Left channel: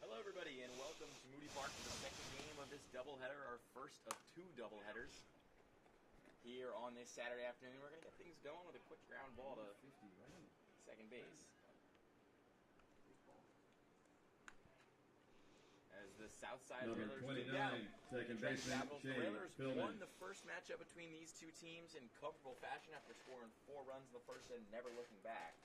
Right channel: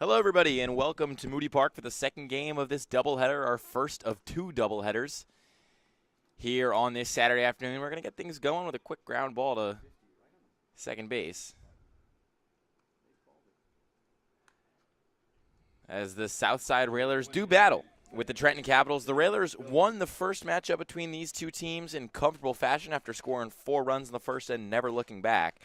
Hello, everybody, and welcome to Moody Park for the second game of this doubleheader, our first of two doubleheaders here on this Saturday afternoon. We're going to get things going with a quick ground ball to second base. As the Southside Railers do battle with the Trenton Capitals. The Railers won the first matchup between these two teams in comfortable fashion after scoring 4 runs in the first and never looking back.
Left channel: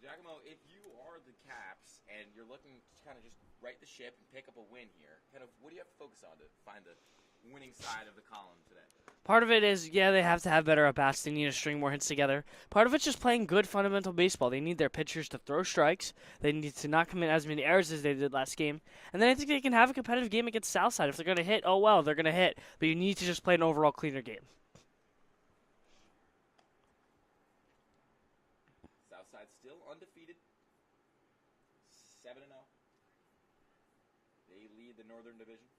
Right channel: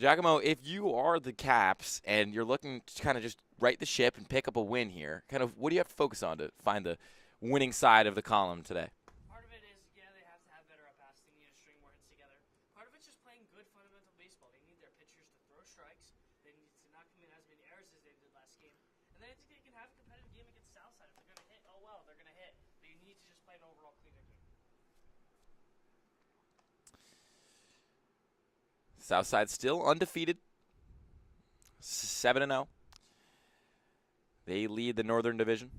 Giacomo, if you are the Caps and you're looking to kind of just right the ship and pick up a win here, kind of what do you have to focus on to find the winning side of the column today? Part of it is, yeah, they have to have better at-bats. They need to string more hits together. Part of it's just playing good fundamental baseball. They need their pitchers to throw strikes. They need to not commit as many errors as they did last game. And then I think they can have a competitive game against Southside. If they're going to hit, oh, well, they're going to hit. But you need to just play an overall cleaner game. Southside still undefeated, 7-0. They lead the Northern Division.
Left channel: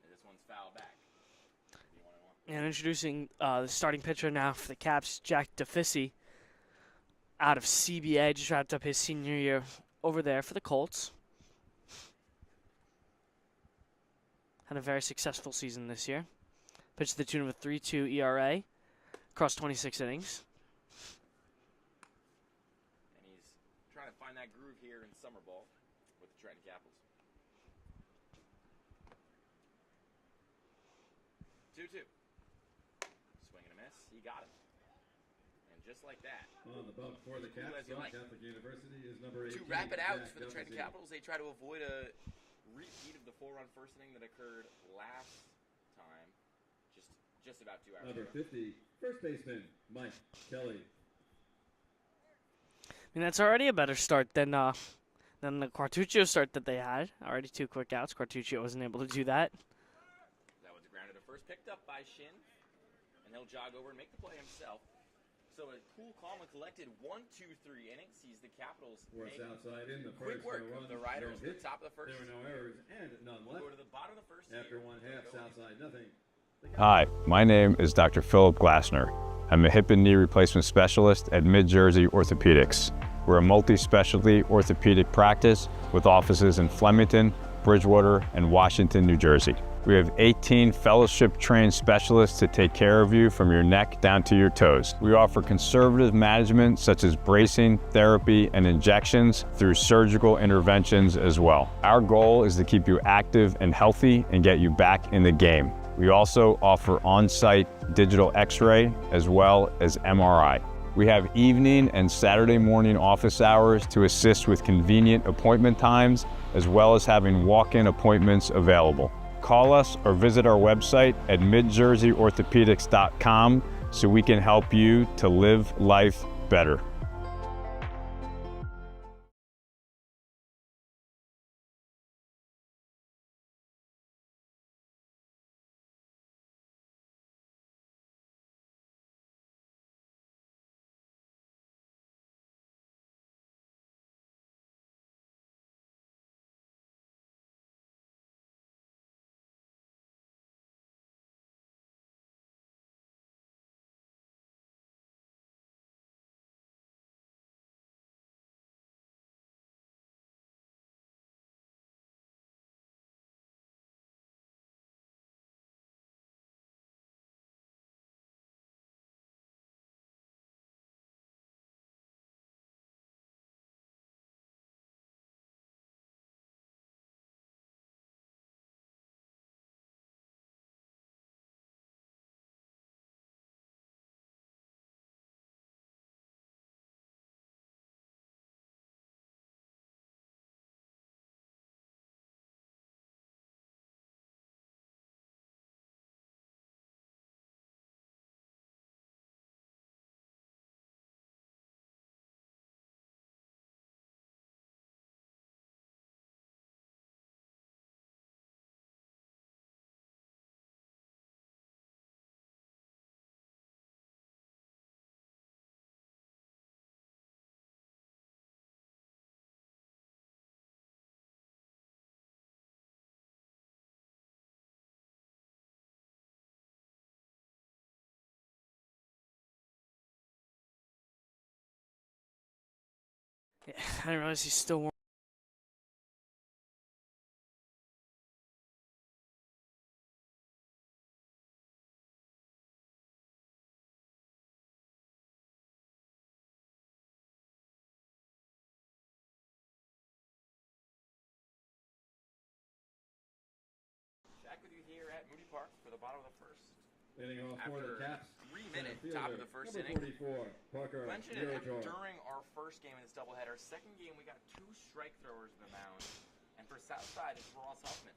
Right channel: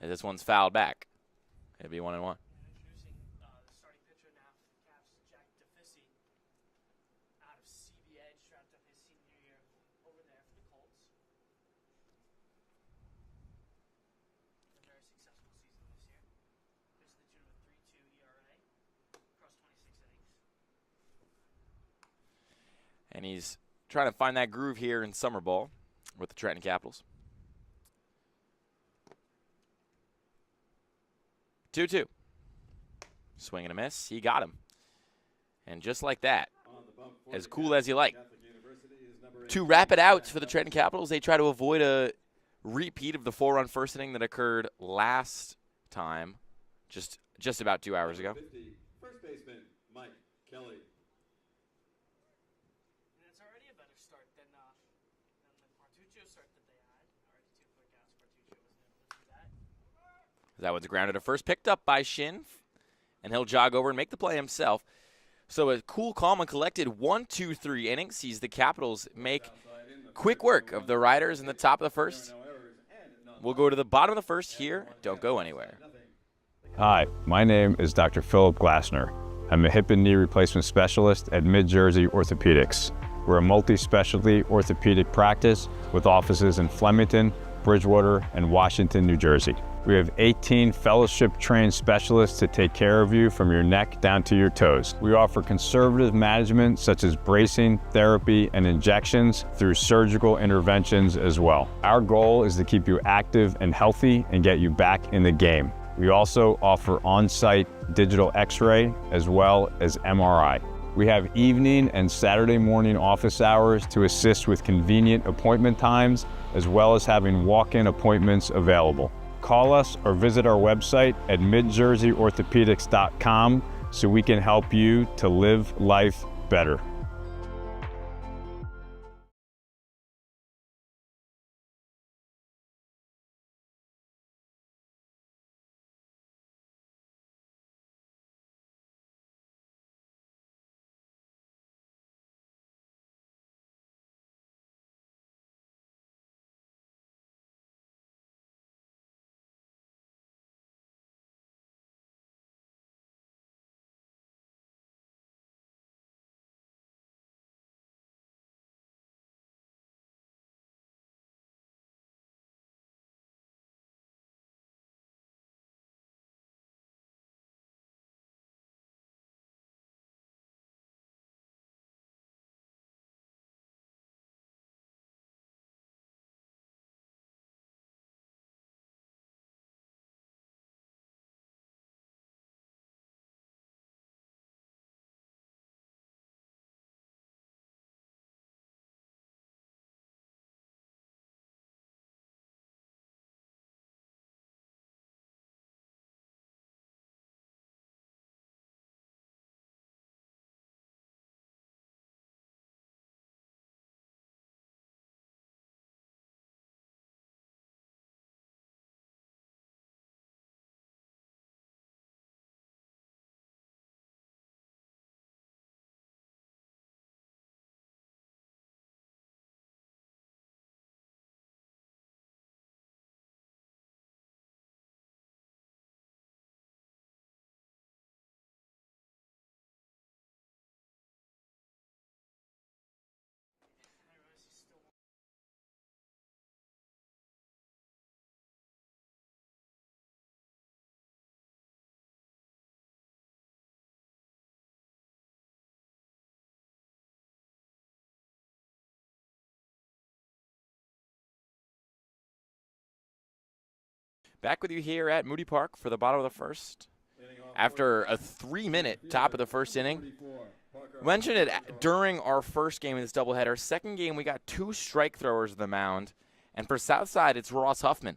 And this one's fouled back. It'll be 1-1. And introducing the starting pitcher now for the Caps, Jack DeFissi, out of CBA. Just wrapped up his senior year over there for the Colts. Had a very successful season this year. Pitched to the tune of a 3.2 ERA across 26 innings. And he's trying to find that groove here in summer ball with the Trenton Capitals. 2-2. Swing and a miss. He got him. And just like that, as cool as you like. 2 rapid outs for the Trenton Capitals. They try to avoid a repeat of the 4-run first inning that occurred last time, just about 2 hours ago. First baseman, Mike Kelly. I mean, that's already a better start than the Quartuccio start that they had. Already 2 quick outs. Quartuccio wasn't able to do that. That one's grounded at first, picked up by Shin, and he'll jog over and make the play himself. So a cool, calm, and collected 1-2-3 innings sees the Capitals make quick work of the Riders in the top of the first. We'll go to the bottom of the first here. Don't go anywhere. Hi, my name is Dr. Philip Glassner. I'm a hip and knee replacement specialist at Mid-Jersey Orthopedics. We're a multi-specialty orthopedic practice with offices in Flemington, Bridgewater, and Washington, New Jersey. We have 18 fellowship-trained specialists to take care of you from your neck down to your toes. We offer conservative management such as bracing, therapy, and injections through surgical interventions as well. Our goal is to keep you active and healthy and get you back in the game. We also offer on-site digital x-ray as well as MRI. We have evening and Saturday morning office hours to assist with convenient appointment times, as well as having walk-in appointments available. Call us or visit our website at midjerseyorthopedics.com so we can help you to live life better. I didn't realize he's still warm. Back with you here at Moody Park for the bottom of the first. After a 3-minute top of the first inning. Mentioned it during our first game of this doubleheader. Second game, we got 2 strike throwers on the mound. And for Southside, it's Ross Huffman,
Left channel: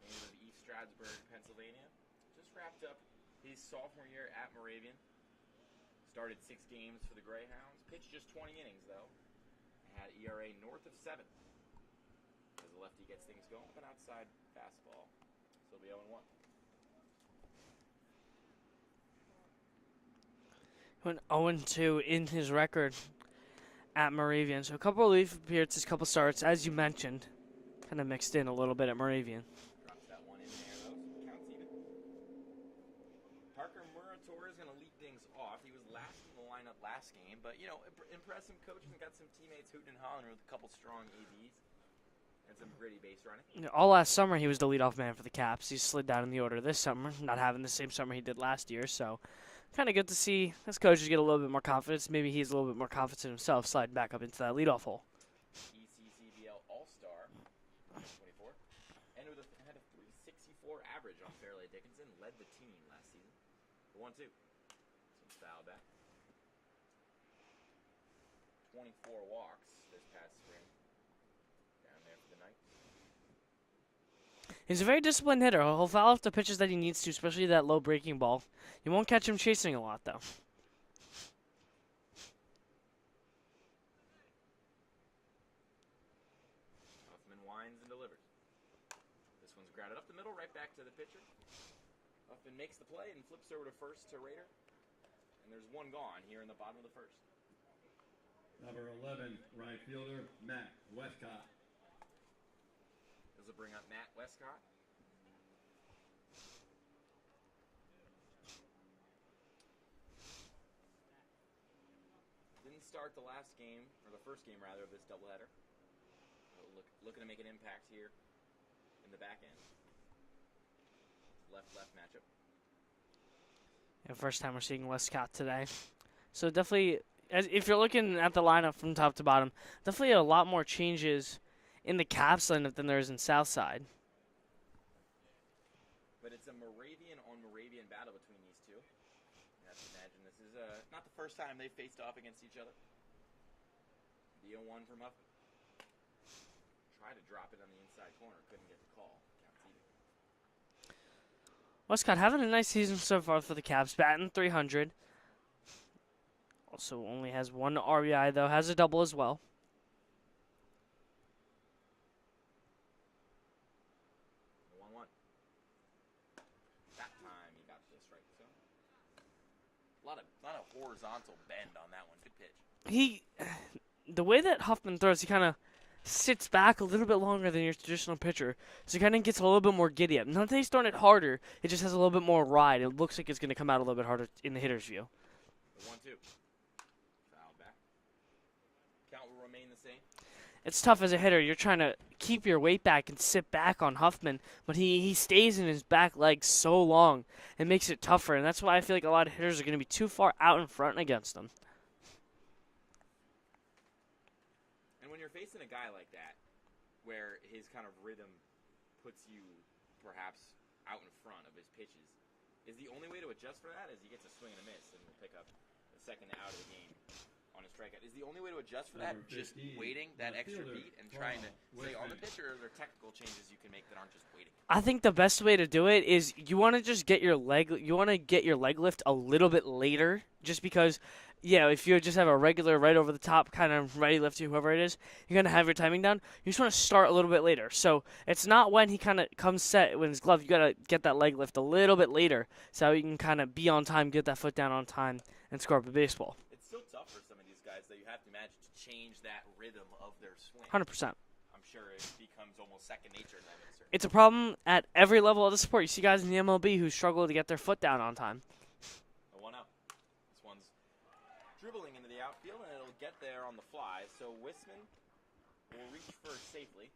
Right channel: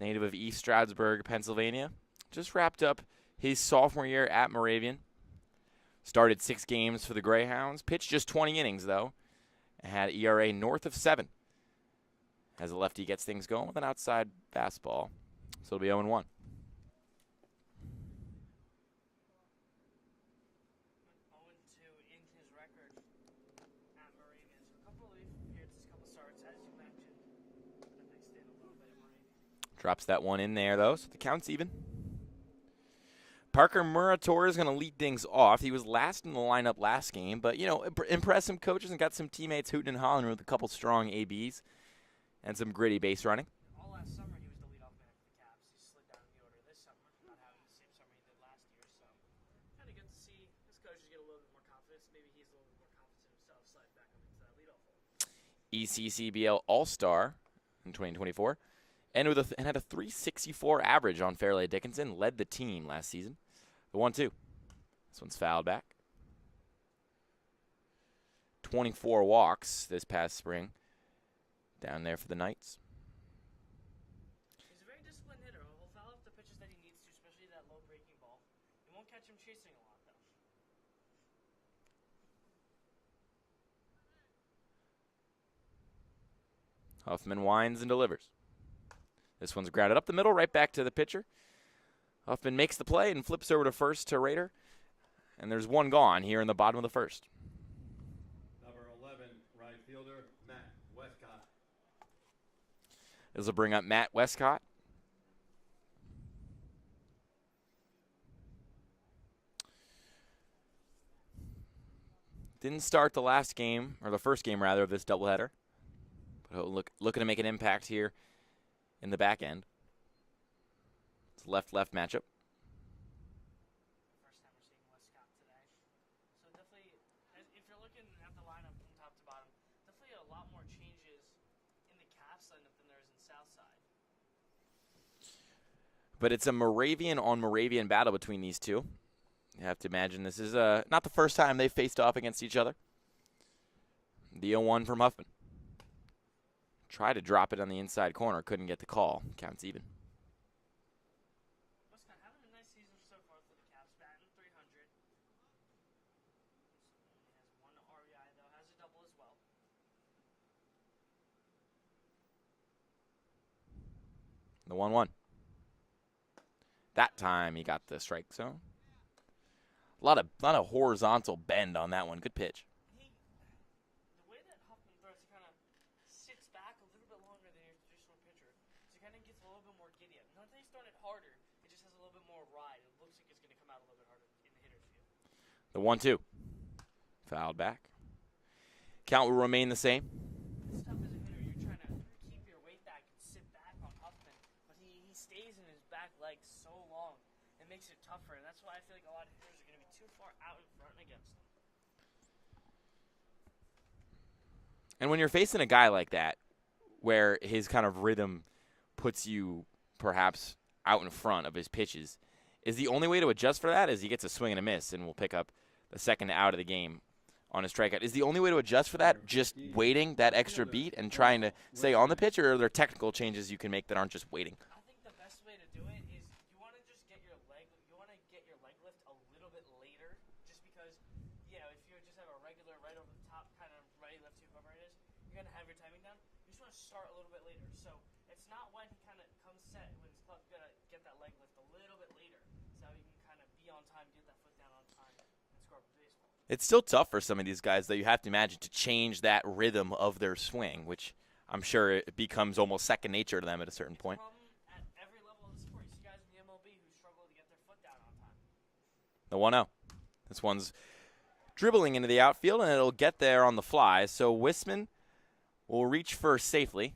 native of East Stroudsburg, Pennsylvania. Just wrapped up his sophomore year at Moravian. Started 6 games for the Greyhounds. Pitched just 20 innings, though. And had ERA north of 7. As a lefty gets things going with an outside fastball. So it'll be 0-1. Went 0-2 in his record at Moravian. So a couple of relief appearances, couple starts, as you mentioned. Kind of mixed in a little bit at Moravian. Drops that one in there, though, so the count's even. Parker Murator is going to lead things off. He was last in the lineup last game, but, you know, impressed some coaches and got some teammates hooting and hollering with a couple strong ABs and some gritty base running. All last summer, he was the leadoff man for the Caps. He slid down in the order this summer, not having the same summer he did last year, so kind of good to see his coaches get a little bit more confidence. Maybe he's a little bit more confident himself, sliding back up into that leadoff hole. ECCBL All-Star in 2024, and had a .364 average on Fairleigh Dickinson, led the team last season. The 1-2. This one's fouled back. 24 walks this past spring down there for the Knights. He's a very disciplined hitter. He'll foul off the pitches that he needs to, especially that low breaking ball. You won't catch him chasing a lot, though. Huffman winds and delivers. This one's grounded up the middle, right back to the pitcher. Huffman makes the play and flips over to first to Rader. And there's one gone here in the bottom of the first. Number 11, right fielder, Matt Westcott. This will bring up Matt Westcott. Didn't start the last game, or the first game rather, of this doubleheader. But looking to make an impact here in the back end. It's a left-left matchup. Yeah, first time we're seeing Westcott today. So definitely, if you're looking at the lineup from top to bottom, definitely a lot more changes in the Caps lineup than there is in Southside. But it's a Moravian on Moravian battle between these two. You have to imagine this is not the first time they've faced off against each other. The 0-1 from Huffman. Tried to drop it on the inside corner, couldn't get the call. Counts even. Westcott having a nice season so far for the Caps, batting .300. Also only has 1 RBI, though, has a double as well. The 1-1. That time he got the strike zone. A lot of horizontal bend on that one. Good pitch. The way that Huffman throws, he kind of sits back a little bit longer than your traditional pitcher, so he kind of gets a little bit more giddy up. Not that he's throwing it harder, it just has a little bit more ride. It looks like it's going to come out a little bit harder in the hitter's view. The 1-2. Fouled back. Count will remain the same. It's tough as a hitter. You're trying to keep your weight back and sit back on Huffman, but he stays in his back leg so long. It makes it tougher, and that's why I feel like a lot of hitters are going to be too far out in front against him. And when you're facing a guy like that, where his kind of rhythm puts you perhaps out in front of his pitches, is the only way to adjust for that is he gets a swing and a miss and will pick up the second out of the game on his strikeout. Is the only way to adjust for that just waiting that extra beat and trying to stay on the pitch, or are there technical changes you can make that aren't just waiting? I think the best way to do it is you want to just get your leg lift a little bit later, just because, yeah, if you just have a regular right over the top kind of ready lift to whoever it is, you're going to have your timing down. You just want to start a little bit later. So it's not when he kind of comes set with his glove. You got to get that leg lift a little bit later so you can kind of be on time, get that foot down on time, and score up a baseball. It's still tough for some of these guys, though. You have to imagine to change that rhythm of their swing, 100%. which I'm sure it becomes almost second nature to them at a certain point. It's a problem at every level of the sport. You see guys in the MLB who struggle to get their foot down on time. The 1-0. This one's dribbling into the outfield, and it'll get there on the fly. So Wisman will reach first safely,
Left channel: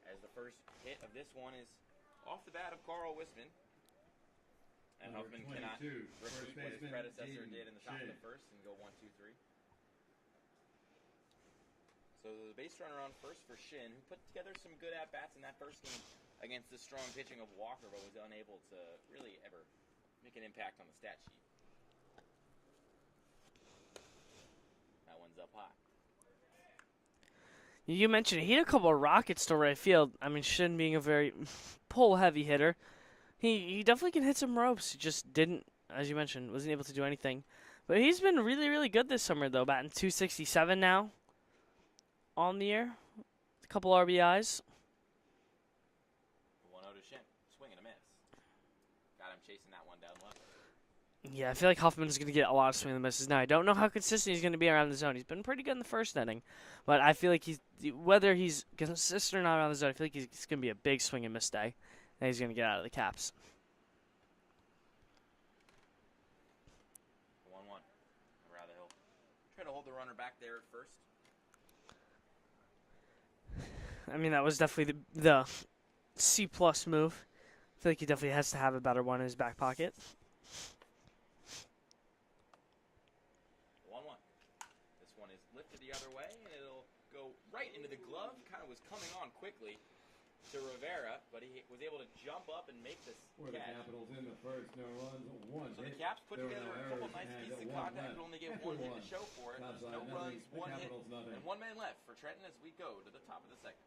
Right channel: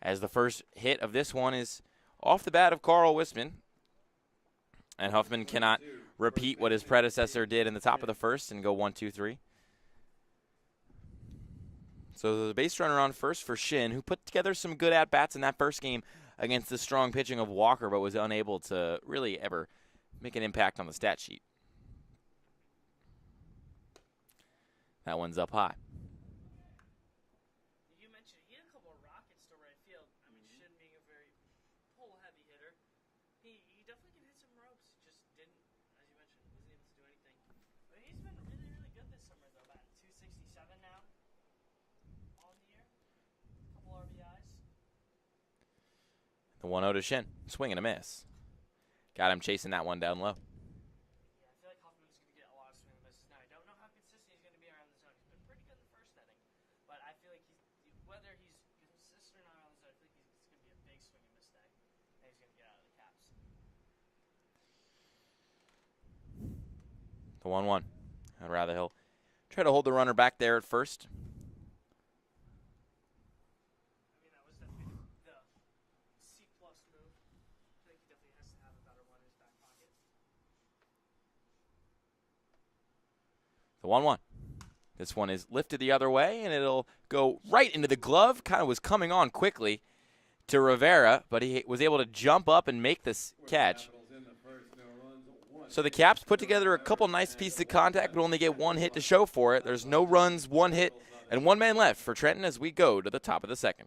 as the first hit of this one is off the bat of Carl Wisman. And Huffman cannot repeat what his predecessor did in the top of the first and go 1-2-3. So the base runner on first for Shin, who put together some good at-bats in that first game against the strong pitching of Walker, but was unable to really ever make an impact on the stat sheet. That one's up high. You mentioned he hit a couple of rockets to right field. I mean, Shin being a very pull-heavy hitter, he definitely can hit some ropes. He just didn't, as you mentioned, wasn't able to do anything. But he's been really, really good this summer, though, batting .267 now on the year. A couple RBIs. The 1-0 to Shin. Swing and a miss. Got him chasing that one down low. Yeah, I feel like Hoffman's going to get a lot of swing and misses now. I don't know how consistent he's going to be around the zone. He's been pretty good in the first inning. But I feel like whether he's consistent or not around the zone, I feel like it's going to be a big swing and miss day. And he's going to get out of the caps. The 1-1. I'd rather he'll try to hold the runner back there at first. I mean, that was definitely the C-plus move. I feel like he definitely has to have a better one in his back pocket. The 1-1. This one is lifted the other way, and it'll go right into the glove. Kind of was coming on quickly to Rivera, but he was able to jump up and make this catch. So the Caps put together a couple nice pieces of contact, but only get one hit to show for it. There's no runs, one hit, and one man left for Trenton as we go to the top of the second.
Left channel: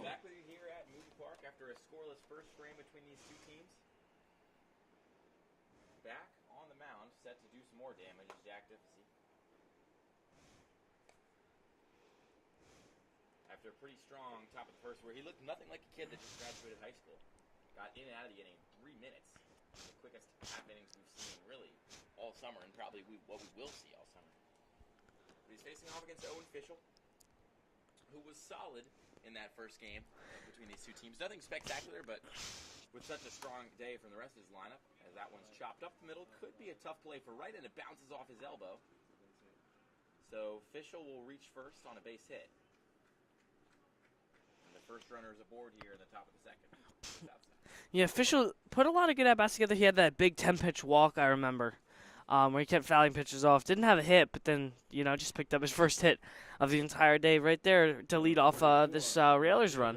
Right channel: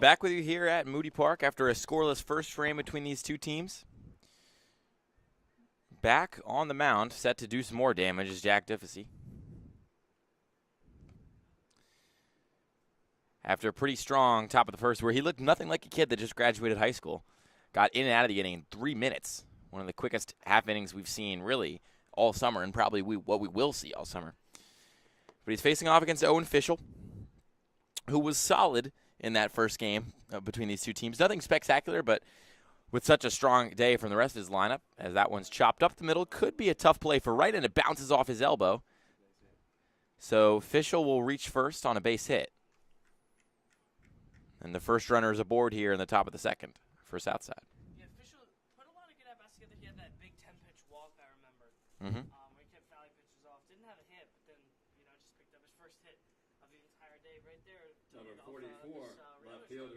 Back with you here at Moody Park after a scoreless first frame between these two teams. Back on the mound, set to do some more damage, is Jack Diffessy. After a pretty strong top of the first, where he looked nothing like a kid that just graduated high school. Got in and out of the inning in 3 minutes. One of the quickest half innings we've seen really all summer, and probably what we will see all summer. But he's facing off against Owen Fischel, who was solid in that first game between these two teams. Nothing spectacular, but with such a strong day from the rest of his lineup, as that one's chopped up the middle, could be a tough play for right, and it bounces off his elbow. So Fischel will reach first on a base hit. And the first runner is aboard here in the top of the second for Southside. Yeah, Fischel put a lot of good at-bats together. He had that big 10-pitch walk, I remember, where he kept fouling pitches off. Didn't have a hit, but then, just picked up his first hit of the entire day right there to lead off this Railers run.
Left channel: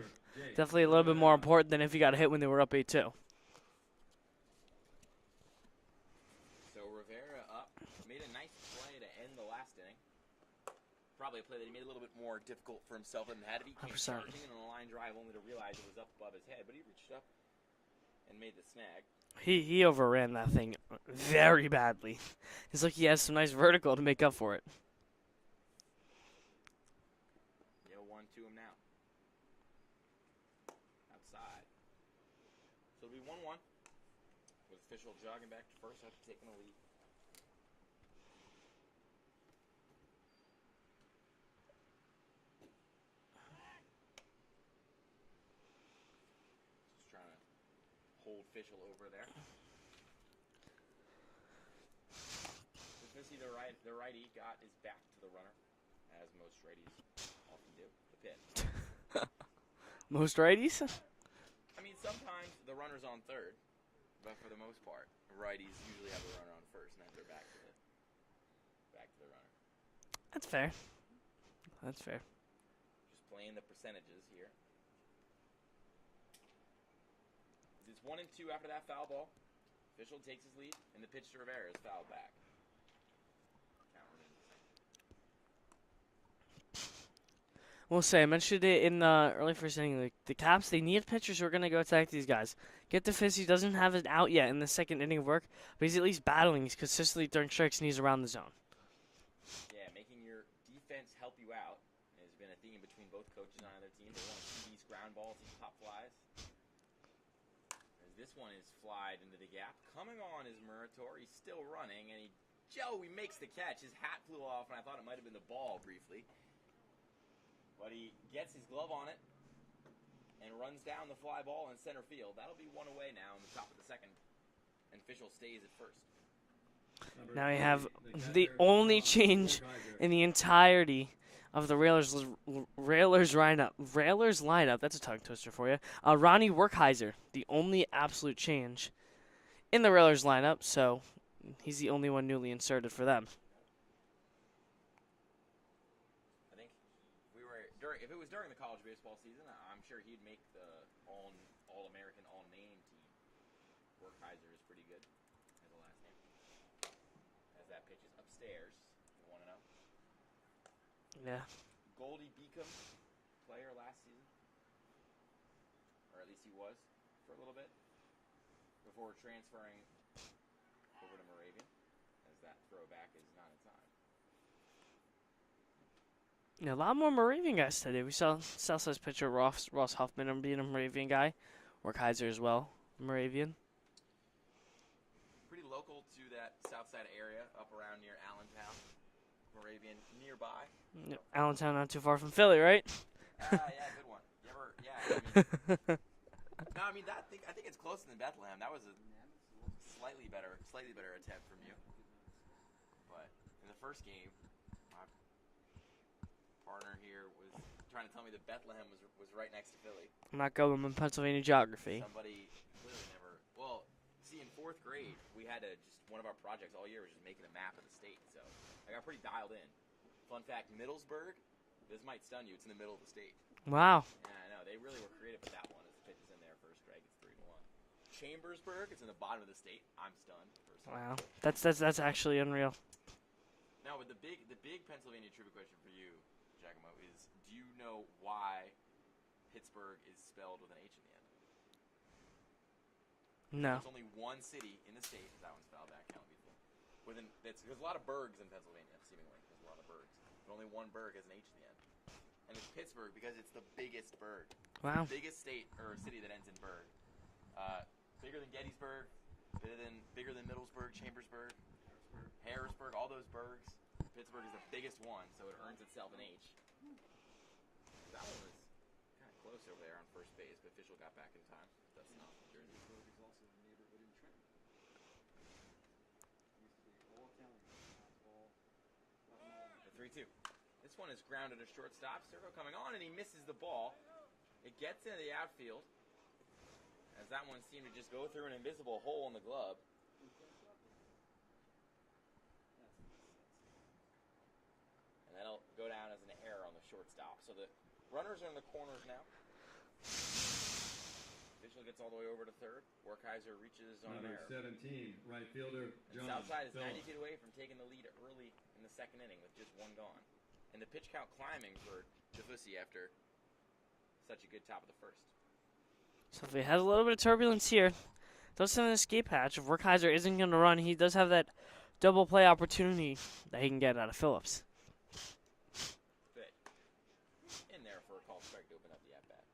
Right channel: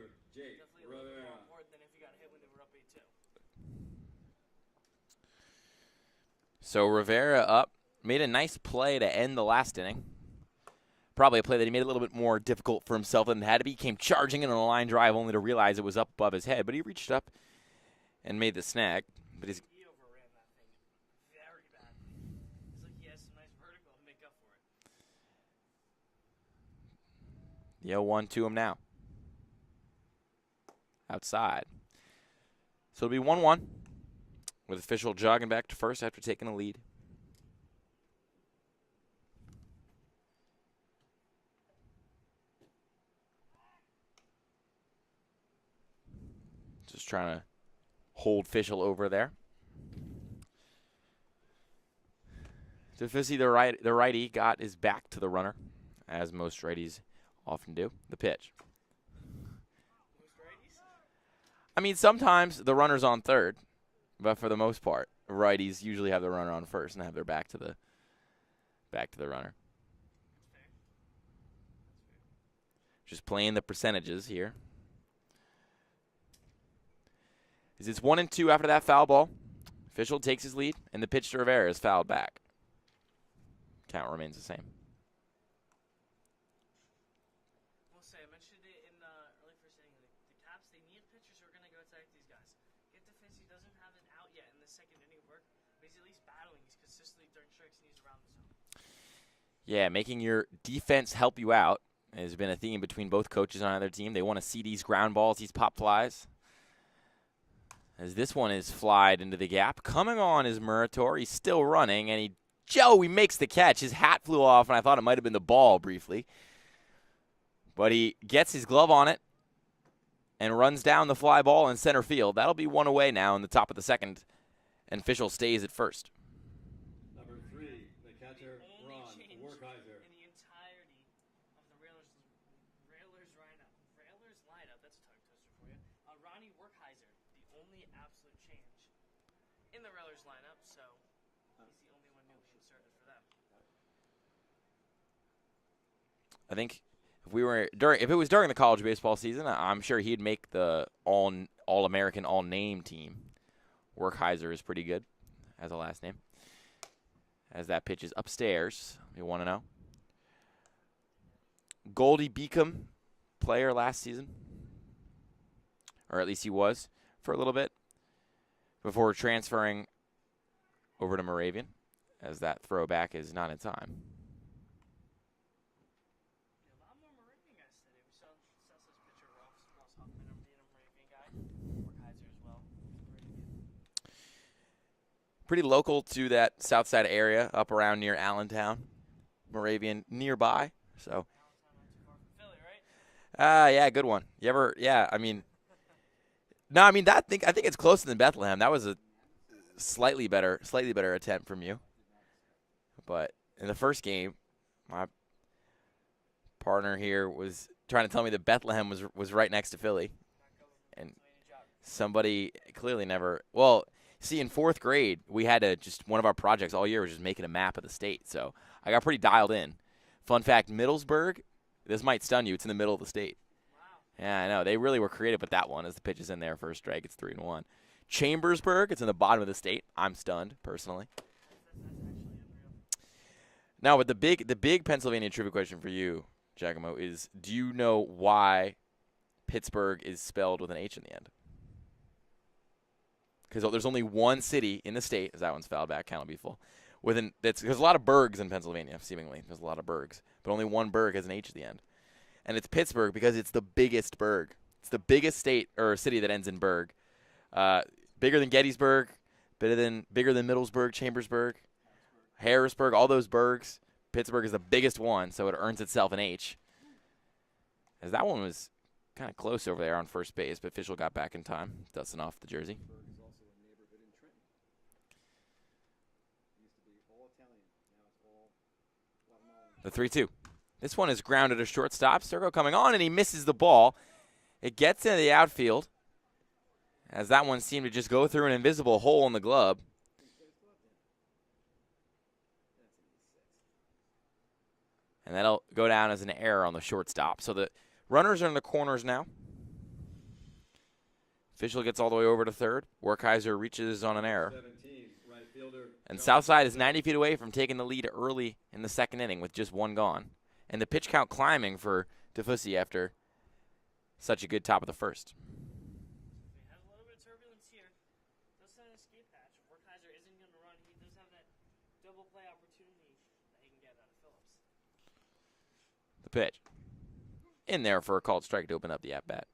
Definitely a little bit more important than if he got a hit when they were up 8-2. So Rivera up, made a nice play to end the last inning. Probably a play that he made a little bit more difficult for himself than it had to be. He came charging in on a line drive only to realize it was up above his head, but he reached up and made the snag. He overran that thing very badly. It's like he has some nice vertical to make up for it. The 0-1 to him now. Outside. So it'll be 1-1 with official jogging back to first after taking a lead. Just trying to hold Fischel over there. Defisi, the righty, got his back to the runner, as most righties often do. The pitch. Most righties? I mean, sometimes the runner's on third, but for the most part, righties usually have the runner on first and have their back to the runner. That's fair. That's fair. Just playing the percentages here. It's 1-2 after that foul ball. Fischel takes his lead, and the pitch to Rivera is fouled back. Count remains the same. We'll say, I mentioned it in the early first inning. The Caps, they need pitchers who are going to go attack these guys. Get the Fizz, he doesn't have it out yet in the second inning of work, but he's at least battling. He's consistently throwing strikes, and he's around the zone. Yeah, making your defense help you out has been a theme between both coaches on either team. They want to see these ground balls, these pop flies. As this one is flied into the gap. Coming on is Murator. He's still running, and he makes the catch. His hat flew off, and I thought it might have been the ball briefly. But he gets his glove on it and runs down the fly ball in center field. That'll be one away now in the top of the second, and Fischel stays at first. Now we have the only change in the entirety of the Railers lineup. That's a tongue twister for you. Ronnie Werkheiser, the only absolute change in the Railers lineup, so he's the only one newly inserted for them. I think if it was during the college baseball season, I'm sure he'd make the All-American, All-Name team. Werkheiser is pretty good as a last name. As that pitch is upstairs, you want to know. Yeah. Goldie Beacom, player last season, or at least he was for a little bit before transferring over to Moravian, as that throwback is not in time. Yeah, a lot more Moravian guys today. We saw Southside's pitcher Ross Huffman being a Moravian guy. Werkheiser as well, Moravian. Pretty local to that Southside area, up around near Allentown. Moravian nearby. So Allentown, not too far from Philly, right? Yeah, good one. You ever? Yeah, I mean, no, I mean I think it's closer than Bethlehem. That was a slightly better attempt from you. But in the first game, my partner here was trying to tell me that Bethlehem was right next to Philly. I'm not going in Pennsylvania geography. Somebody clearly never. Well, see, in fourth grade, we had to one of our projects all year was just making a map of the state. So I got pretty dialed in. Fun fact, Middlesburg, this might stun you, it's in the middle of the state. Wow. Yeah, I know. They really were creative with that one as the pitch is in there for a strike. It's 3-1. Chambersburg, it's in the bottom of the state. I'm stunned, personally. Wow. That's actually unreal. Now, but the big Pennsylvania trivia question for you, Giacomo, is do you know why Pittsburgh is spelled with an H in the end? Because No. there's only one city in the state, as that one's fouled back, count will be full. There's a lot of burgs in Pennsylvania, seemingly. There's a lot of burgs. But only one burg has an H at the end. And it's Pittsburgh because it's the biggest burg. It's the biggest state or city that ends in burg. Bigger than Gettysburg, bigger than Middlesburg, Chambersburg, Harrisburg, all those burgs. Pittsburgh is the biggest one, so it earns itself an H. As that one was kind of close over there on first base, but Fischel got back in time, dusting off the jersey. The 3-2. This one is grounded to shortstop. Sturgo coming on, and he misses the ball. It gets into the outfield, as that one seemed to just go through an invisible hole in the glove. And that'll go down as an error on the shortstop. So the runners are in the corners now. Fischel gets all the way over to third. Werkheiser reaches on an error. 17, right fielder, And Southside is 90 feet away from taking the lead early in the second inning with just one gone. And the pitch count climbing for Defussy after such a good top of the first. So if we had a little bit of turbulence here, does send an escape hatch. If Werkheiser isn't going to run, he does have that double play opportunity that he can get out of Phillips. The pitch. in there for a called strike to open up the at-bat.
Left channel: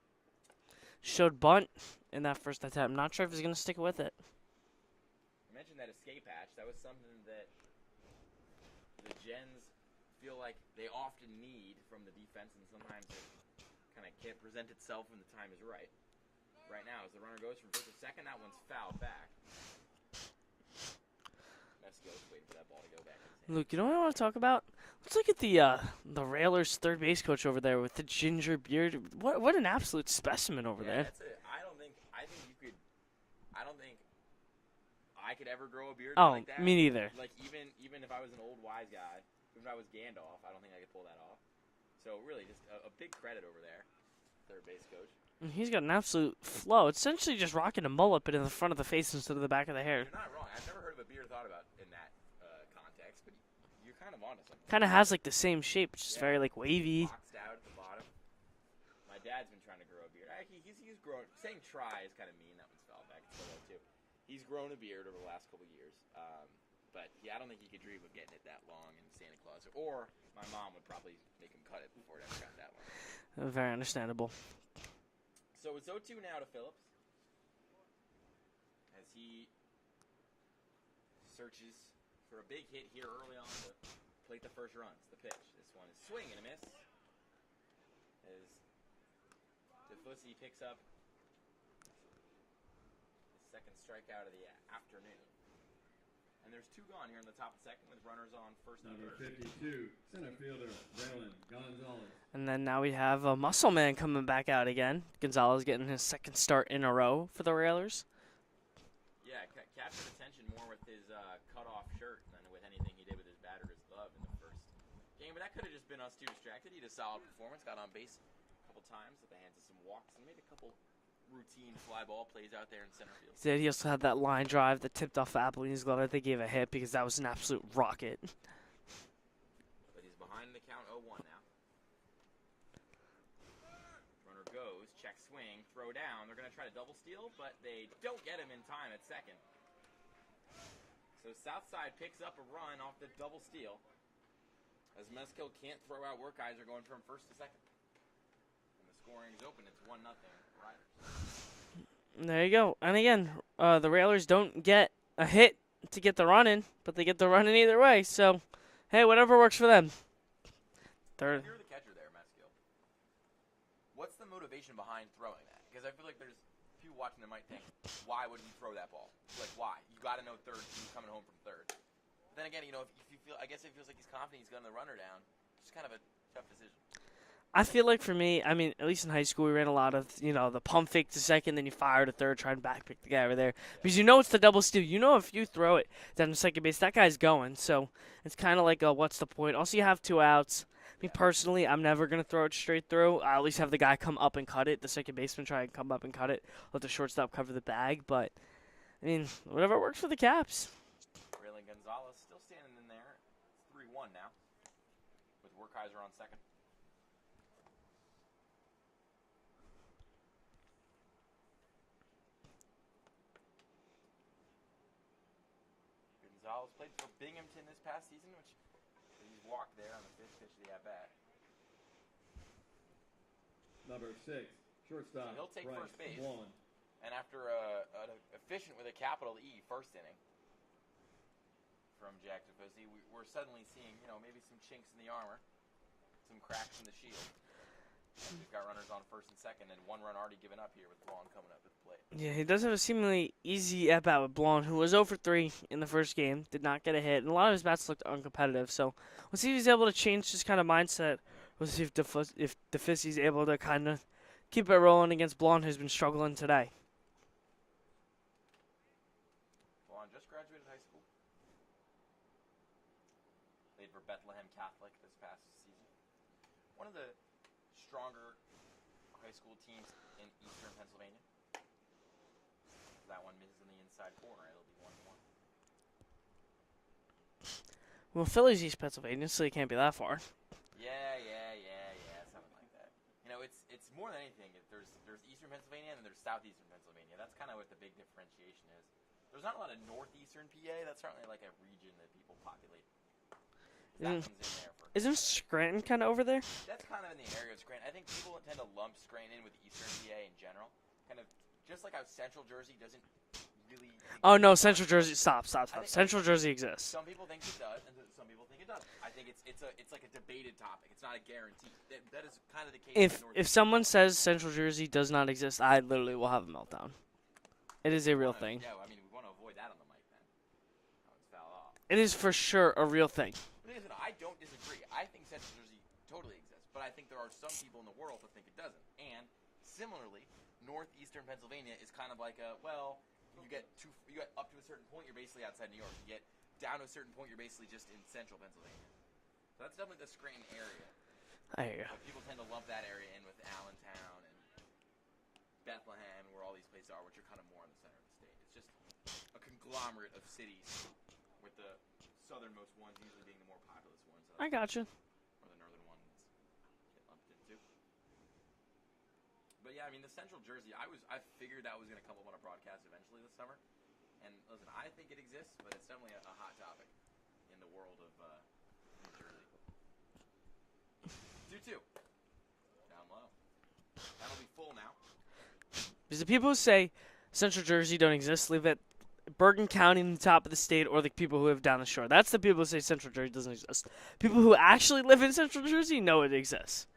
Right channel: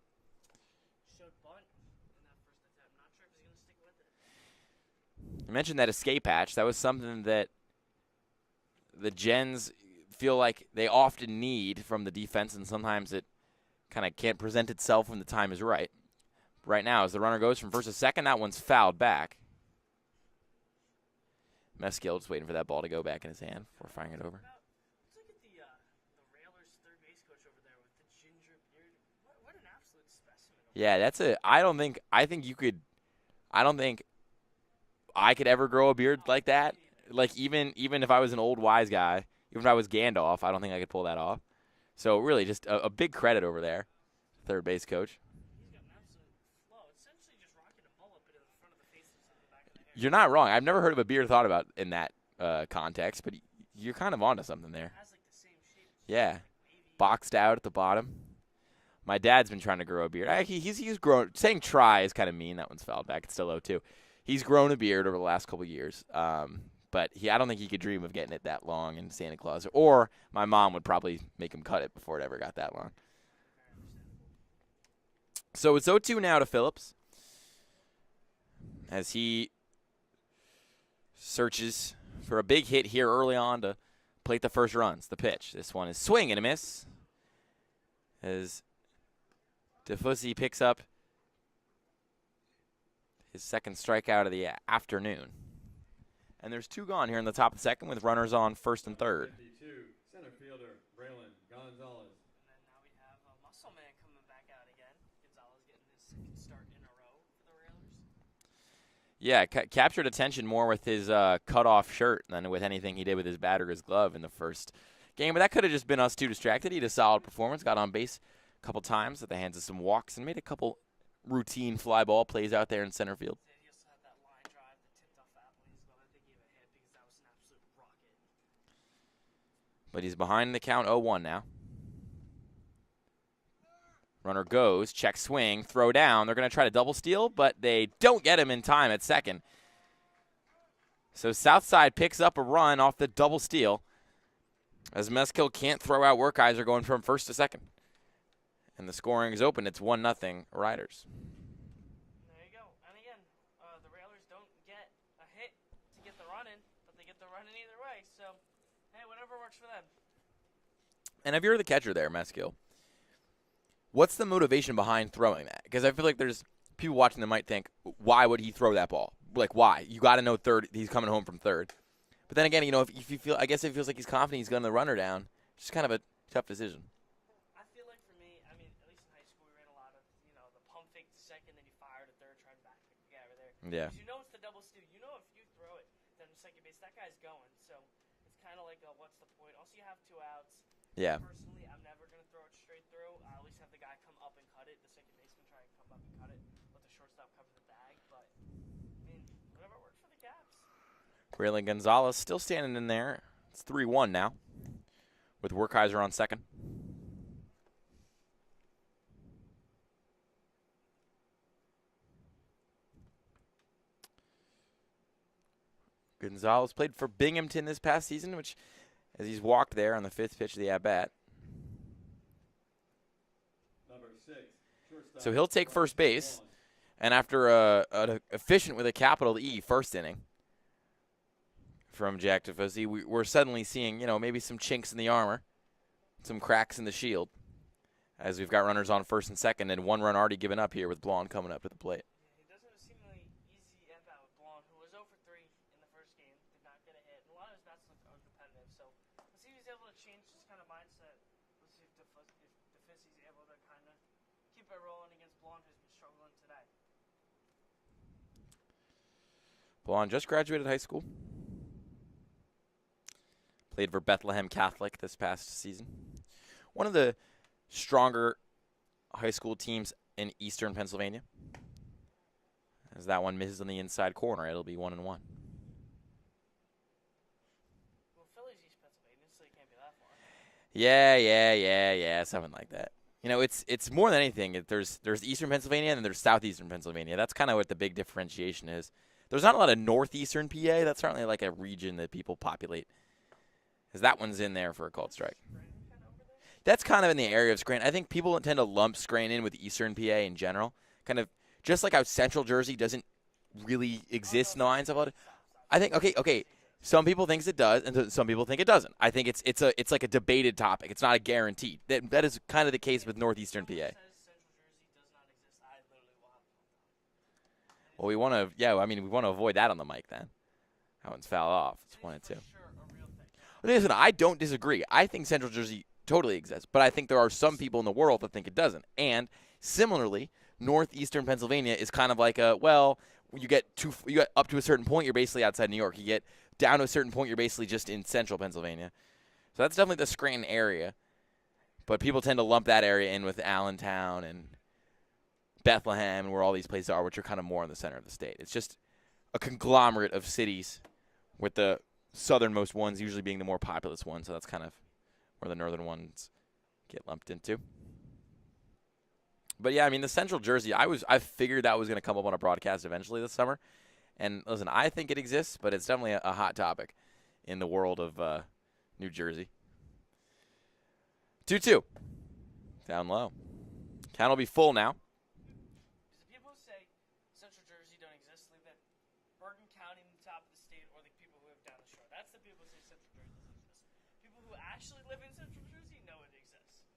Showed bunt in that first attempt. Not sure if he's going to stick with it. You mentioned that escape hatch. That was something that the Gens feel like they often need from the defense, and sometimes it kind of can't present itself when the time is right. Right now, as the runner goes from first to second, that one's fouled back. Messkill just waiting for that ball to go back in his hand. Luke, you know what I want to talk about? Let's look at the Railers third base coach over there with the ginger beard. What an absolute specimen over there. Yeah, I don't think I could ever grow a beard like that. Me neither. Like even if I was an old wise guy, even if I was Gandalf, I don't think I could pull that off. So really, just a big credit over there, third base coach. He's got an absolute flow. It's essentially just rocking a mullet, but in the front of the face instead of the back of the hair. You're not wrong. I've never heard of a beard thought about in that context, but you're kind of onto something. Kind of has like the same shape, just very like wavy, boxed out at the bottom. My dad's been trying to grow a beard. He's grown. Saying try is kind of mean. That one's fouled back. It's still low too. He's grown a beard over the last couple of years, but I don't think he could dream of getting it that long in Santa Claus. Or my mom would probably make him cut it before it ever got that long. Very understandable. So it's 0-2 now to Phillips as he searches for a big hit here early on to plate the first runs. The pitch. This one is swing and a miss as DeFussy picks up his second strikeout of the afternoon. And there's two gone here in the top of the second with runners on first and third. 52, center fielder, Braylon Gonzalez. And then now we have a muscle man coming back out again. Gonzalez getting his second start in a row for the Railers. Yeah, captured attention more with his cut-off shirt than with anything he did with his bat or his glove in the first game. But that could have just been us too distracted. He had a solid performance, got on base a couple times at the hands of some walks, and made a couple routine fly ball plays out there in center field. Yeah, he also had that line drive that tipped off Applebee's glove that they gave a hit because that was an absolute rocket. But he's behind the count 0-1 now. Runner goes, check swing, throw down. They're going to try to double steal, but they don't get him in time at second. So Southside picks up a run off the double steal as Messkill can't throw out Werkheiser going from first to second. And the scoring is open. It's 1-0 Riders. There you go. And again, the Railers don't get a hit to get the run in, but they get the run in either way. So, hey, whatever works for them. And if you're the catcher there, Messkill, what's the motivation behind throwing that? Because I feel like there's people watching that might think, why would he throw that ball? Like, why? You got to know third. He's coming home from third. But then again, if you feel, I guess if he feels like he's confident he's going to runner down, it's just kind of a tough decision. I feel like for me, I mean, at least in high school, we ran a lot of, the pump fake to second, then you fire to third, try and back pick the guy over there. Yeah. Because it's the double steal. If you throw it down to second base, that guy's going. So it's kind of like what's the point? Also, you have 2 outs. Yeah. Personally, I'm never going to throw it straight through. I at least have the guy come up and cut it. The second baseman try and come up and cut it. Let the shortstop cover the bag. But, I mean, whatever works for the Caps. Braylon Gonzalez still standing in there. It's 3-1 now with Werkheiser on second. Gonzalez played for Binghamton this past season, which, as he's walked there on the 5th pitch of the at-bat. Number 6, shortstop. So he'll take first base, and after an efficient with a capital E first inning from Jack DeFussy, we're suddenly seeing, maybe some chinks in the armor, some cracks in the shield, as we've got runners on first and second, and 1 run already given up here with Blonde coming up to the plate. Yeah, he does have a seemingly easy at-bat with Blonde, who was 0 for 3 in the first game, did not get a hit, and a lot of his bats looked uncompetitive. So we'll see if he's able to change his kind of mindset. We'll see if DeFussy's able to kind of keep it rolling against Blonde, who's been struggling today. Blonde just graduated high school. Played for Bethlehem Catholic this past season. One of the stronger high school teams in eastern Pennsylvania. As that one misses on the inside corner, it'll be 1-1. Well, Philly's East Pennsylvania, so you can't be that far. Yeah, something like that. It's more than anything. There's eastern Pennsylvania and then there's southeastern Pennsylvania. That's kind of what the big differentiation is. There's not a lot of northeastern PA. That's certainly like a region that people populate. because that one's in there for a called Isn't strike. Scranton kind of over there? That's kind of in the area of Scranton. I think people tend to lump Scranton in with Eastern PA in general. Kind of just like how Central Jersey doesn't really exist. Oh, no, nines Central of all- Jersey. Stop. I think Central Jersey exists. Some people think it does, and some people think it doesn't. I think it's like a debated topic. It's not a guarantee. That is kind of the case with Northeastern If someone PA. says Central Jersey does not exist, I literally will have a meltdown. It is Well, a real thing. Yeah, I mean, we want to avoid that on the mic then. That one's foul off. It is for sure a real thing. Listen, I don't disagree. I think Central Jersey totally exists, but I think there are some people in the world that think it doesn't. And similarly, northeastern Pennsylvania is kind of like you get up to a certain point, you're basically outside New York. You get down to a certain point, you're basically just in central Pennsylvania. So that's definitely the Scranton area. I hear you. But people tend to lump that area in with Allentown and Bethlehem, and where all these places are, which are kind of more in the center of the state. It's just a conglomerate of cities, with the southernmost ones usually being the more populous ones. So that's I kind of gotcha. where the northern ones get lumped into. But yeah, I mean, the Central Jersey, I figured that was going to come up on a broadcast eventually this summer. And listen, I think it exists, but it's definitely a hot topic in the world of New Jersey. 2-2. Down low. Count will be full now. Because the people who say Central Jersey don't exist live at Bergen County in the top of the state, or the people who live down the shore. That's the people who say Central Jersey doesn't exist. People who actually live in Central Jersey know it exists.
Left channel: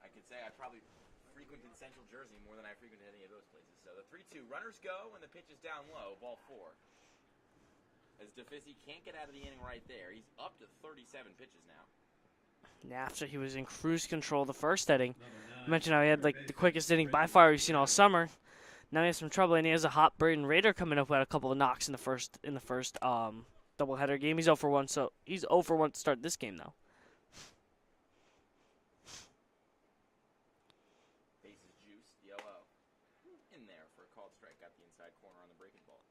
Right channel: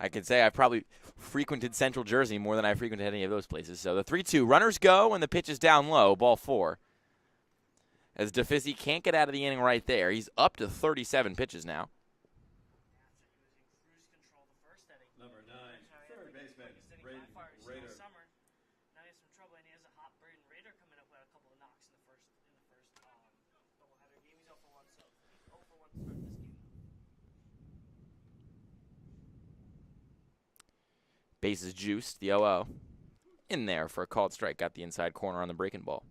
I can say I've probably frequented Central Jersey more than I frequented any of those places. So the 3-2. Runners go, and the pitch is down low. Ball 4. As DeFizzi can't get out of the inning right there. He's up to 37 pitches now. After he was in cruise control the first inning, I mentioned how he had like the quickest inning by far we've seen all summer. Now he has some trouble, and he has a hot Braden Raider coming up who had a couple of knocks in the first doubleheader game. He's 0 for 1, so he's 0 for 1 to start this game though. Bases juiced. The 0-0 in there for a called strike. Got the inside corner on the breaking ball.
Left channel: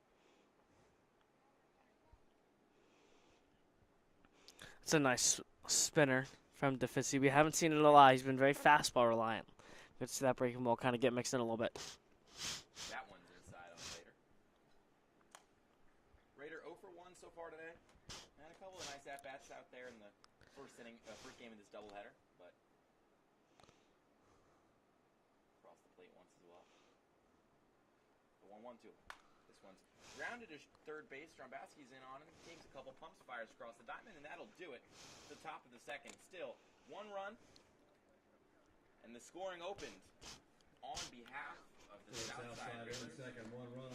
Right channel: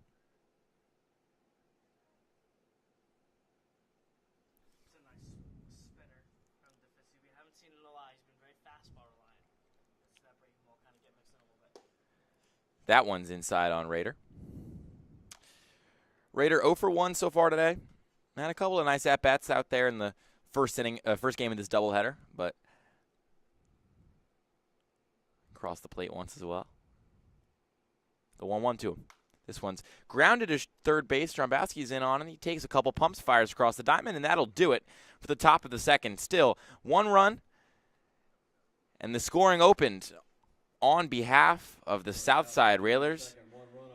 It's a nice spinner from DeFizzi. We haven't seen it a lot. He's been very fastball reliant. Good to see that breaking ball kind of get mixed in a little bit. That one's inside on Raider. Raider 0 for 1 so far today. Had a couple of nice at-bats out there in the first inning, first game of this doubleheader, but crossed the plate once as well. The 1-1 to him. This one's grounded to third base. Strombowski's in on, and he takes a couple pumps, fires across the diamond, and that'll do it for the top of the second. Still, 1 run, and the scoring opened on behalf of the Southside Railers.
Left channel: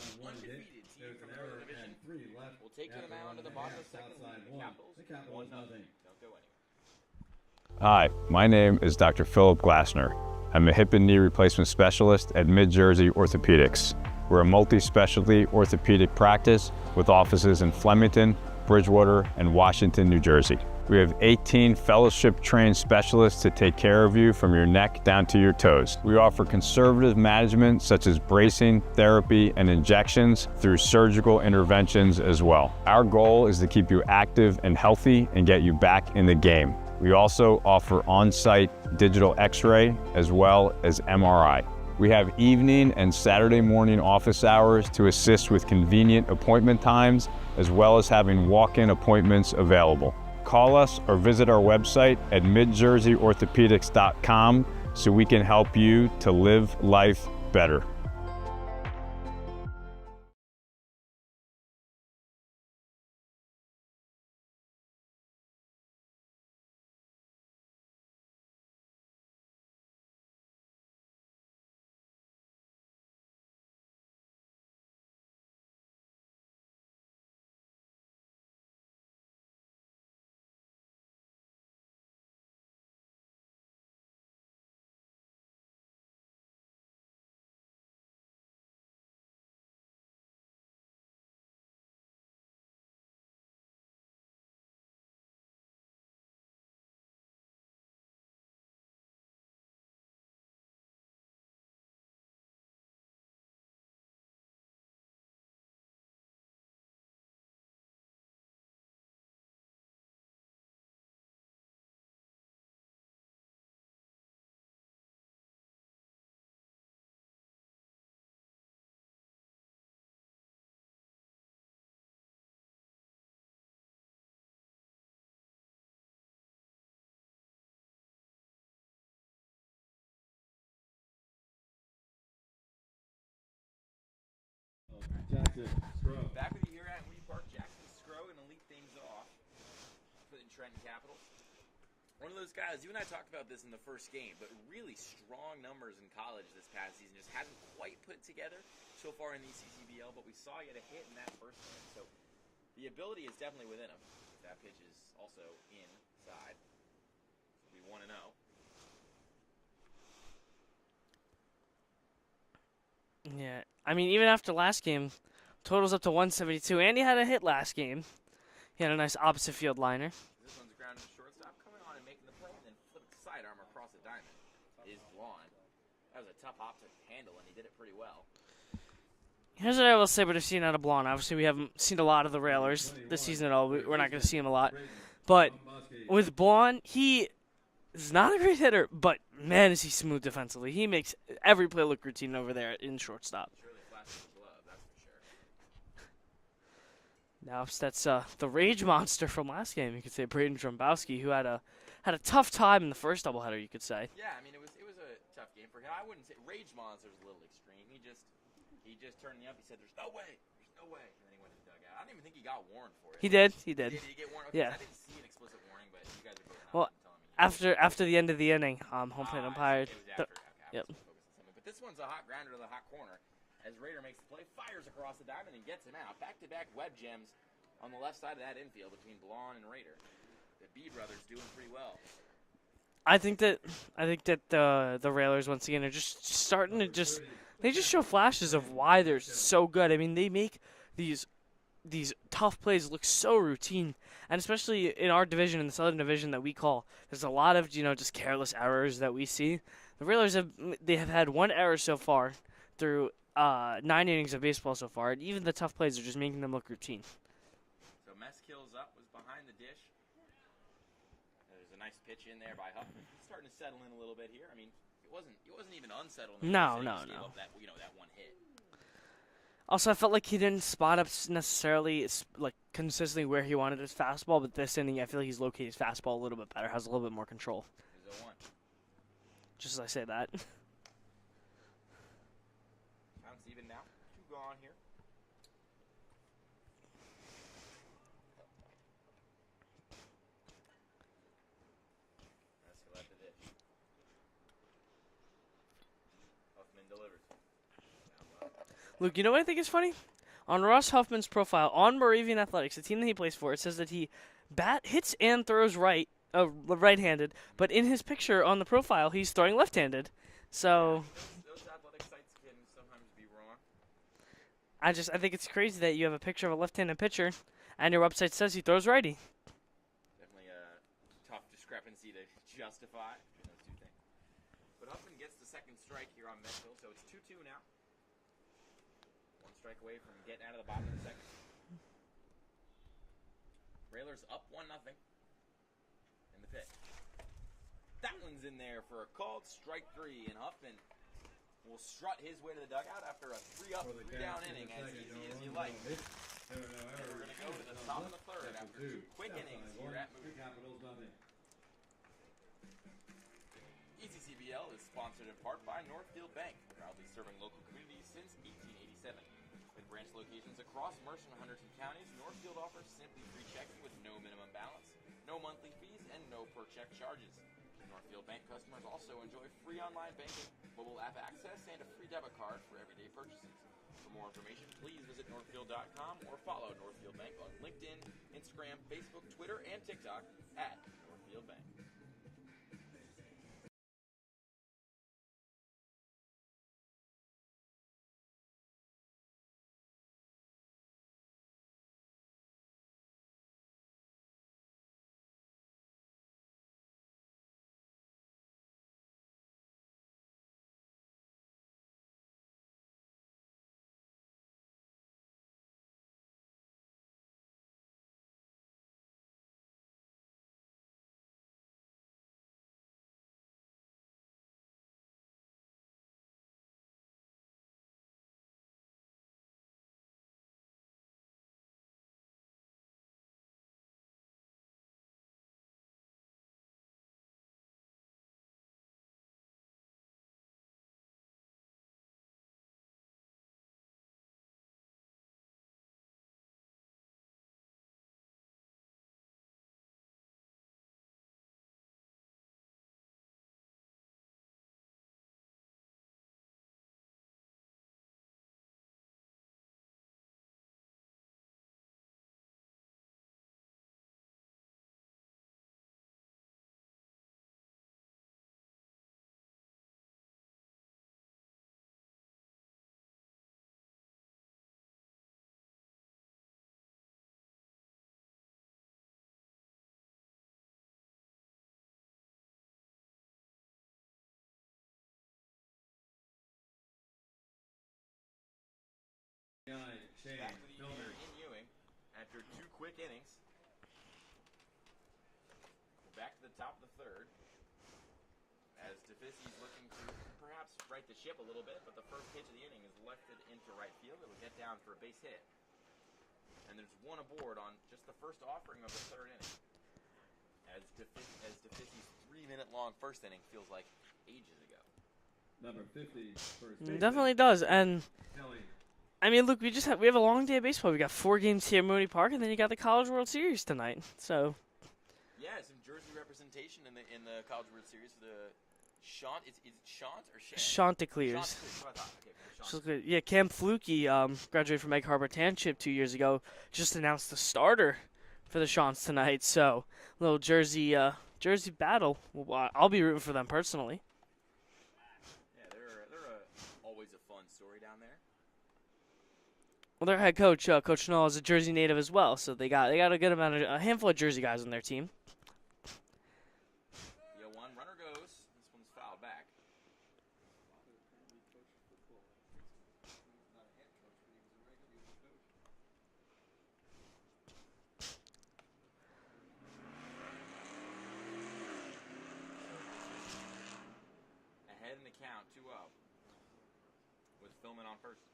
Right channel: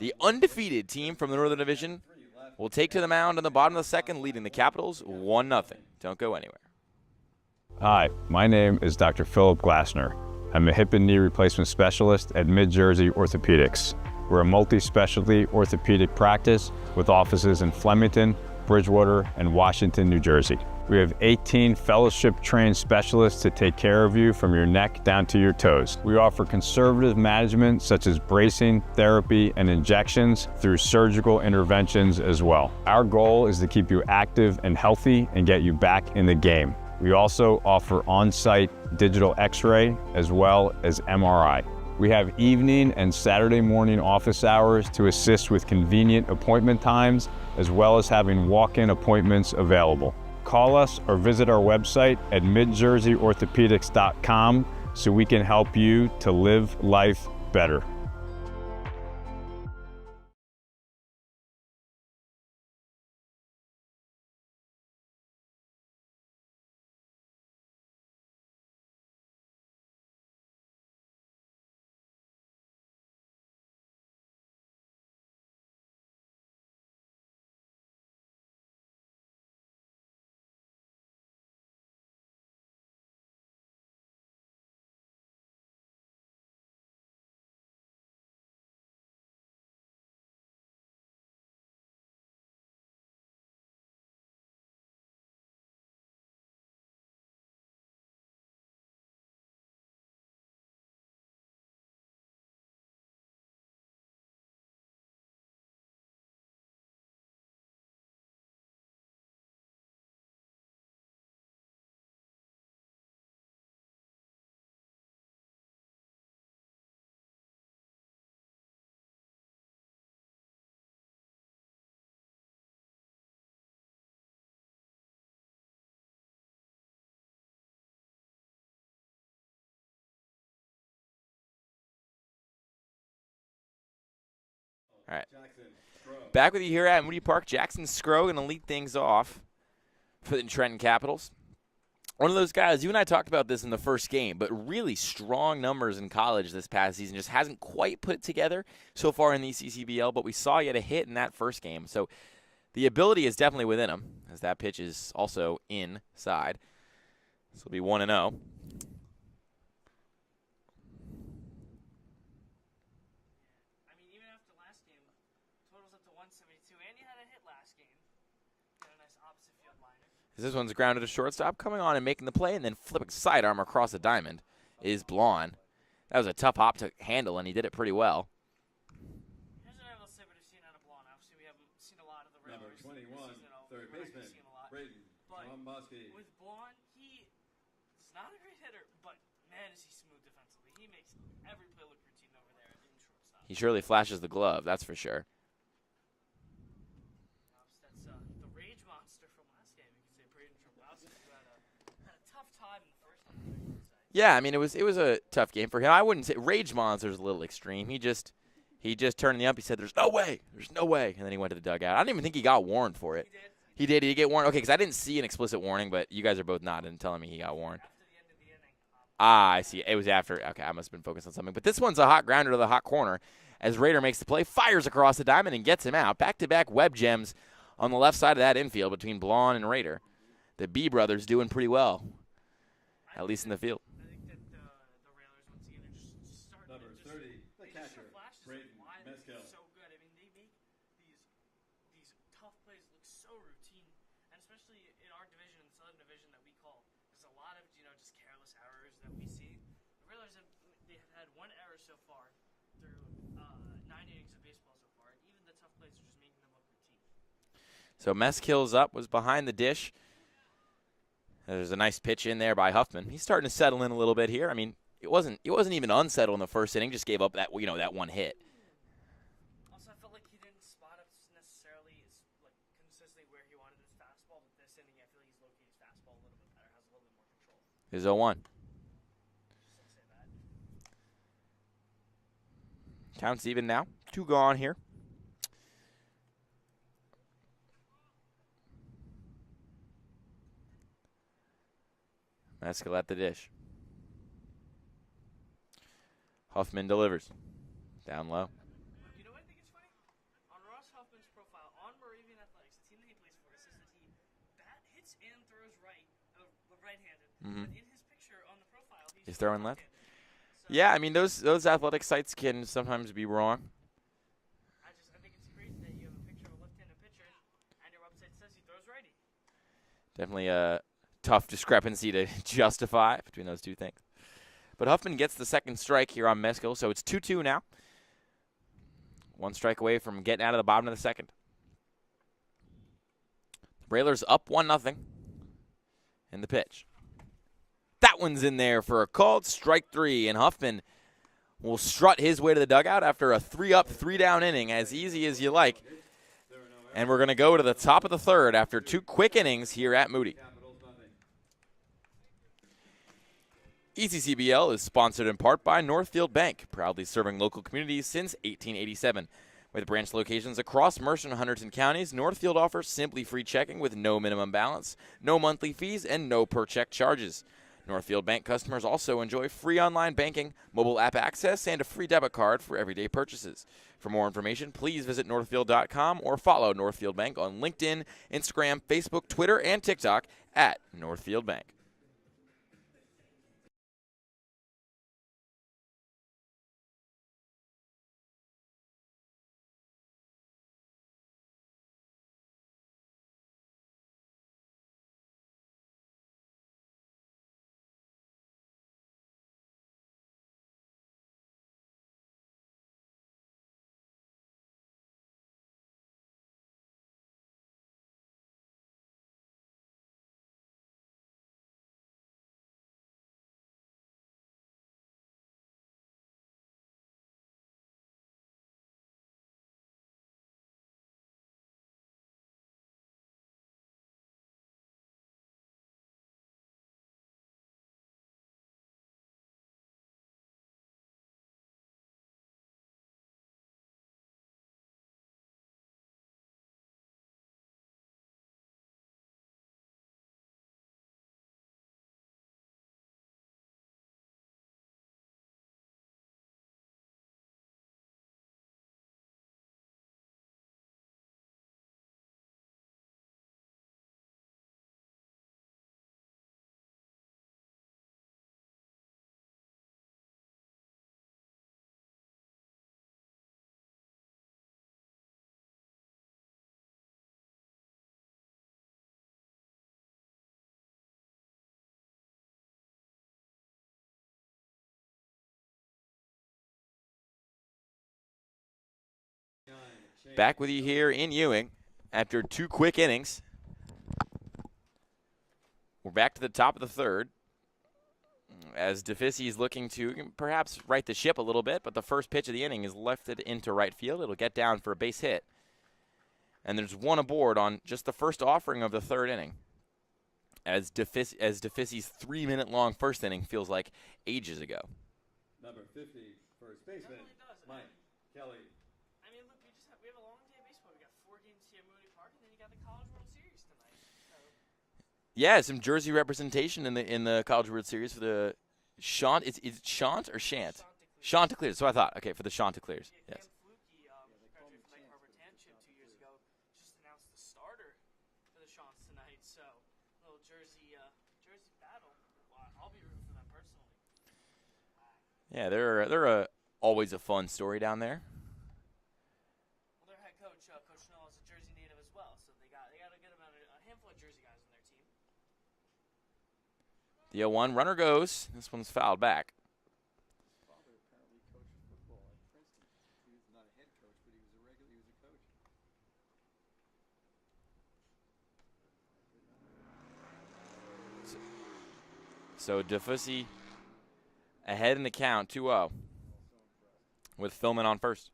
The undefeated team from the Northern Division will take to the mound on the bottom of the second, leading the Capitals 1-0. Don't go anywhere. Hi, my name is Dr. Philip Glassner. I'm a hip and knee replacement specialist at Mid-Jersey Orthopedics. We're a multi-specialty orthopedic practice with offices in Flemington, Bridgewater, and Washington, New Jersey. We have 18 fellowship-trained specialists to take care of you from your neck down to your toes. We offer conservative management such as bracing, therapy, and injections through surgical interventions as well. Our goal is to keep you active and healthy and get you back in the game. We also offer on-site digital x-ray as well as MRI. We have evening and Saturday morning office hours to assist with convenient appointment times, as well as having walk-in appointments available. Call us or visit our website at midjerseyorthopedics.com so we can help you to live life better. All right. Jackson, Scruggs. Back with you here at Moody Park. Jackson Scruggs going to lead things off for the Trenton Capitals. One of those guys, you and I talked about this in the first game, but really strong numbers in college this past season. Just hasn't quite put it together so far in the ECCBL, but we saw he had a hit in that first game. So the ability is definitely within him, as that pitch is also inside. This will be 1-0. Yeah, I mean, even after last game, totals up to 172, and he had a hit last game. He had a nice opposite field liner. This one's grounded to shortstop, coming on and making the play, and then flipping sidearm across the diamond is Blonde. That was a tough hop to handle, and he did it pretty well. Here's what I will say, but I've seen out of Blonde. Obviously, we haven't seen a lot of the Railers this season at all. We're not going to see him a lot. But with Blonde, he is not a great hitter, but man, is he smooth defensively. He makes every play look routine over there in shortstop. He surely flashes the glove, that's for sure. Now that's the rage monster from last game. You could say Braden Drombowski, who had a tough time in the first doubleheader. You could say. Yeah, I mean it was a tough game for him. I wouldn't say rage monster's a little extreme. He just turned the ump. He said, "There's no way, and then he went to the dugout. I don't even think he got warned for it. He did. Did he get warned? Okay, because Yeah. I didn't see an explicit warning, but you guys are both nodding and telling me he got warned. After the end of the inning. I see. It was after. Okay, I must have been focused on something. But this one's a hot grounder to the hot corner as Raider makes the play, fires across the diamond, and gets him out. Back-to-back web gems on the left side of that infield between Blonde and Raider. The B brothers doing pretty well. I at least in the field. think that the Railers once again are just starting to they just show flashes of why they're so good. I mean, they make these tough plays look so routine, and especially in our division, in the Southern Division that we call, there's a lot of just careless errors that we see. The Railers have had one error so far through 9 innings of baseball so far, and even the tough plays are just making them look routine. So Meskill's up, was behind the dish. There's a nice pitch in there by Huffman. He's starting to settle in a little bit here. I mean, it wasn't even unsettled in the first inning. Just gave up that that one hit. Also, I felt like he didn't spot up necessarily like consistently where he wanted his fastball, but this inning I feel like he's located his fastball a little bit better, has a little bit more control. Here's 0-1. Just as I say that. Count's even now. 2 gone here. Meskill at the dish. Huffman delivers. Down low. Luke, you know what I think is funny? On Ross Huffman's profile on Moravian Athletics, the team that he plays for, it says that he hits and throws right-handed, but in his picture on the profile, he's throwing left-handed. So yeah, I mean those athletic sites can sometimes be wrong. I think it's crazy that you have a picture of a left-handed pitcher, and your website says he throws righty. Definitely a tough discrepancy to justify between those two things. But Huffman gets the second strike here on Meskill, so it's 2-2 now. 1 strike away from getting out of the bottom of the second. Railers up 1-0 in the pitch. That one's in there for a called strike 3, and Huffman will strut his way to the dugout after a 3-up, 3-down inning, as easy as you like. And we're going to go to the top of the third after 2 quick innings here at Moody. ECCBL is sponsored in part by Northfield Bank, proudly serving local communities since 1887. With branch locations across Mercer and Hunterdon counties, Northfield offers simply free checking with no minimum balance, no monthly fees, and no per-check charges. Northfield Bank customers also enjoy free online banking, mobile app access, and a free debit card for everyday purchases. For more information, please visit northfield.com or follow Northfield Bank on LinkedIn, Instagram, Facebook, Twitter, and TikTok at Northfield Bank. Back with you here in Ewing after 2 quick innings. We're back to the top of the third as DeFisi is looking to perhaps right the ship a little bit, but the first pitch of the inning is lifted into right field. It'll get down for a base hit. And there's one aboard on just the first offering of the third inning. As DeFisi's 3-minute-long first inning feels like ages ago. Number 50, first It baseman, definitely does. And Kelly. I mean, look, we have a long day of baseball. We got 4 games here at Mooney Park, and then you got the College World Series tonight. So Yeah, some Jersey representation in the College World Series for the Shant. Is it Shant or Shant? Chanticleers. Chanticleers. So I thought. Okay, for the Chanticleers. Yeah, Cam Flukie, graduated from Egg Harbor Township 2 years ago, just announced the starter for the Shants tonight. So little Jersey battle. Well, I'll be rooting for them personally. Yeah, they're always a fun story down there. Well, their head coach, Coach Null, is a Jersey native as well, so they got a handful of Jersey guys on their team. The 0-1 runner goes. This one's fouled back. So DeFisi ahead in the count, 2-0, with Philman on first.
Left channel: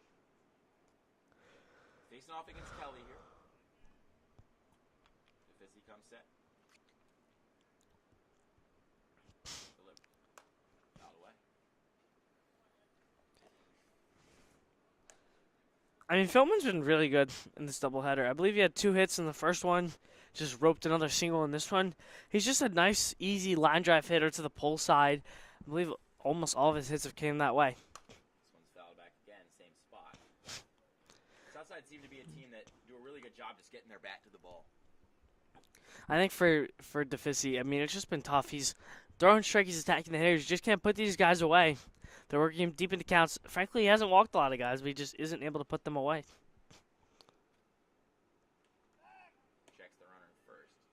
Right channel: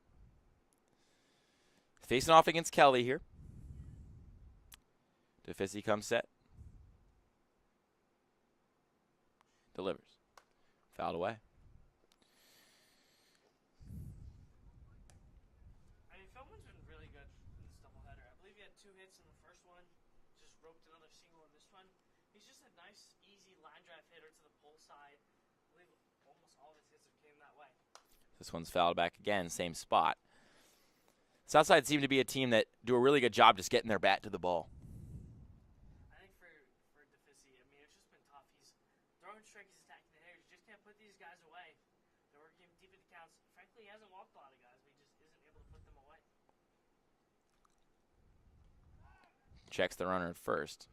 Facing off against Kelly here. DeFisi comes set. Delivers. Fouled away. I mean, Philman's been really good in this doubleheader. I believe he had 2 hits in the first one, just roped another single in this one. He's just a nice, easy line drive hitter to the pull side. I believe almost all of his hits have came that way. This one's fouled back again, same spot. Southside seem to be a team that do a really good job just getting their bat to the ball. I think for DeFisi, I mean, it's just been tough. He's throwing strike, he's attacking the hitters. You just can't put these guys away. They're working him deep into counts. Frankly, he hasn't walked a lot of guys, but he just isn't able to put them away. Checks the runner at first.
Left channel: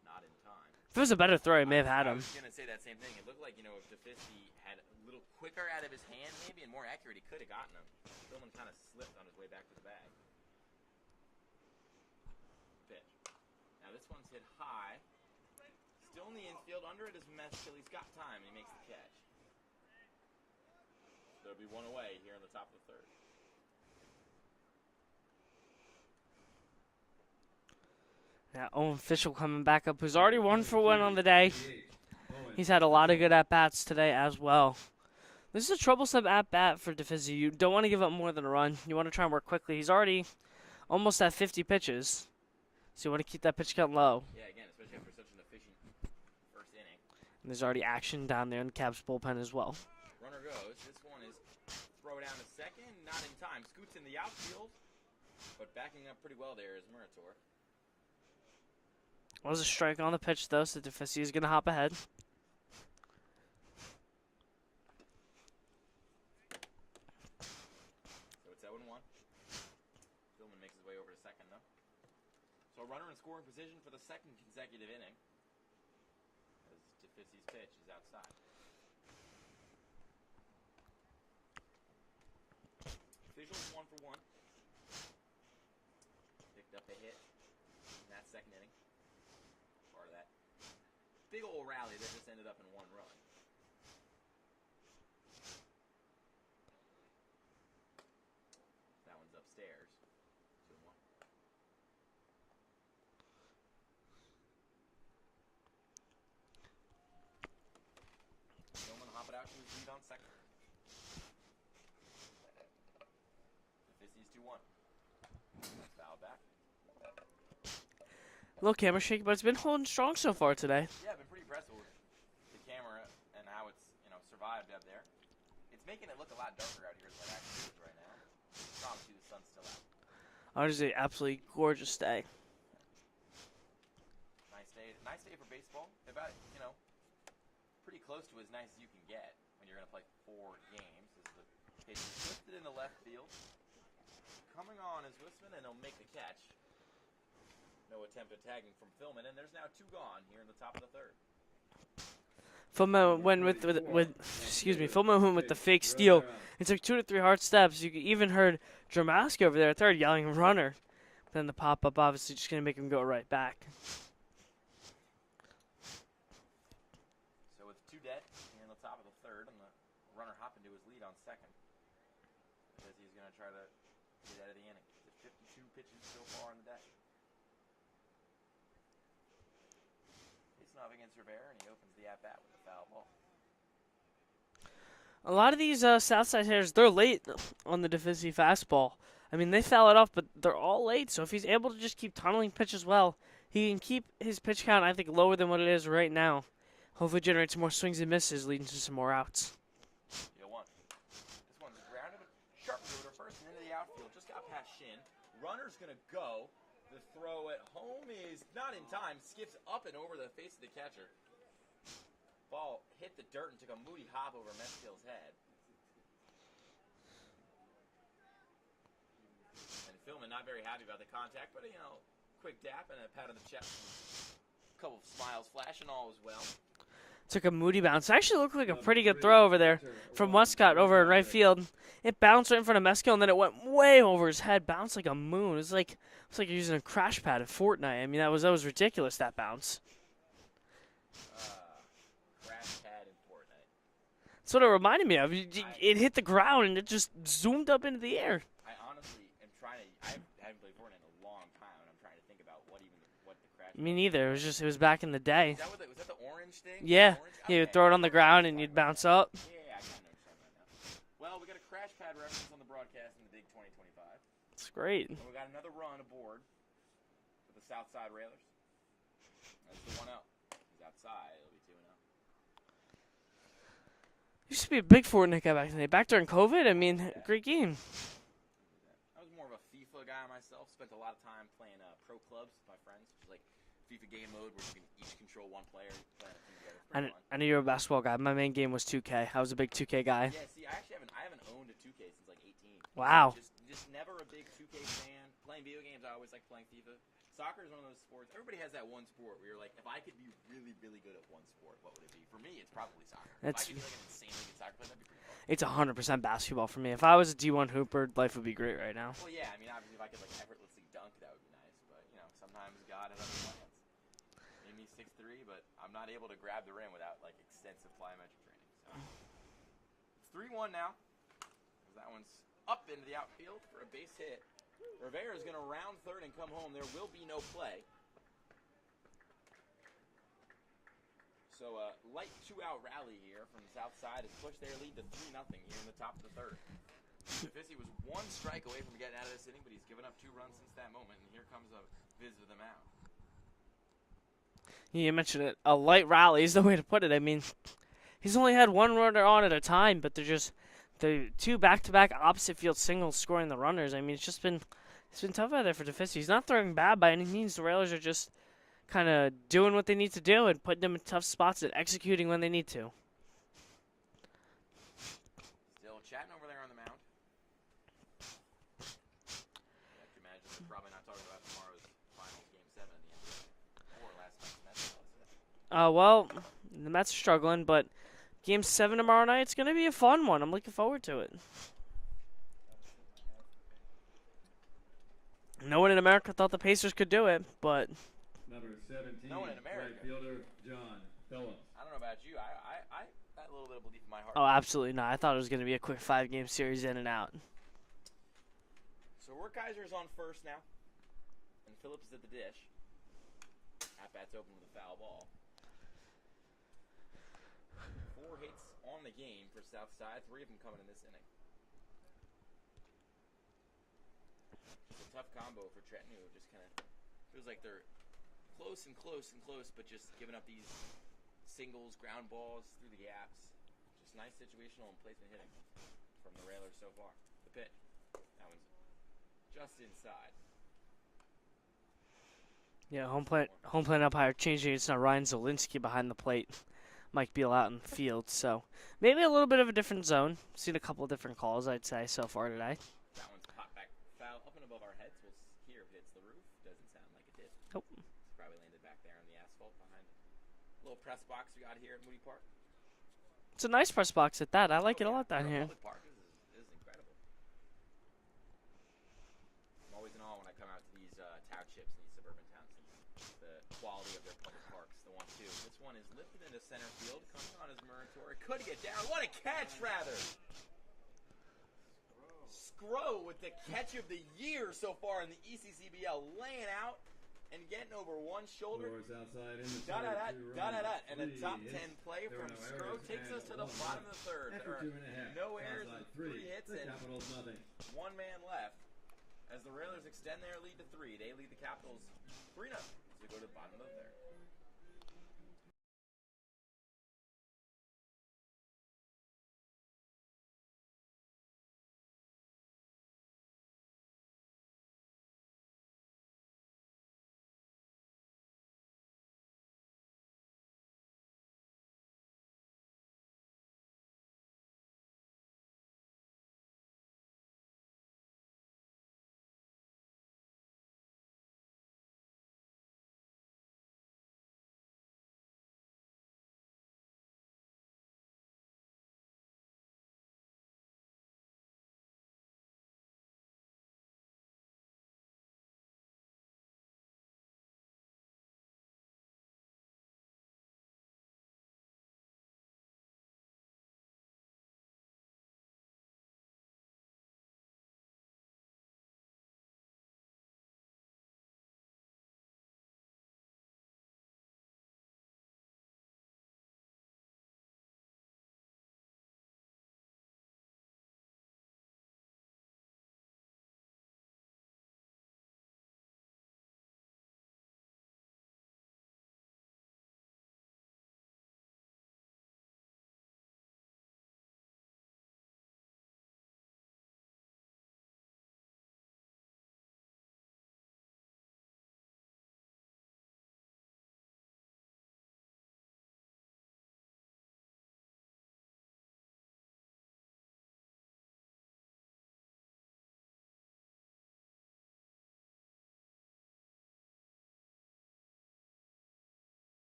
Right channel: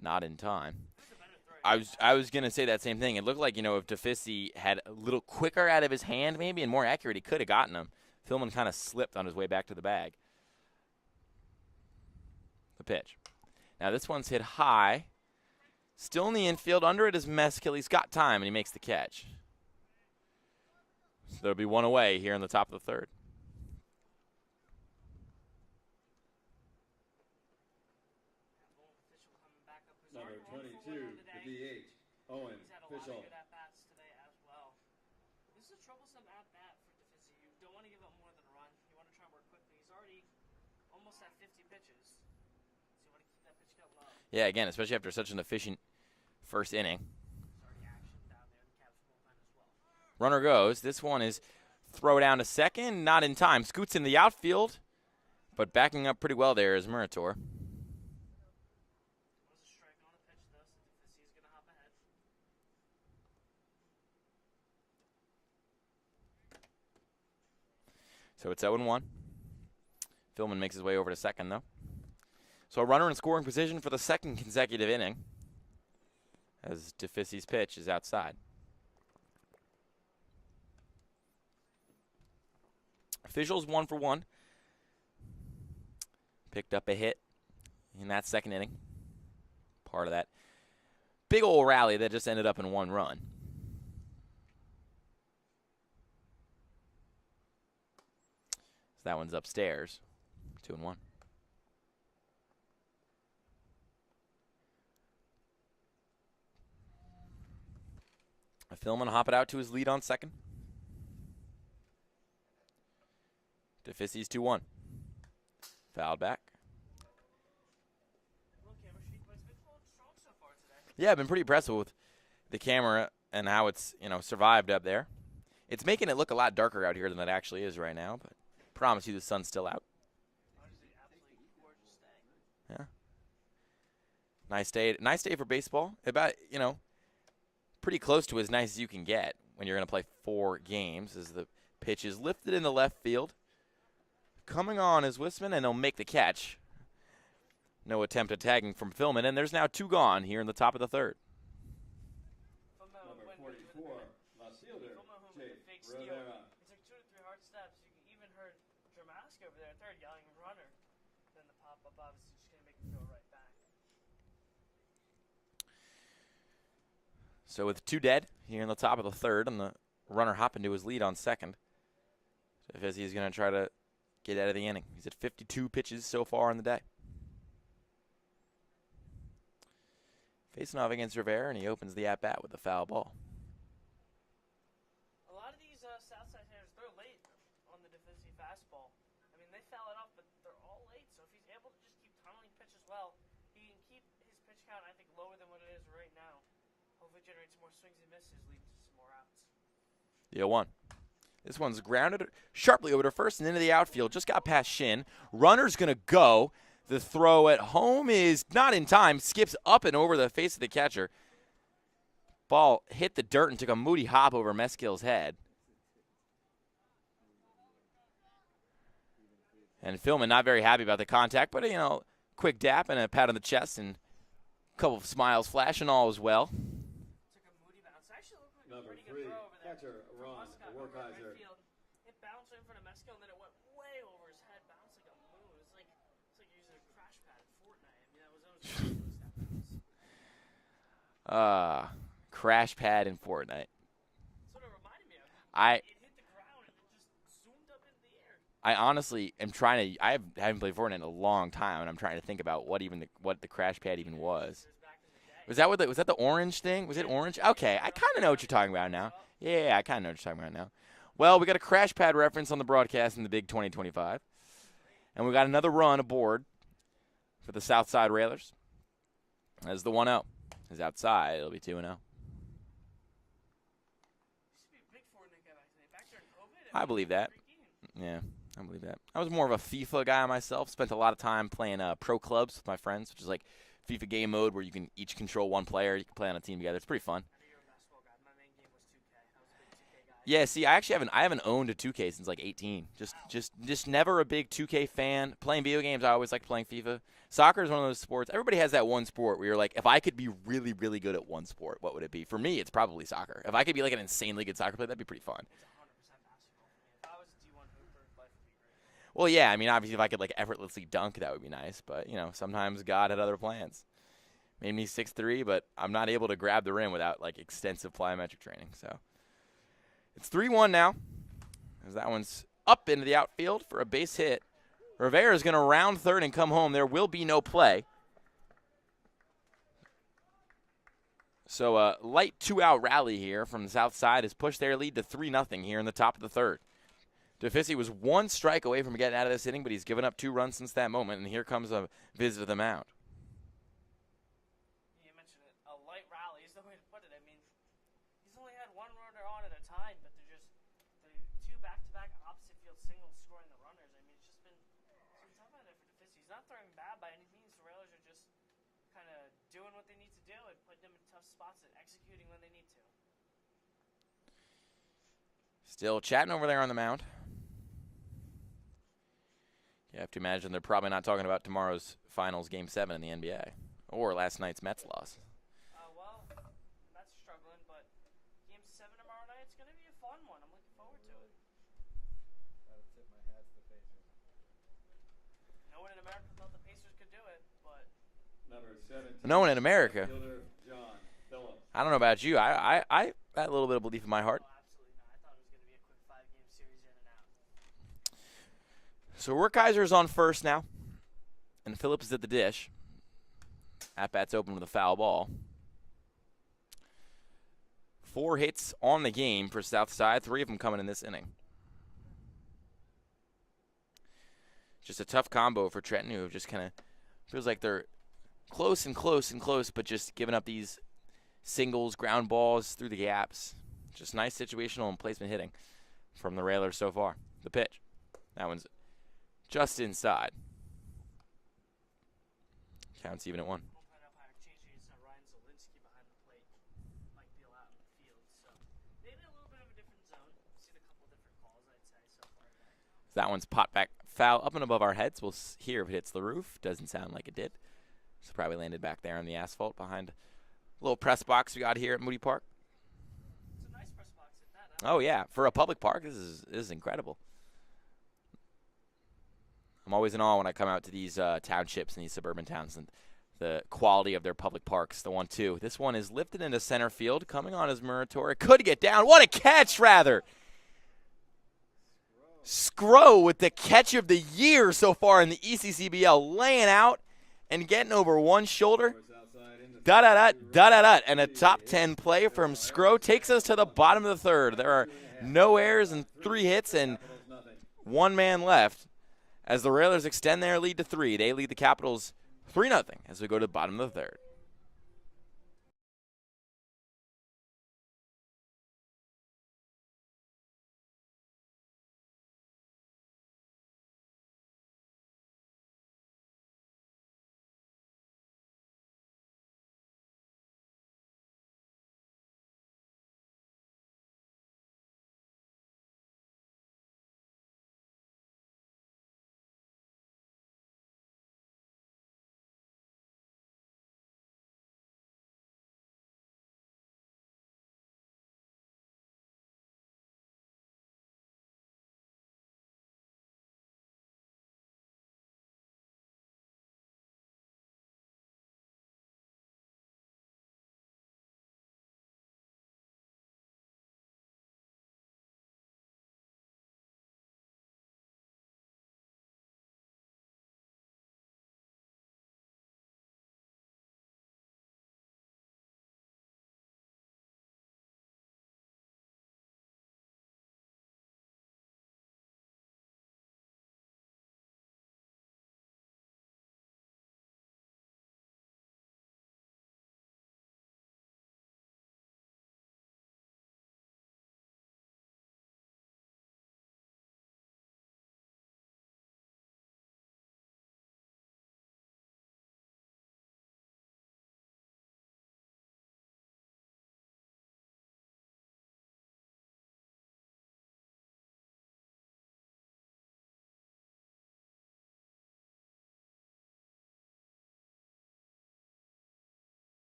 Not in time. If it was a better throw, he may have had I him. was going to say that same thing. It looked like, if DeFisi had a little quicker out of his hand maybe and more accurate, he could have gotten him. Philman kind of slipped on his way back to the bag. The pitch. Now this one's hit high. Still in the infield. Under it is Meskill. He's got time, and he makes the catch. So there'll be one away here in the top of the third. Yeah, Owen Fischel coming back up, who's already 1 for 1 on the day. He's had a lot of good at-bats today as well. This is a troublesome at-bat for DeFisi. You don't want to give up more than a run. You want to try and work quickly. He's already almost at 50 pitches, so you want to keep that pitch count low. Yeah, again, especially after such an efficient first inning. And there's already action down there in the Cavs bullpen as well. Runner goes. This one is throw down to second. Not in time. Scoots in the outfield, but backing up pretty well there is Murator. Was a strike on the pitch, though, so DeFisi is going to hop ahead. So it's 0-1. Philman makes his way over to second, though. So a runner in scoring position for the second consecutive inning as DeFisi's pitch is outside. Officials 1 for 1. Picked up a hit in that second inning. Part of that big old rally that just ended up in 1 run. So that one's upstairs. 2-1. Philman hop it out to his lead on second. DeFisi's 2-1. Fouled back. A little camera shaky, but it's been holding strong so far today. Yeah, I've been pretty impressed with the camera and how it's, survived up there. It's making it look a lot darker out here than it actually is right now, but I promise you the sun's still out. Honestly, absolutely gorgeous day. Yeah. Nice day for baseball. About, pretty close to as nice as you can get when you're going to play 4 games as the pitch is lifted in the left field. Coming on is Wisman, and he'll make the catch. No attempt at tagging from Philman, and there's now 2 gone here in the top of the third. Philman went with Philman went with the fake steal He took 2 to 3 hard steps. You even heard Dramaski over there at third yelling runner. Then the pop-up obviously just going to make him go right back. So with 2 dead here in the top of the third, and the runner hopping to his lead on second, Fizzy's going to try to get out of the inning. He's at 52 pitches so far in the day. Facing off against Rivera, and he opens the at-bat with a foul ball. A lot of these Southside hitters, they're late on the DeFizzi fastball. I mean, they foul it off, but they're all late. So if he's able to just keep tunneling pitches well, he can keep his pitch count, I think, lower than what it is right now. Hopefully generate some more swings and misses, leading to some more outs. The 0-1. This one's grounded sharply over to first and into the outfield. Just got past Shin. Runner's going to go. The throw at home is not in time. Skips up and over the face of the catcher. Ball hit the dirt and took a moody hop over Meskill's head. And Philman not very happy about the contact, but, you know, quick dap and a pat on the chest and a couple of smiles flashing, all is well. Took a moody bounce. It actually looked like a pretty good throw over there from Westcott over in right field. It bounced right in front of Meskill, and then it went way over his head, bounced like a moon. It was like you're using a crash pad in Fortnite. I mean, that was ridiculous, that bounce. Crash pad in Fortnite. That's what it reminded me of. It hit the ground, and it just zoomed up into the air. I honestly am trying to. I haven't played Fortnite in a long time, and I'm trying to think about what the crash pad. Me neither. Even It was back in the day. Was that the orange thing? Was yeah. it orange? Okay. You throw it on the ground and you bounce up. Yeah, I kind of know what you're talking about now. Well, we got a crash pad reference on the broadcast in the Big 2025. That's great. And we got another run aboard for the Southside Railers. As the 1-0 is outside, it'll be 2-0. Used to be a big Fortnite guy back in the day. Back during COVID, I mean, believe that. great game. Yeah, I believe that. I was more of a FIFA guy myself. Spent a lot of time playing pro clubs with my friends, which is like FIFA game mode where you can each control one player. You can play on a team together. It's pretty fun. I know you're a basketball guy. My main game was 2K. I was a big 2K guy. Yeah, see, I haven't owned a 2K since like 18. Wow. Just never a big 2K fan. Playing video games, I always like playing FIFA. Soccer is one of those sports. Everybody has that one sport where you're like, if I could be really, really good at one sport, what would it be? For me, it's probably soccer. If I could be like an insanely good soccer player, that'd be pretty fun. It's 100% basketball for me. If I was a D1 hooper, life would be great right now. Well, yeah, I mean, obviously, if I could like effortlessly dunk, that would be nice. But, you know, sometimes God had other plans. Made me 6'3", but I'm not able to grab the rim without like extensive plyometric training. So it's 3-1 now, as that one's up into the outfield for a base hit. Rivera is going to round third and come home. There will be no play. So a light 2-out rally here from the south side has pushed their lead to 3-0 here in the top of the third. DeFizzi was one strike away from getting out of this inning, but he's given up 2 runs since that moment, and here comes a visit to the mound. You mentioned it. A light rally is the way to put it. I mean, he's only had 1 runner on at a time, but they're just the 2 back-to-back opposite field singles scoring the runners. I mean, it's been tough out there for DeFizzi. He's not throwing bad by any means. The Railers are just kind of doing what they need to do and putting them in tough spots and executing when they need to. Still chatting over there on the mound. You have to imagine they're probably not talking about tomorrow's finals Game 7 in the NBA or last night's Mets loss. Well, the Mets are struggling, but Game 7 tomorrow night, it's going to be a fun one. I'm looking forward to it. No one in America thought the Pacers could do it, but no one in America. John Phillips. I don't know about you. I got a little bit of belief in my heart. Oh, absolutely not. I thought it was going to be a quick 5-game series in and out. So Werkheiser's on first now, and Phillips is at the dish. At-bat's open with a foul ball. 4 hits on the game for Southside, 3 of them coming in this inning. Just a tough combo for Trenton, who just kind of feels like they're close and close and close, but just giving up these singles, ground balls through the gaps. Just nice situational and placement hitting from the Railers so far. The pitch. That one's just inside. Yeah, home plate umpire changing. It's not Ryan Zielinski behind the plate. Mike Beal out in the field. So maybe a little bit of a different zone. Seen a couple of different calls, I'd say, so far today. That one's popped back foul up and above our heads. We'll hear if it hits the roof. Doesn't sound like it did. Nope. So probably landed back there on the asphalt behind a little press box we got here at Moody Park. It's a nice press box at that. I like Oh it. yeah, down for a here. public park, this is incredible. I'm always in awe when I come out to these townships and these suburban towns and the quality of their public parks. The 1-2. This one is lifted into center field, coming on as Murator. Could get down. What a catch, rather! Scro with the catch of the year so far in the ECCBL, laying out and getting over one shoulder. Da-da-da, and a top 10 play from Scro takes us to the bottom of the third. There are no errors and 3 hits and 1 man left as the Railers extend their lead to 3. They lead the Capitals 3-0 as we go to the bottom of the third.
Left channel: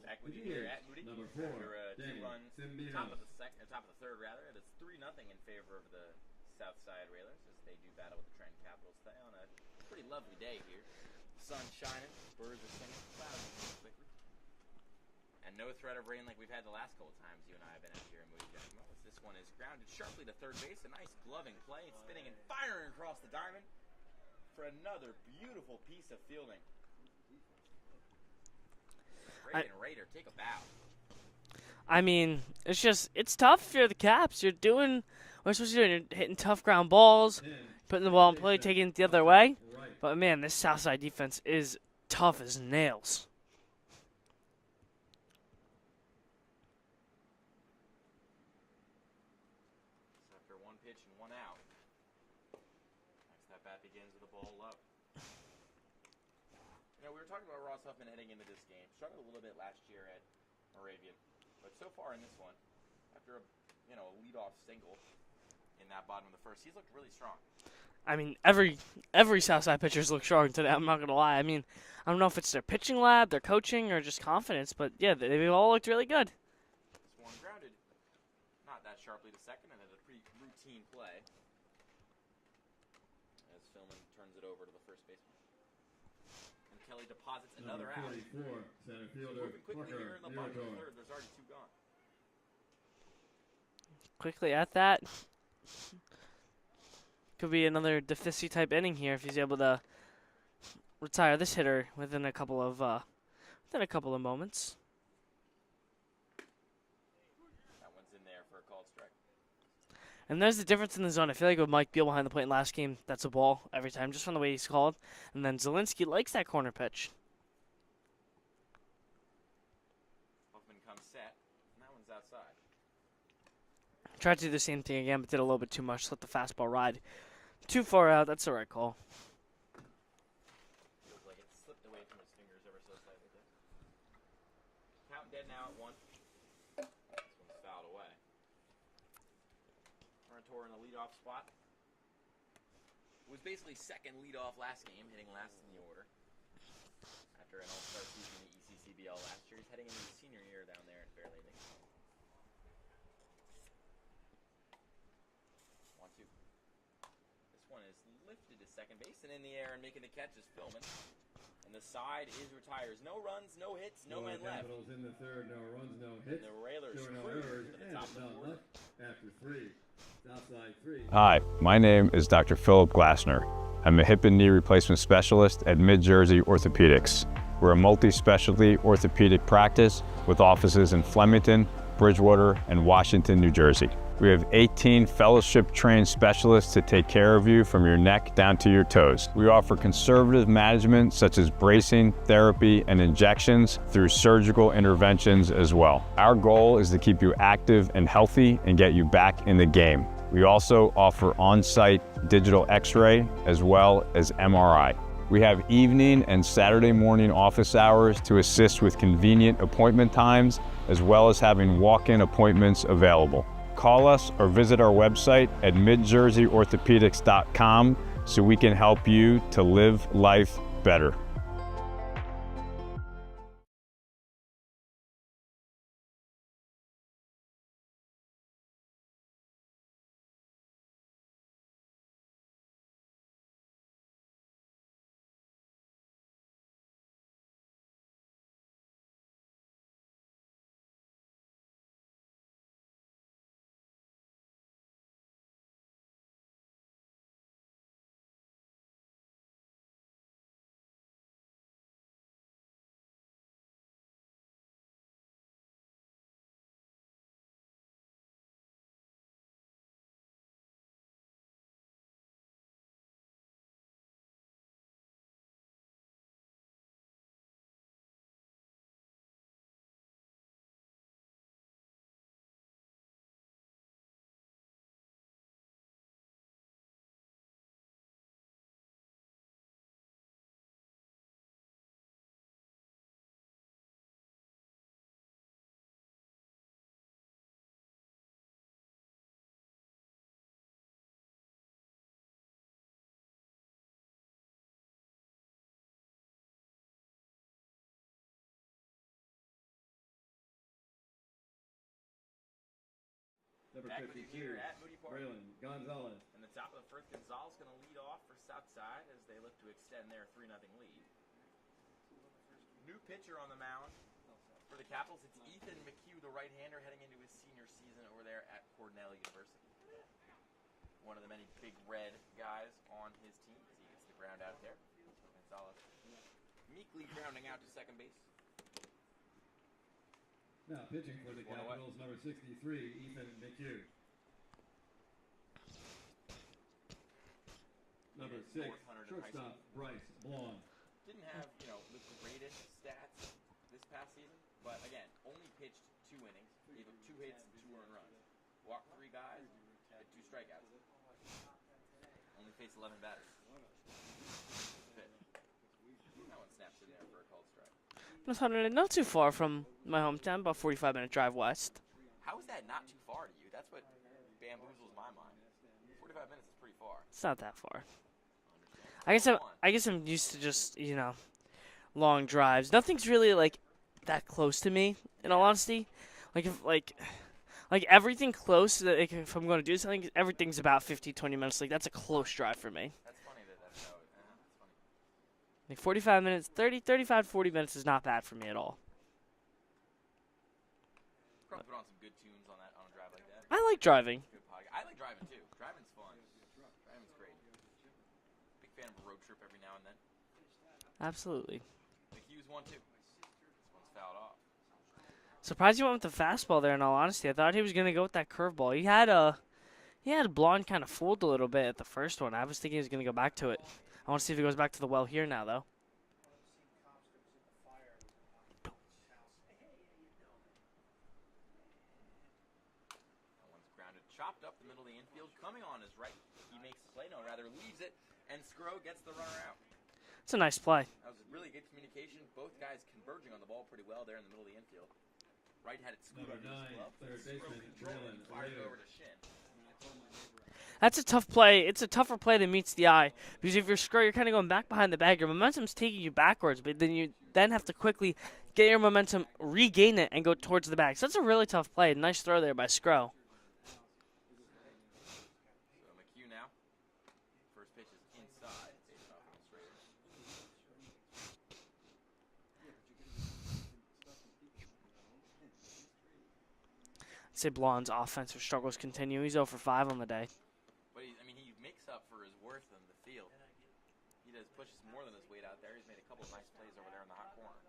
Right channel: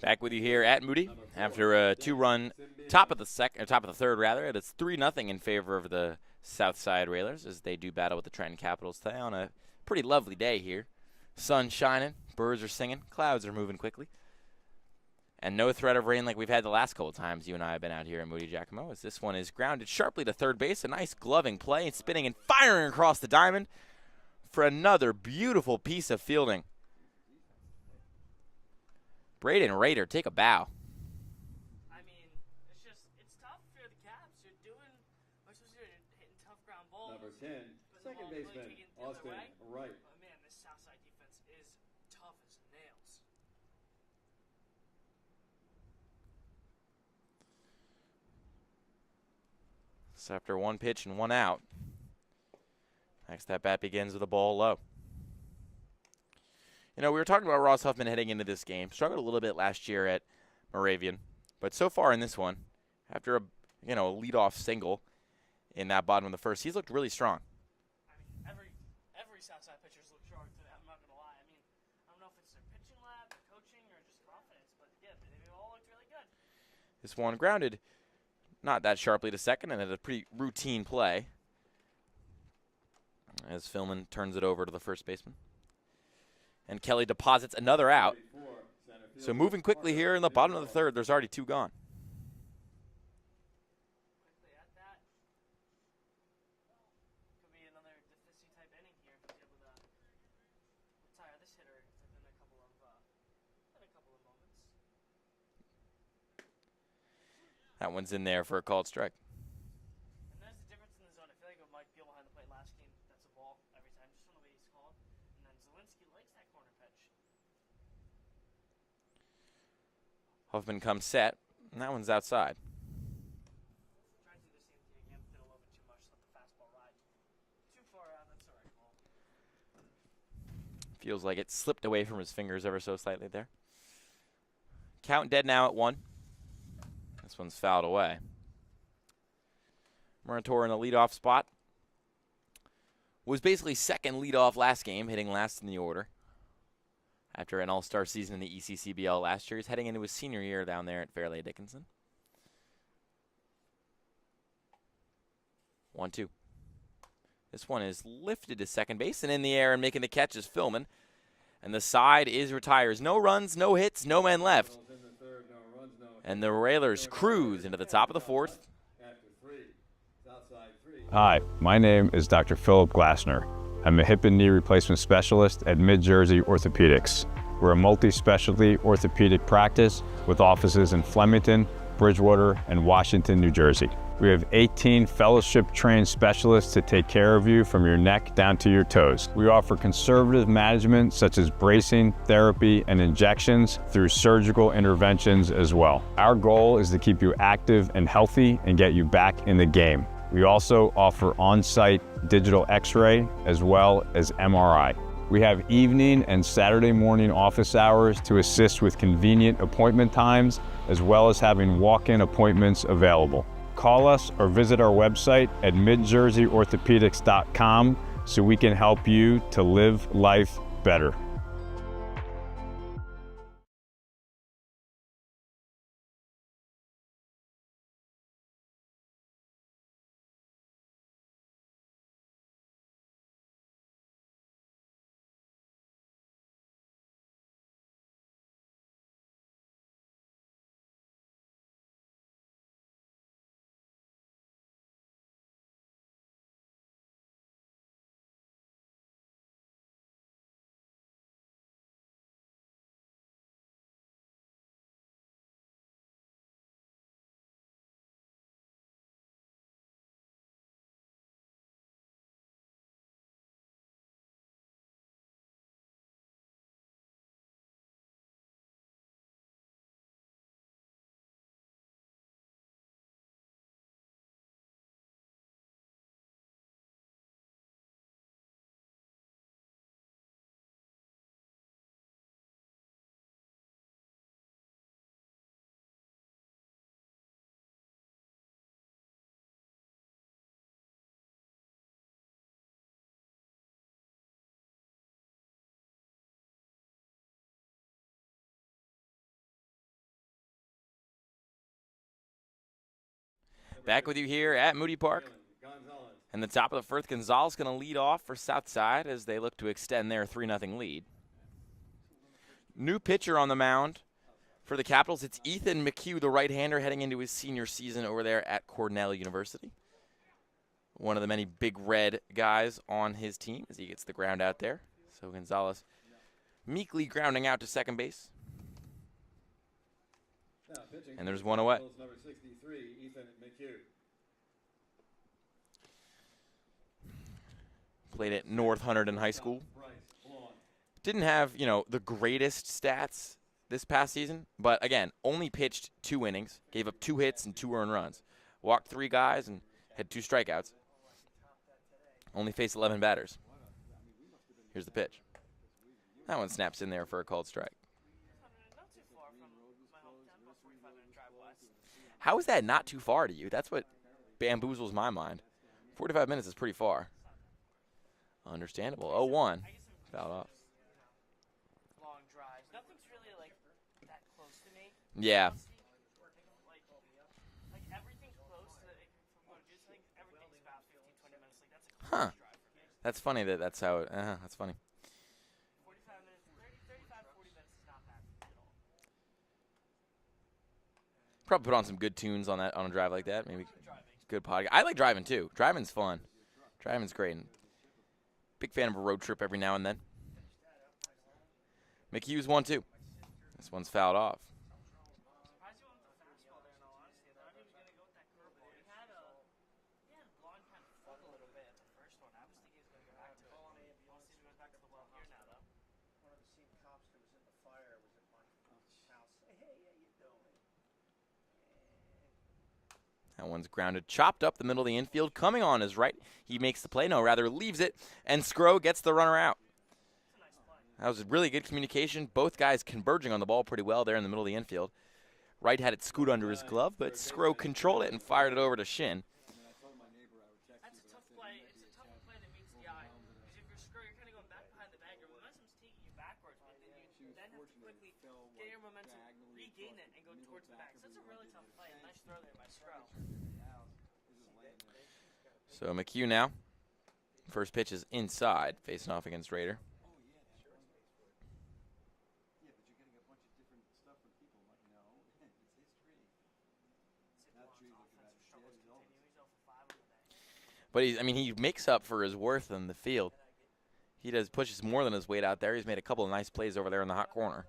Back with you here at Moody after a 2-run top of the third rather. It's 3-0 in favor of the Southside Railers as they do battle with the Trenton Capitals today on a pretty lovely day here. Sun shining, birds are singing, clouds are moving quickly, and no threat of rain like we've had the last couple times you and I have been out here at Moody Giacomo. As this one is grounded sharply to third base, a nice gloving play, and spinning and firing across the diamond for another beautiful piece of fielding. Braden Rader, take a bow. I mean, it's tough if you're the Caps. You're doing what you're supposed to do. You're hitting tough ground balls, putting the ball in play, taking it the other way. But, man, this Southside defense is tough as nails. So after 1 pitch and 1 out, next at bat begins with a ball low. You know, we were talking about Ross Huffman heading into this game. Struggled a little bit last year at Moravian. But so far in this one, after a leadoff single in that bottom of the first, he's looked really strong. I mean, every Southside pitcher's looked strong today. I'm not going to lie. I mean, I don't know if it's their pitching lab, their coaching, or just confidence. But, yeah, they've all looked really good. This one grounded not that sharply to second, and it's a pretty routine play as Philman turns it over to the first baseman. And Kelly deposits another out. So moving quickly here in the bottom of the third, there's already 2 gone. Quickly at that. Could be another Deficit type inning here if he's able to retire this hitter within a couple of moments. That one's in there for a called strike. And there's the difference in the zone. I feel like with Mike Beal behind the plate in last game, that's a ball every time, just from the way he's called. And then Zielinski likes that corner pitch. Huffman comes set, and that one's outside. Tried to do the same thing again, but did a little bit too much. Let the fastball ride too far out. That's the right call. Feels like it slipped away from his fingers ever so slightly there. Count dead now at 1. This one's fouled away. Murator in the leadoff spot. Was basically second leadoff last game, hitting last in the order. After an all-star season in the ECCBL last year, he's heading into his senior year down there at Fairleigh Dickinson. 1-2. This one is lifted to second base and in the air, and making the catch is Philman. And the side is retires. No runs, no hits, no men left. And the Railers cruise into the top of the fourth. Hi, my name is Dr. Philip Glassner. I'm a hip and knee replacement specialist at Mid-Jersey Orthopedics. We're a multi-specialty orthopedic practice with offices in Flemington, Bridgewater, and Washington, New Jersey. We have 18 fellowship-trained specialists to take care of you from your neck down to your toes. We offer conservative management such as bracing, therapy, and injections through surgical interventions as well. Our goal is to keep you active and healthy and get you back in the game. We also offer on-site digital x-ray as well as MRI. We have evening and Saturday morning office hours to assist with convenient appointment times, as well as having walk-in appointments available. Call us or visit our website at midjerseyorthopedics.com so we can help you to live life better. Back with you here at Moody Park. And the top of the fourth, Gonzalez going to lead off for Southside as they look to extend their 3-0 lead. New pitcher on the mound for the Capitals. It's Ethan McHugh, the right-hander, heading into his senior season over there at Cornell University. One of the many big red guys on his team as he gets the ground out there. So Gonzalez meekly grounding out to second base. And there's one away. Number 63, Ethan McHugh. Played at North Hunterdon High School. Didn't have, the greatest stats this past season, but again, only pitched 2 innings, gave up 2 hits and 2 earned runs. Walked 3 guys and had 2 strikeouts. Only faced 11 batters. Here's the pitch. That one snaps in there for a called strike. North Hunterdon, not too far from my hometown, about 45-minute drive west. How is that not too far to you? That's what bamboozles my mind. 45 minutes is pretty far. It's not that far. Understandable. I guess I'm used to just, long drives. Nothing's really, that close to me, in all honesty. Like everything close, if I'm going to do something, everything's about 15, 20 minutes. That's a close drive for me. That's funny that's how it, that's funny. 45 minutes, 35, 40 minutes is not bad for me at all. Probably put on some good tunes on a drive like that. I like driving. Good podcast. I like driving too. Driving's fun. Driving's great. Big fan of a road trip every now and then. Absolutely. McHugh's 1-2. This one's fouled off. Surprised you went with the fastball there, in all honesty. I thought he was going to go with that curveball. He had a blonde kind of fooled a little bit at the first one. I was thinking he was going to go back to it. I want to see if he goes back to the well here now, though. That one's grounded, chopped up the middle of the infield. Coming on his right, he makes the play. No, rather leaves it, and Skro gets the runner out. It's a nice play. That was really good communication. Both guys converging on the ball pretty well there in the middle of the infield. Wright had it scoot under his glove, but Skro controlled it and fired it over to Shin. That's a tough play. It's a tougher play than meets the eye. Because if you're scroll, you're kind of going back behind the bag. Your momentum's taking you backwards, but then you have to quickly get your momentum, regain it, and go towards the bag. So that's a really tough play. Nice throw there by Scro. So McHugh now. First pitch is inside, facing off against Raider. I'd say Blonde's offensive struggles continue. He's 0 for 5 on the day. But he makes up for his worth in the field. He pushes more than his weight out there. He's made a couple of nice plays over there in the hot corner.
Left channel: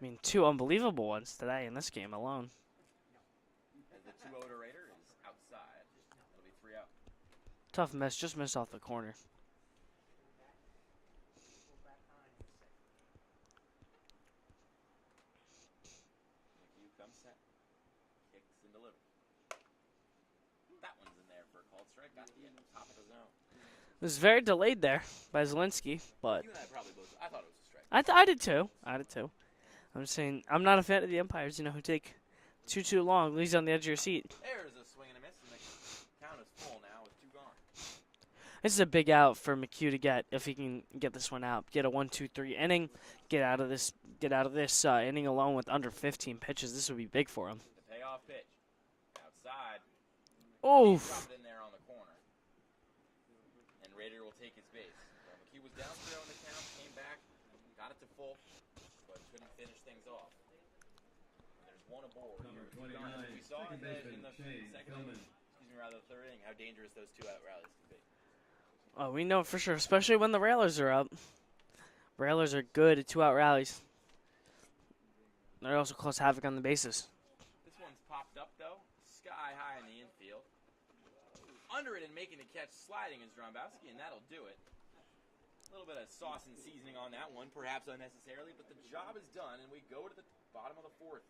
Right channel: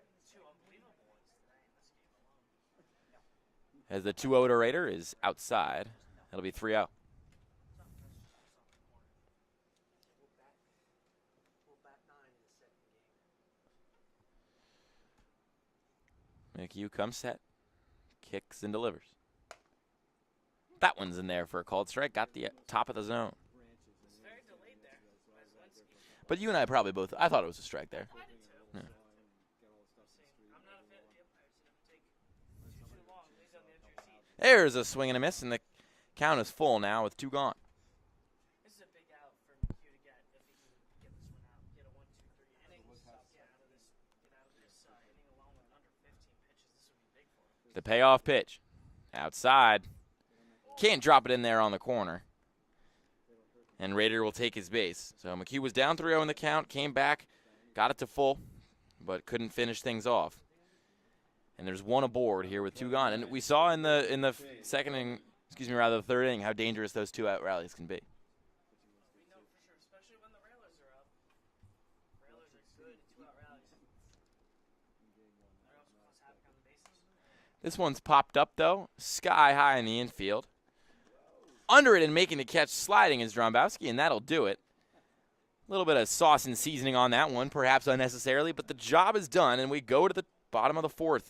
I mean, 2 unbelievable ones today in this game alone. As the 2-0 to Raider is outside. That'll be 3-0. Tough miss, just missed off the corner. McHugh comes set, kicks and delivers. That one's in there for a called strike. Got the top of the zone. It was very delayed there by Zielinski. But you and I probably both. I thought it was a strike. I did too. Yeah. I did too. I'm saying I'm not a fan of the umpires, who take too long. Leaves on the edge of your seat. There's a swing and a miss, and the count is full now with 2 gone. This is a big out for McHugh to get if he can get this one out. Get a 1-2-3 inning. Get out of this inning alone with under 15 pitches. This would be big for him. The payoff pitch, outside. Oh, Can't drop it in there on the corner. And Raider will take his base. So McHugh was down 3-0 in the count, came back, got it to full, but couldn't finish things off. And there's 1 aboard here with 2 gone. And we saw in the second inning, the third inning, how dangerous those 2-out rallies can be. Oh, we know for sure, especially when the Railers are up. Railers are good at 2-out rallies. They also cause havoc on the bases. This one's popped up, though, sky high in the infield. Under it and making the catch sliding is Drombowski, and that'll do it. A little bit of sauce and seasoning on that one, perhaps unnecessarily, but the job is done, and we go to the bottom of the 4th.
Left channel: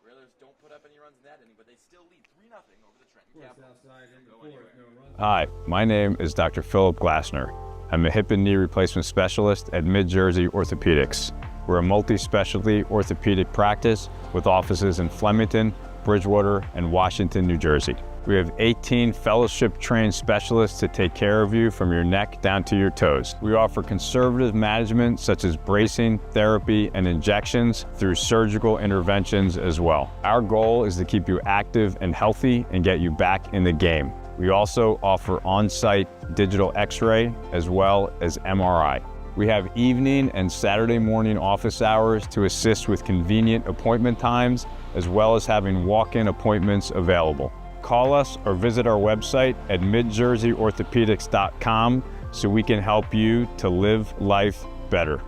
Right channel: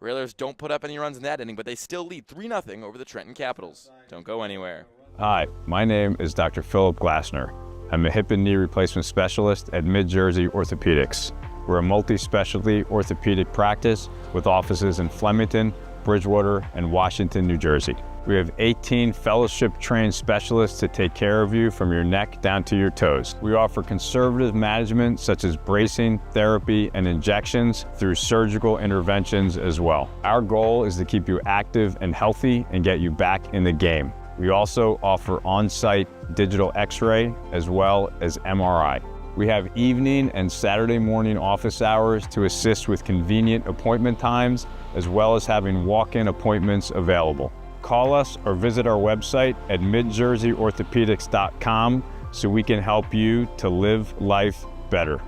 Railers don't put up any runs in that inning, but they still lead 3-0 over the Trenton Capitals. Don't go anywhere. Hi, my name is Dr. Philip Glassner. I'm a hip and knee replacement specialist at Mid-Jersey Orthopedics. We're a multi-specialty orthopedic practice with offices in Flemington, Bridgewater, and Washington, New Jersey. We have 18 fellowship-trained specialists to take care of you from your neck down to your toes. We offer conservative management such as bracing, therapy, and injections through surgical interventions as well. Our goal is to keep you active and healthy and get you back in the game. We also offer on-site digital x-ray as well as MRI. We have evening and Saturday morning office hours to assist with convenient appointment times, as well as having walk-in appointments available. Call us or visit our website at midjerseyorthopedics.com so we can help you to live life better.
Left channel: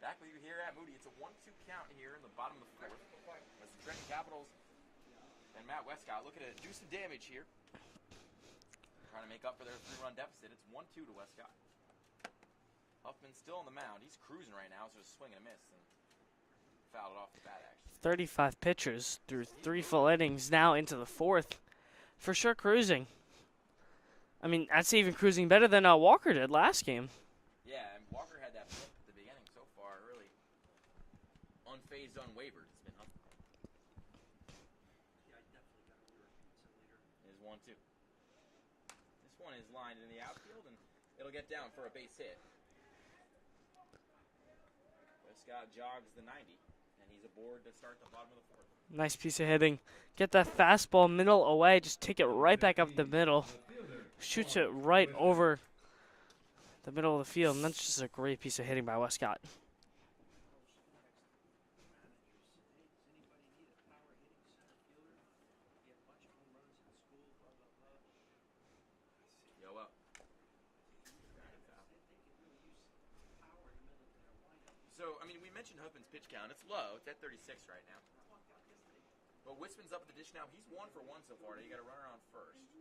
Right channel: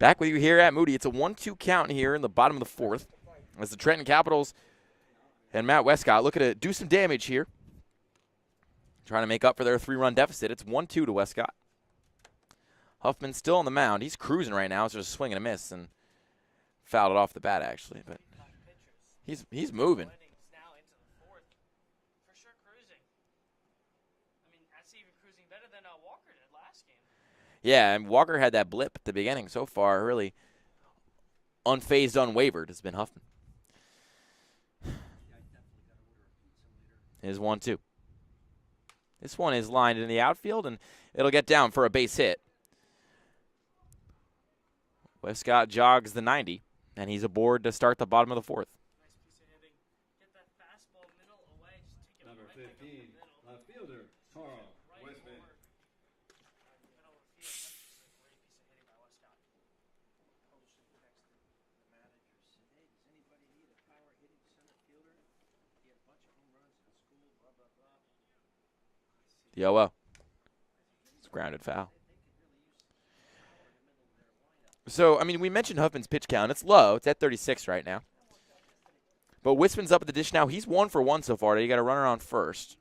Back with you here at Moody. It's a 1-2 count here in the bottom of the fourth as the Trenton Capitals and Matt Westcott looking to do some damage here. Trying to make up for their 3-run deficit. It's 1-2 to Westcott. Huffman still on the mound. He's cruising right now. It's just a swing and a miss and fouled it off the bat, actually. 35 pitchers. He's three moving. full innings now into the fourth. For sure cruising. I mean, I'd say even cruising better than Walker did last game. Yeah, and Walker had that blip at the beginning. So far, really unfazed, unwavered has been Huffman. Here's 1-2. This one is lined in the outfield, and it'll get down for a base hit. Westcott jogs the 90, and he's aboard to start the bottom of the fourth. Nice piece of hitting. Get that fastball middle away. Just take it right back up the middle. Shoots it right over the middle of the field, and that's just a great piece of hitting by Westcott. The 0-0. It's a grounded foul. So, I mean, we mentioned Huffman's pitch count. It's low. It's at 36 right now. But Wispin's up at the dish now. He's 1 for 1 so far. You got a runner on first.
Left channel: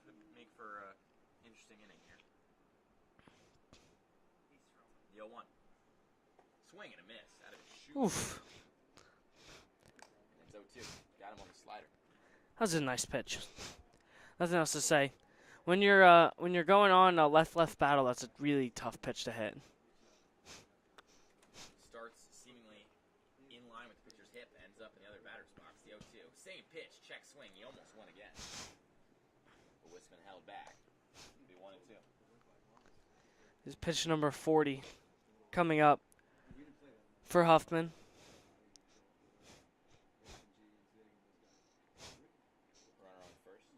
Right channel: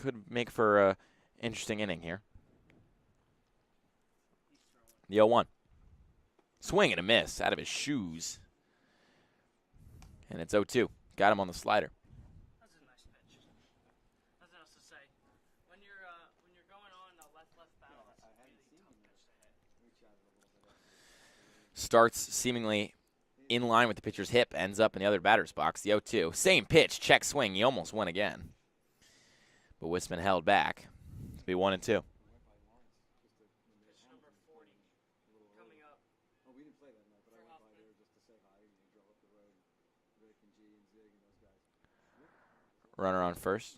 Could make for an interesting inning here. The 0-1. Swing and a miss out of his shoes. Oof. And it's 0-2. Got him on the slider. That was a nice pitch. Nothing else to say. When you're going on a left-left battle, that's a really tough pitch to hit. Starts seemingly in line with the pitcher's hip, ends up in the other batter's box. The 0-2. Same pitch, check swing. He almost went again. But Wispin held back. It'll be 1-2. This is pitch number 40 coming up for Huffman. Runner on first.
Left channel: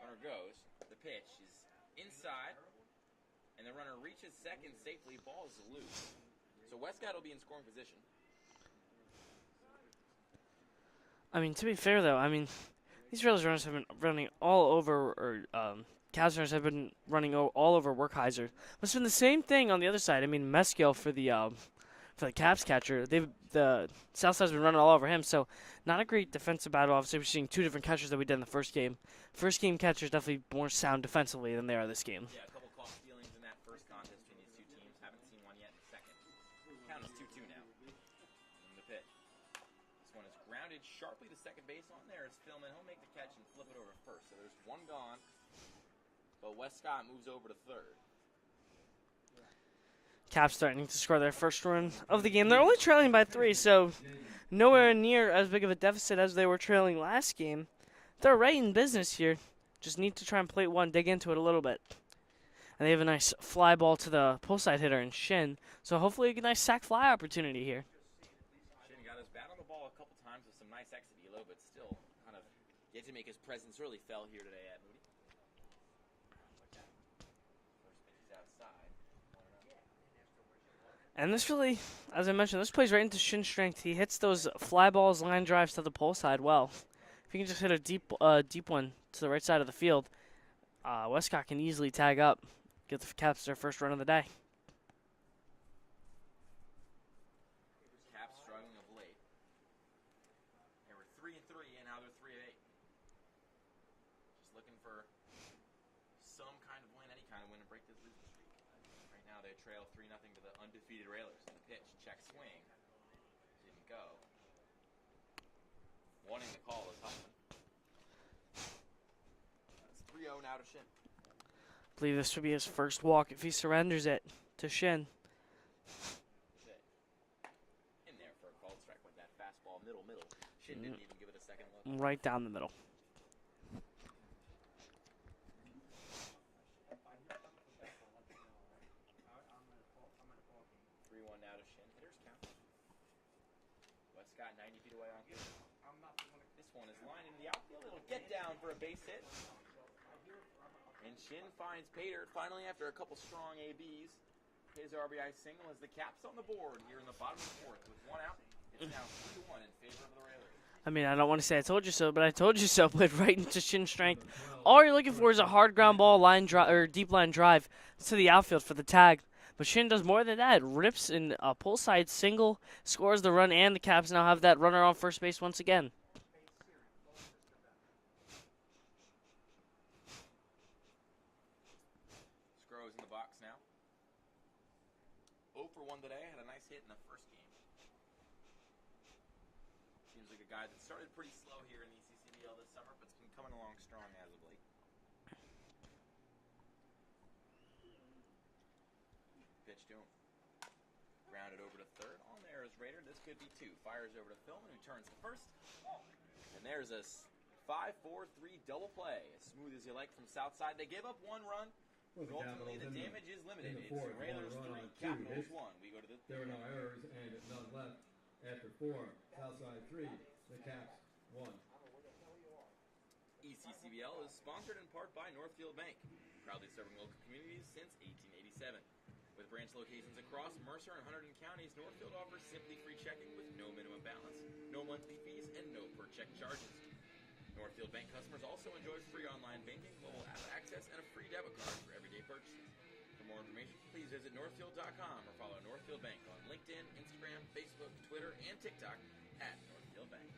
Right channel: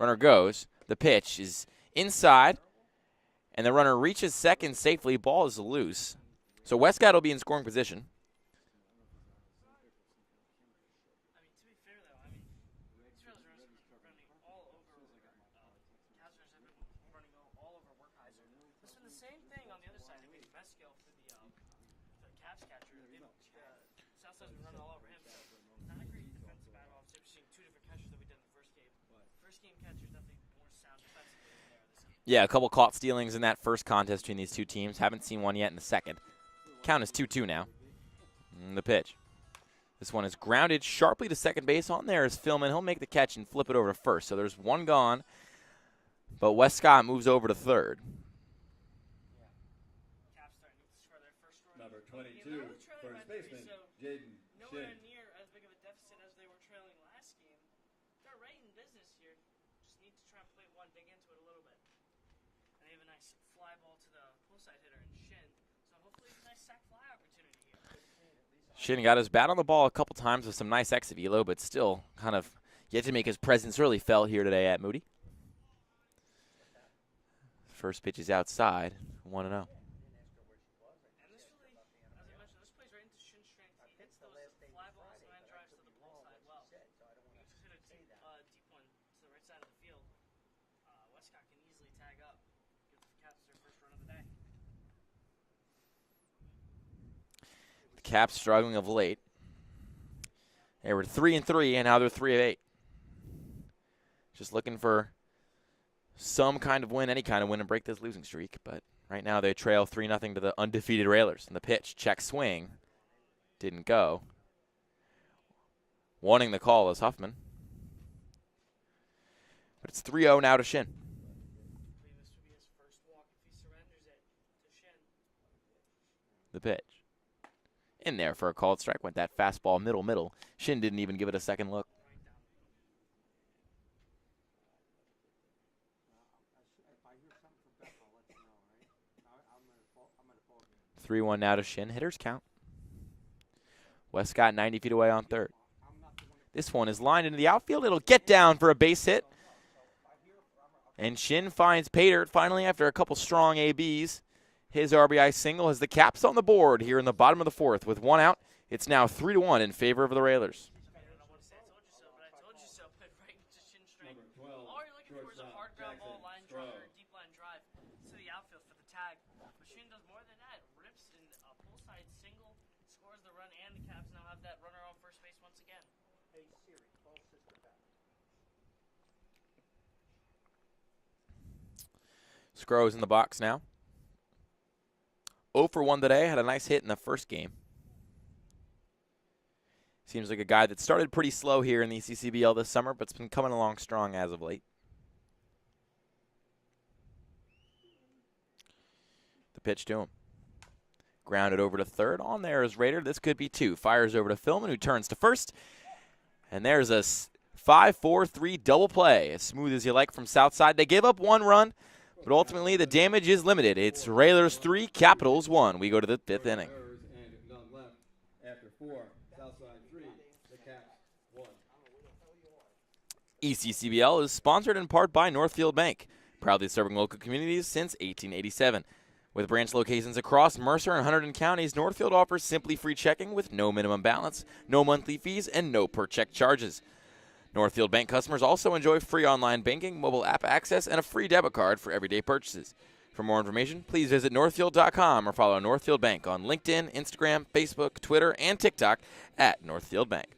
Runner goes. The pitch is inside, and the runner reaches second safely. Ball is loose. So Westcott will be in scoring position. I mean, to be fair, though, I mean, these Rails runners have been running all over, or Cavs runners have been running all over Werkheiser. It's been the same thing on the other side. I mean, Meskill for the Cavs catcher, the Southside's been running all over him, so not a great defensive battle. Obviously, we're seeing two different catchers that we did in the first game. First game catchers definitely more sound defensively than they are this game. Yeah, a couple caught stealings in that first contest between these two teams. Haven't seen one yet in the second. Count is 2-2 now. And the pitch. This one is grounded sharply to second base. On there is Philman. He'll make the catch and flip it over to first. So there's one gone. But Westcott moves over to third. Caps starting to score their first run of the game. They're only trailing by 3, so nowhere near as big of a deficit as they were trailing last game. They're right in business here. Just need to try and plate one, dig into it a little bit. And they have a nice fly ball to the pull side hitter in Shin. So hopefully a nice sac fly opportunity here. Shin got his bat on the ball a couple times with some nice exit velo, but still kind of yet to make his presence really felt here today at Moody. First pitch is outside, 1-0. And this really, as I mentioned, this plays right into Shin's strength. He hits those fly balls, line drives to the pull side well. If he can just hit a deep one to the right side of the field, Westcott can easily tag up, get the Caps their first run of the day. The Caps struggling of late. They were 3-3, and now they're 3 of 8. Just looking for some kind of win, any kind of win, and break this losing streak. But right now they trail 3-0 to the undefeated Railers. And the pitch, check swing, didn't go. Wanting the call is Huffman. But it's 3-0 now to Shin. I believe this would be his first walk if he surrenders it to Shin. The pitch. In there for a called strike. Went that fastball middle. Shin didn't even give it a second look. Right down the middle. Three 3-1 now to Shin. Hitters count. Westcott 90 feet away on third. This one is lined into the outfield. It'll get down for a base hit. And Shin finds Pater finally after a couple strong ABs. His RBI single has the Caps on the board here in the bottom of the fourth. With one out, it's now 3-1 in favor of the Railers. I mean, I don't want to say I told you so, but I told you so. Played right into Shin strength. All you're looking for is a hard ground ball, line drive or deep line drive to the outfield for the tag. But Shin does more than that. Rips in a pull side single, scores the run, and the Caps now have that runner on first base once again. Scro's in the box now. 0 for 1 today. Had a nice hit in the first game. Seems like a guy that started pretty slow here in the ECCBL this summer, but's been coming along strong as of late. The pitch to him. Grounded over to third. On there is Rader. This could be 2. Fires over to Philman, who turns to first. And there's a 5-4-3 double play. As smooth as you like from Southside. They give up 1 run, but ultimately the damage is limited. It's Railers 3, Capitals 1. We go to the 5th inning. And none left after 4. Southside 3. The Caps 1. ECCBL is sponsored in part by Northfield Bank, proudly serving local communities since 1887. With branch locations across Mercer and Hunterdon counties, Northfield offers simply free checking with no minimum balance, no monthly fees, and no per-check charges. Northfield Bank customers also enjoy free online banking, mobile app access, and a free debit card for everyday purchases. For more information, please visit northfield.com or follow Northfield Bank on LinkedIn, Instagram, Facebook, Twitter, and TikTok at Northfield Bank.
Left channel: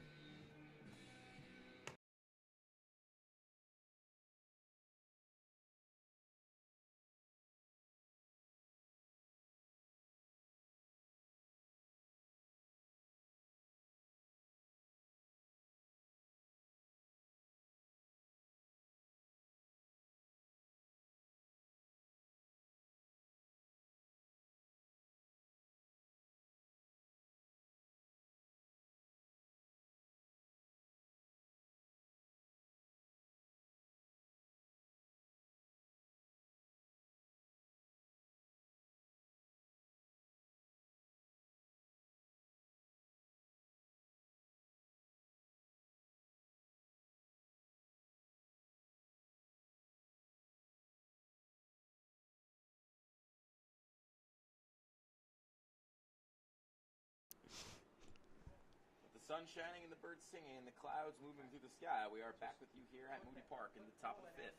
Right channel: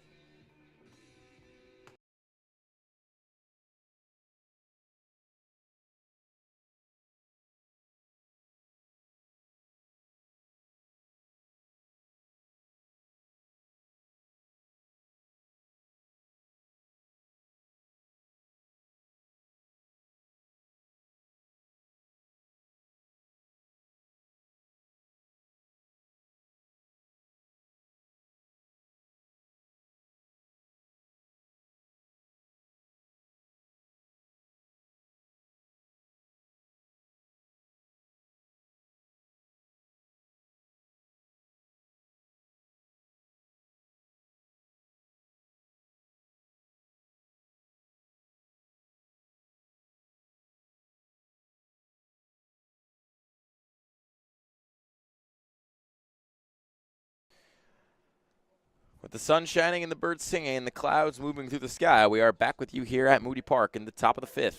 With the sun shining and the birds singing and the clouds moving through the sky, we are back with you here at Moody Park in the top of the 5th.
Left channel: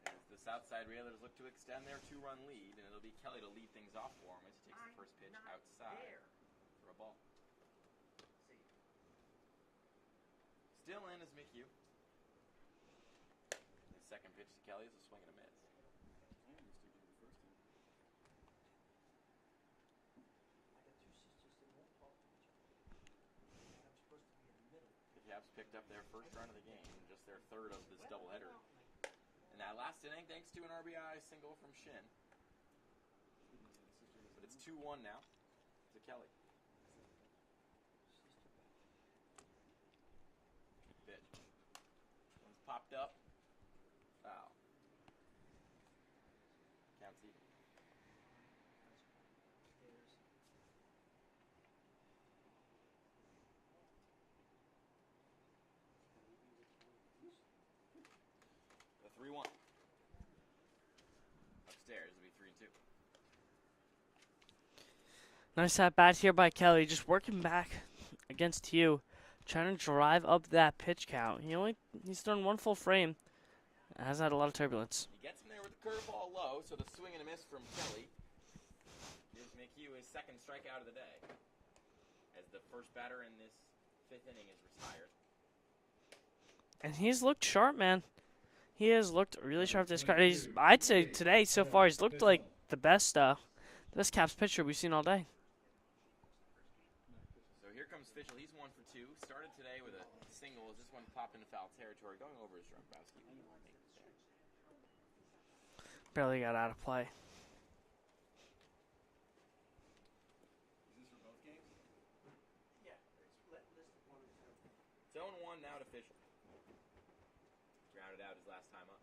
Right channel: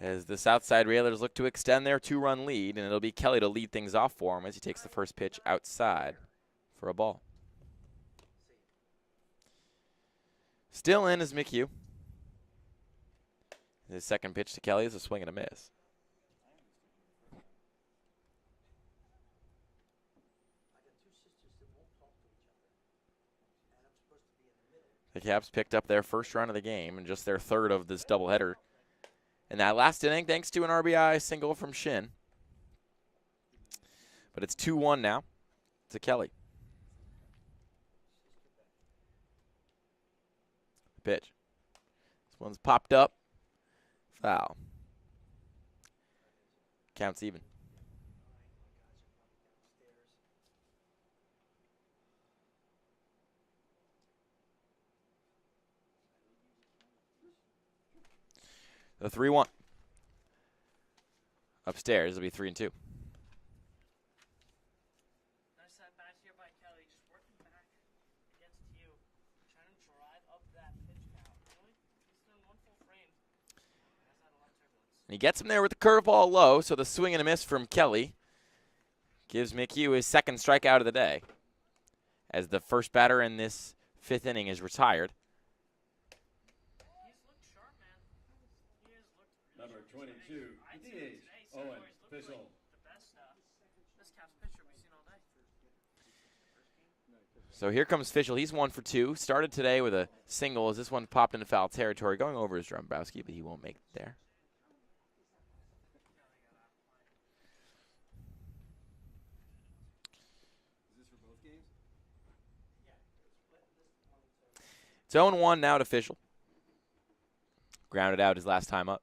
As the Southside Railers look to extend their 2-run lead, and it'll be Kelly to lead things off for him as he takes the first pitch outside for a ball. Still in is McHugh. His second pitch to Kelly is a swing and a miss. The Caps picked up their first run of the game and just their third of this doubleheader in that last inning, thanks to an RBI single from Shin. But it's 2-1 now to Kelly. Pitch. This one's popped up. Foul. Counts even. The 3-1. Upstairs, it'll be 3-2. Nice at bat here by Kelly, just working back against Hugh, trying to drive up that pitch count. He's done 1 full frame. Has had a lot of turbulence. He gets him there with the curveball low, so the swing and a miss from Kelly gives McHugh his second strikeout of the day, as the first batter in this 5th inning is retired. And he's looked sharp, man. He has looked really sharp this card. I'd say today so far he's looked like the best Caps pitcher we've seen all day. So here comes Fischel. He's 1 for 2. Started today with a single as this one popped into foul territory, going over his Drumbrowski, but he won't make it there. Barely got out of play. It's 0-1 now to Fischel. Grounded out his last time up.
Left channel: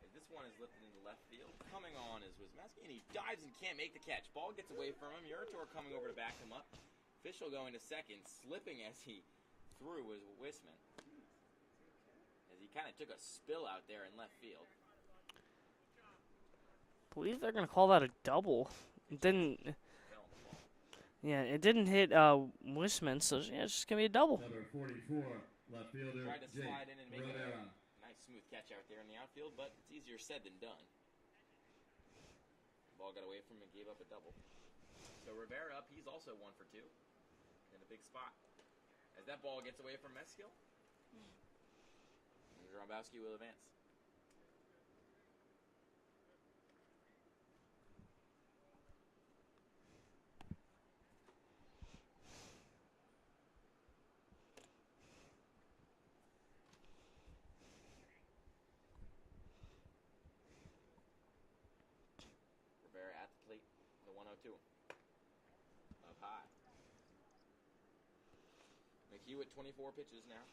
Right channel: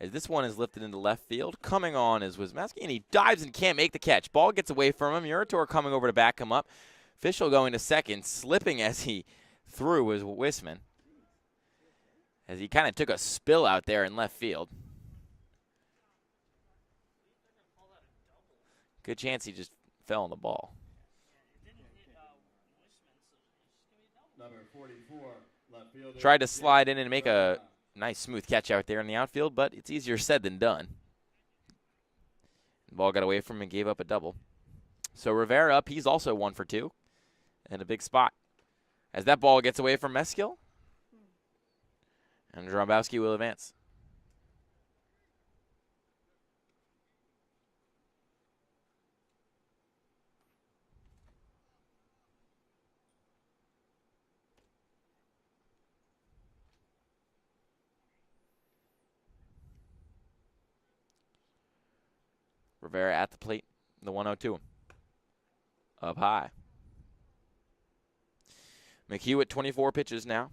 As this one is lifted into left field, coming on is Wismowski, and he dives and can't make the catch. Ball gets away from him. Urator coming over to back him up. Fischel going to second, slipping as he threw was Wisman, as he kind of took a spill out there in left field. I believe they're going to call that a double. Good chance he just fell on the ball. Yeah, it didn't hit Wisman, so yeah, it's just going to be a double. Number 44, left fielder. Tried to slide in and make a nice smooth catch out there in the outfield, but it's easier said than done. Ball got away from him and gave up a double. So Rivera up. He's also 1 for 2. And a big spot. As that ball gets away from Meskill. And Drombowski will advance. Rivera at the plate. The 1-0-2. Up high. McHugh at 24 pitches now.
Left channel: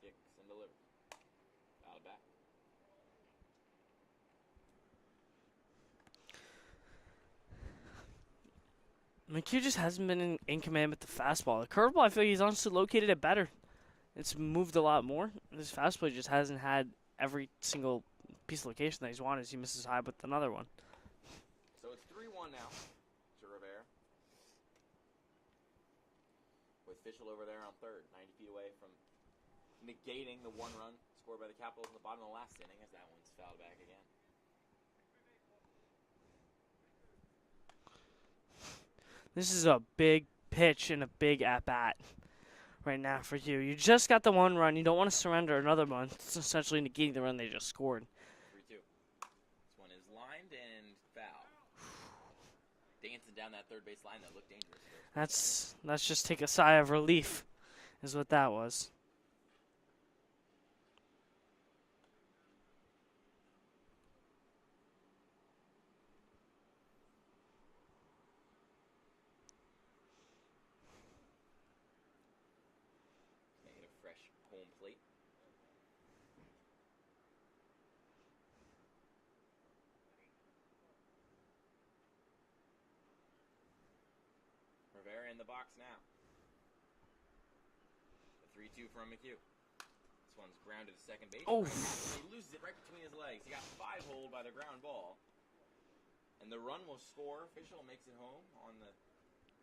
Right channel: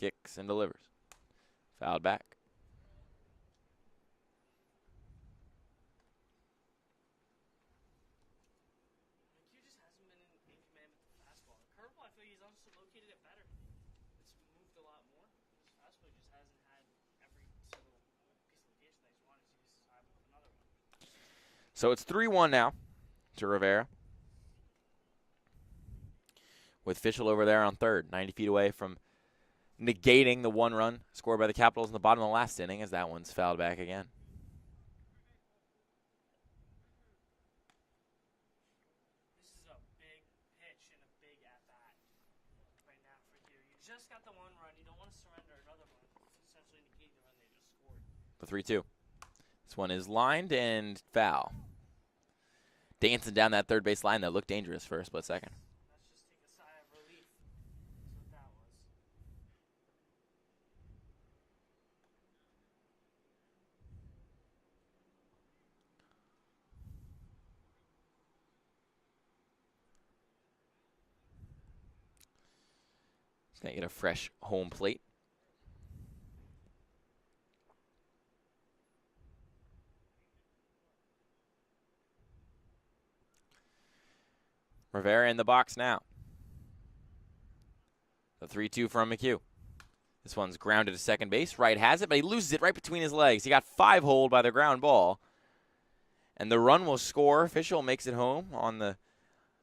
Kicks and delivers. Fouled back. McHugh just hasn't been in command with the fastball. The curveball, I feel like he's honestly located it better. It's moved a lot more. His fastball just hasn't had every single piece of location that he's wanted. He misses high with another one. So it's 3-1 now to Rivera. With Fischel over there on third, 90 feet away from negating the 1 run scored by the Capitals in the bottom of the last inning, as that one's fouled back again. This is a big pitch and a big at-bat right now for you. You just got the 1 run. You don't want to surrender another one. It's essentially negating the run they just scored. The 3-2. This one is lined and foul. Dancing down that third base line that looked dangerous for a split second. Let's just take a sigh of relief is what that was. He's going to get a fresh home plate. Rivera in the box now. The 3-2 from McHugh. This one's grounded to second base. Oh. Right has it, but he loses it right between his legs. He got 5 hold by the ground ball. And the run will score. Fischel makes it home on the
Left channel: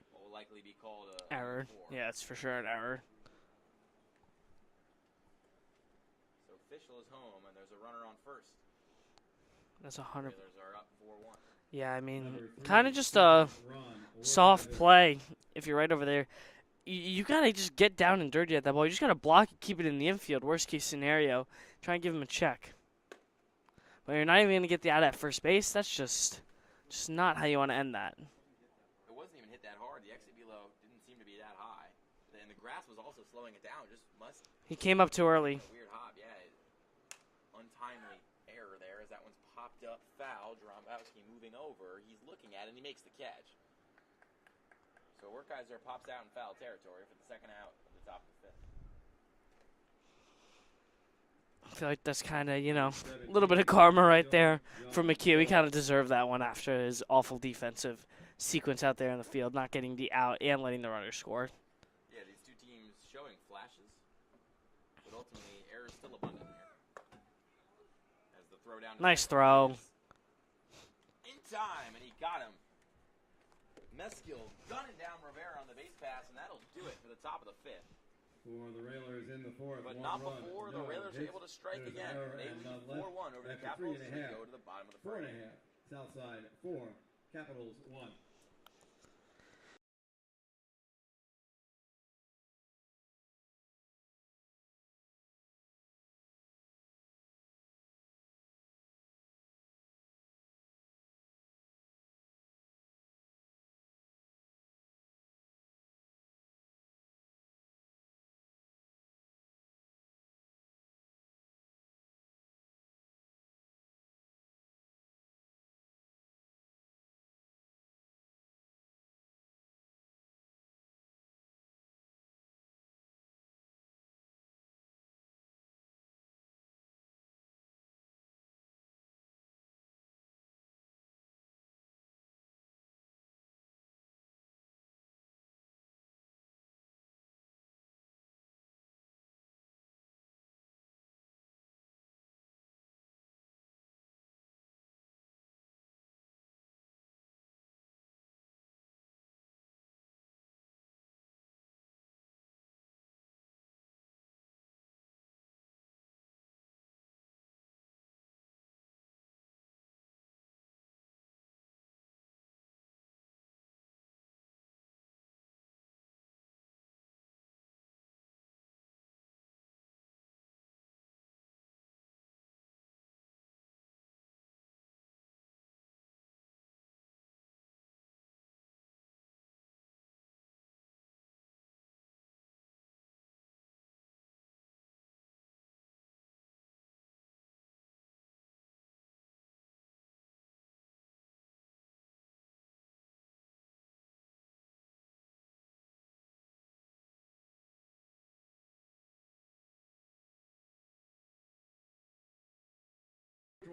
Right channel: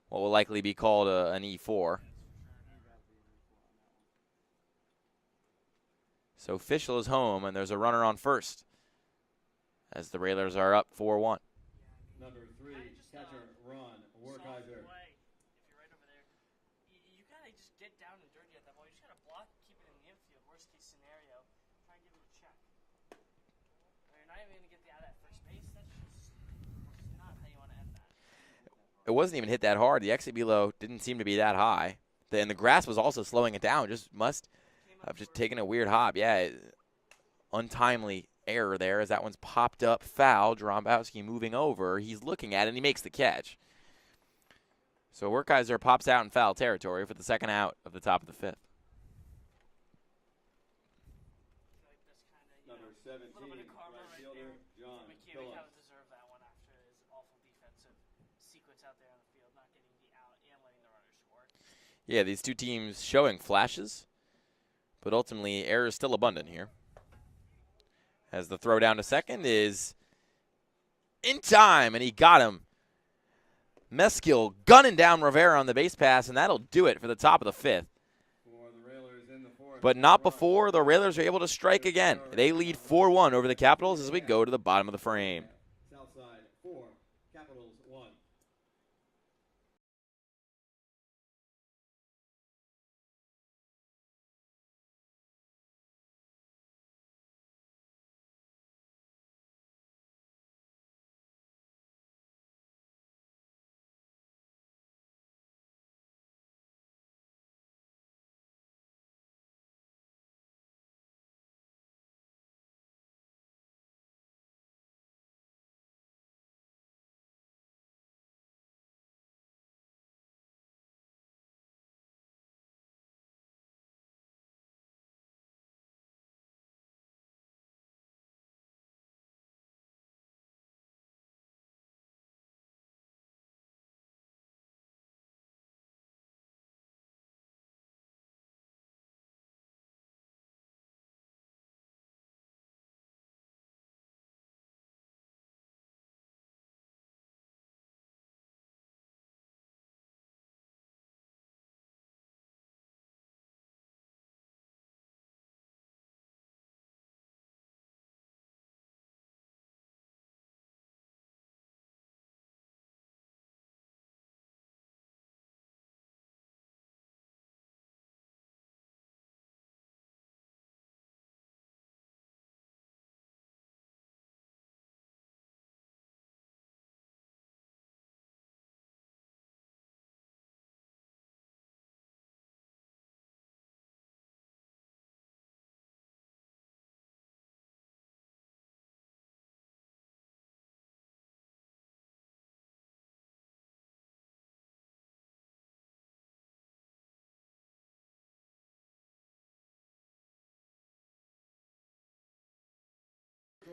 what will likely be called an E4. Yeah, it's for sure an error. So Fischel is home, and there's a runner on first. That's As a the hard- Railers are up 4-1. Yeah, I mean, kind of just a soft play if you're right over there. You got to just get down and dirty at that ball. You just got to block it, keep it in the infield. Worst case scenario, try and give him a check. But you're not even going to get the out at first base. That's just not how you want to end that. It wasn't even hit that hard. The exit below didn't seem to be that high. And the grass was also slowing it down. Just must He came up have too just early. taken a weird hop. Yeah, untimely error there as that one's popped up foul. Drombowski moving over. He's looking at it, and he makes the catch. So Werkheiser pops out in foul territory for the second out of the top of the 5th. I feel like that's kind of, a little bit of karma right there from McHugh. He kind of deserved that one after his awful defensive sequence out there in the field, not getting the out and letting the runner score. Yeah, these two teams showing flashes, but ultimately error is still abundant here. As the throw down to Nice second throw. is in time, and he got him. Meskill gunning down Rivera on the base pass, and that'll do it for the top of the 5th. But not before the Railers are able to strike again. They lead 4-1 over the Capitals as we go to the bottom of the frame. Southside 4, Capitals 1.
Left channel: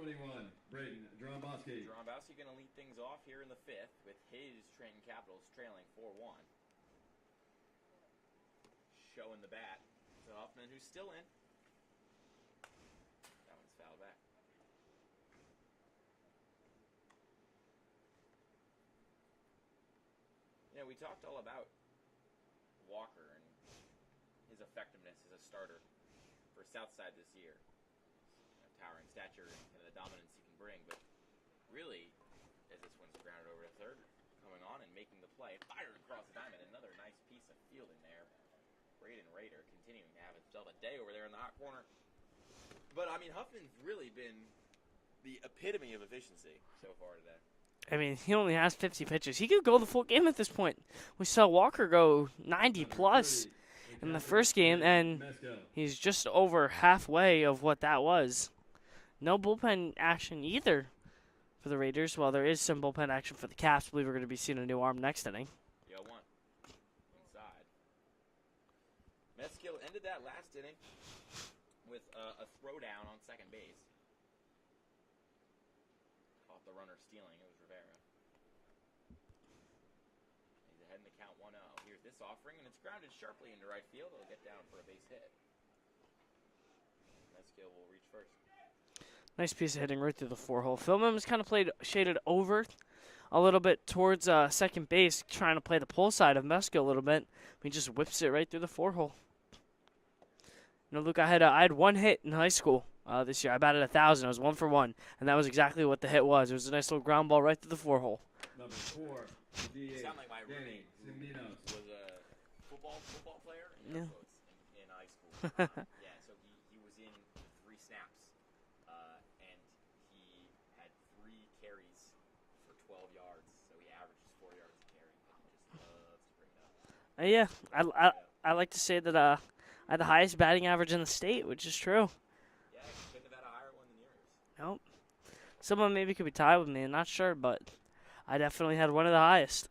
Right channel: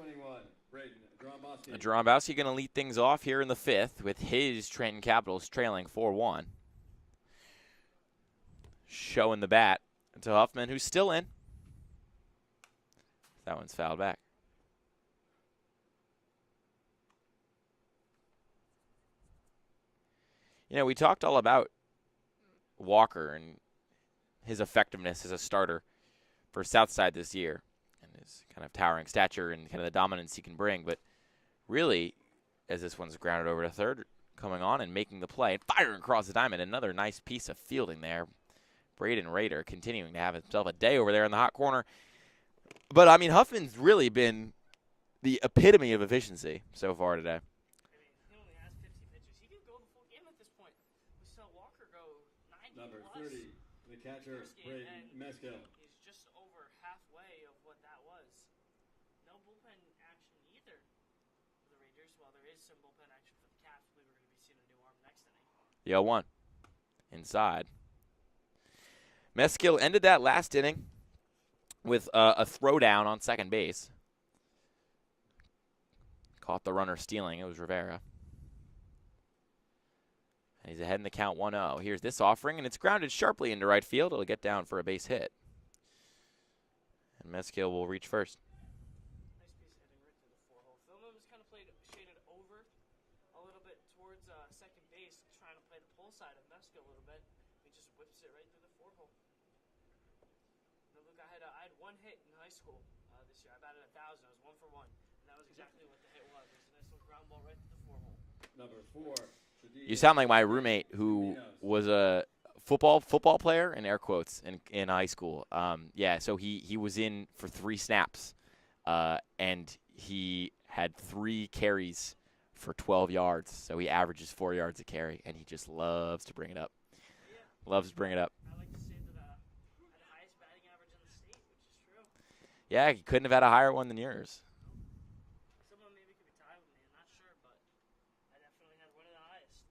21, Braden Drombowski. Drombowski going to lead things off here in the 5th with his Trenton Capitals trailing 4-1. Showing the bat to Huffman, who's still in. That one's fouled back. You know, we talked all about Walker and his effectiveness as a starter for Southside this year and his kind of towering stature and kind of the dominance he can bring. But really, as this one's grounded over to third, coming on and making the play and firing across the diamond, another nice piece of fielding there. Braden Rader continuing to have himself a day over there in the hot corner. But, I mean, Huffman's really been the epitome of efficiency so far today. I mean, he only has 50 pitches. He could go the full game at this point. We saw Walker go 90-plus in the first game, and he's just over halfway of what that was. No bullpen action either for the Raiders, while there is some bullpen action for the Caps. I believe we're going to be seeing a new arm next inning. The 0-1 inside. Meskill ended that last inning with a throwdown on second base. Caught the runner stealing. It was Rivera. And he's ahead in the count 1-0. Here's this offering, and it's grounded sharply into right field. It'll get down for a base hit. And Meskill will reach first. Nice piece of hitting right through the 4-hole. Philman was kind of shaded over a little bit towards second base, trying to play the pull side of Meskill a little bit. He just whips it right through the 4-hole. You know, Luke, I had one hit in high school this year. I batted 1,000. I was 1 for 1, and that was exactly what the hit was. It was a nice little ground ball right through the 4-hole. Number 4. You sound like my roommate who was a football player, in air quotes, in high school. Yeah, so he was in for 3 snaps, and he had 3 carries for 12 yards. So he averages 4 yards a carry, and he just loves to bring it up. Yeah, Loves to bring it up. I like to say that I had the highest batting average in the state, which is true. Yeah, I couldn't have had a higher one than yours. Nope. Someone maybe could be tied with me. I'm not sure, but I definitely had one of the highest.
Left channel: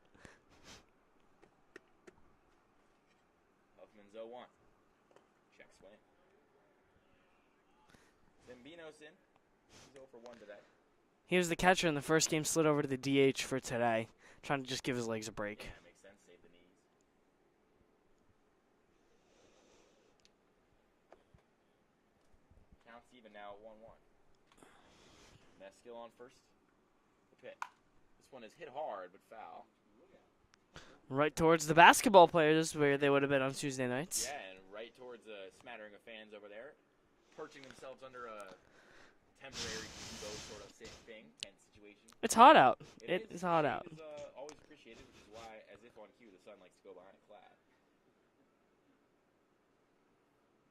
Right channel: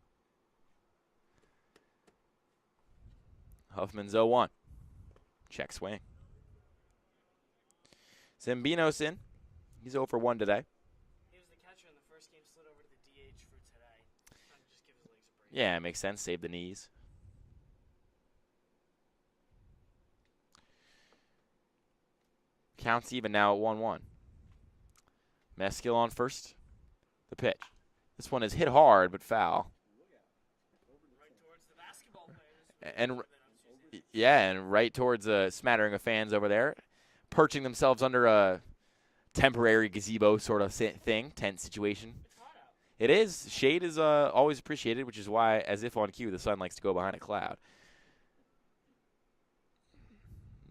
Huffman's 0-1. Check swing. Zambinos in. He's 0 for 1 today. He was the catcher in the first game, slid over to the DH for today, trying to just give his legs a break. Yeah, it makes sense. Save the knees. Counts even now at 1-1. Meskill on first. The pitch. This one is hit hard, but foul. Right towards the basketball players where they would have been on Tuesday nights. Yeah, and right towards a smattering of fans over there, perching themselves under a temporary gazebo sort of thing, tent situation. It's hot out. It is. Shade out. is always appreciated, which is why, as if on cue, the sun likes to go behind a cloud.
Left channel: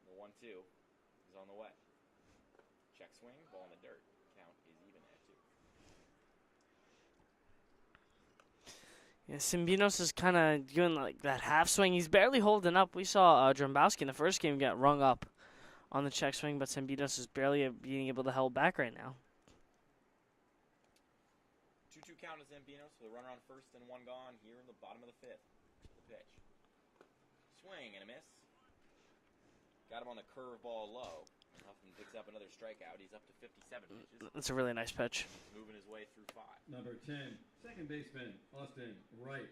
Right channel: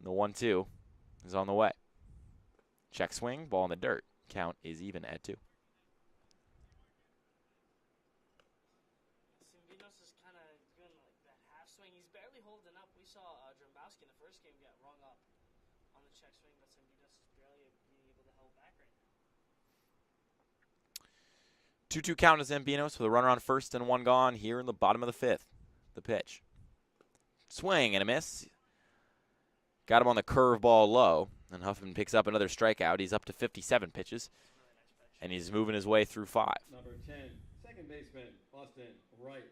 The 1-2 is on the way. Check swing, ball in the dirt. Count is even at 2. Yeah, Simbinos is kind of doing like that half swing. He's barely holding up. We saw Drombowski in the first game get rung up on the check swing, but Simbinos is barely being able to hold back right now. 2-2 count to Zambinos with a runner on first and 1 gone here in the bottom of the 5th. The pitch. Swing and a miss. Got him on the curveball low, and Huffman picks up another strikeout. He's up to 57 pitches. That's a really nice pitch. And he's moving his way through 5. Number 10, second baseman, Austin Wright.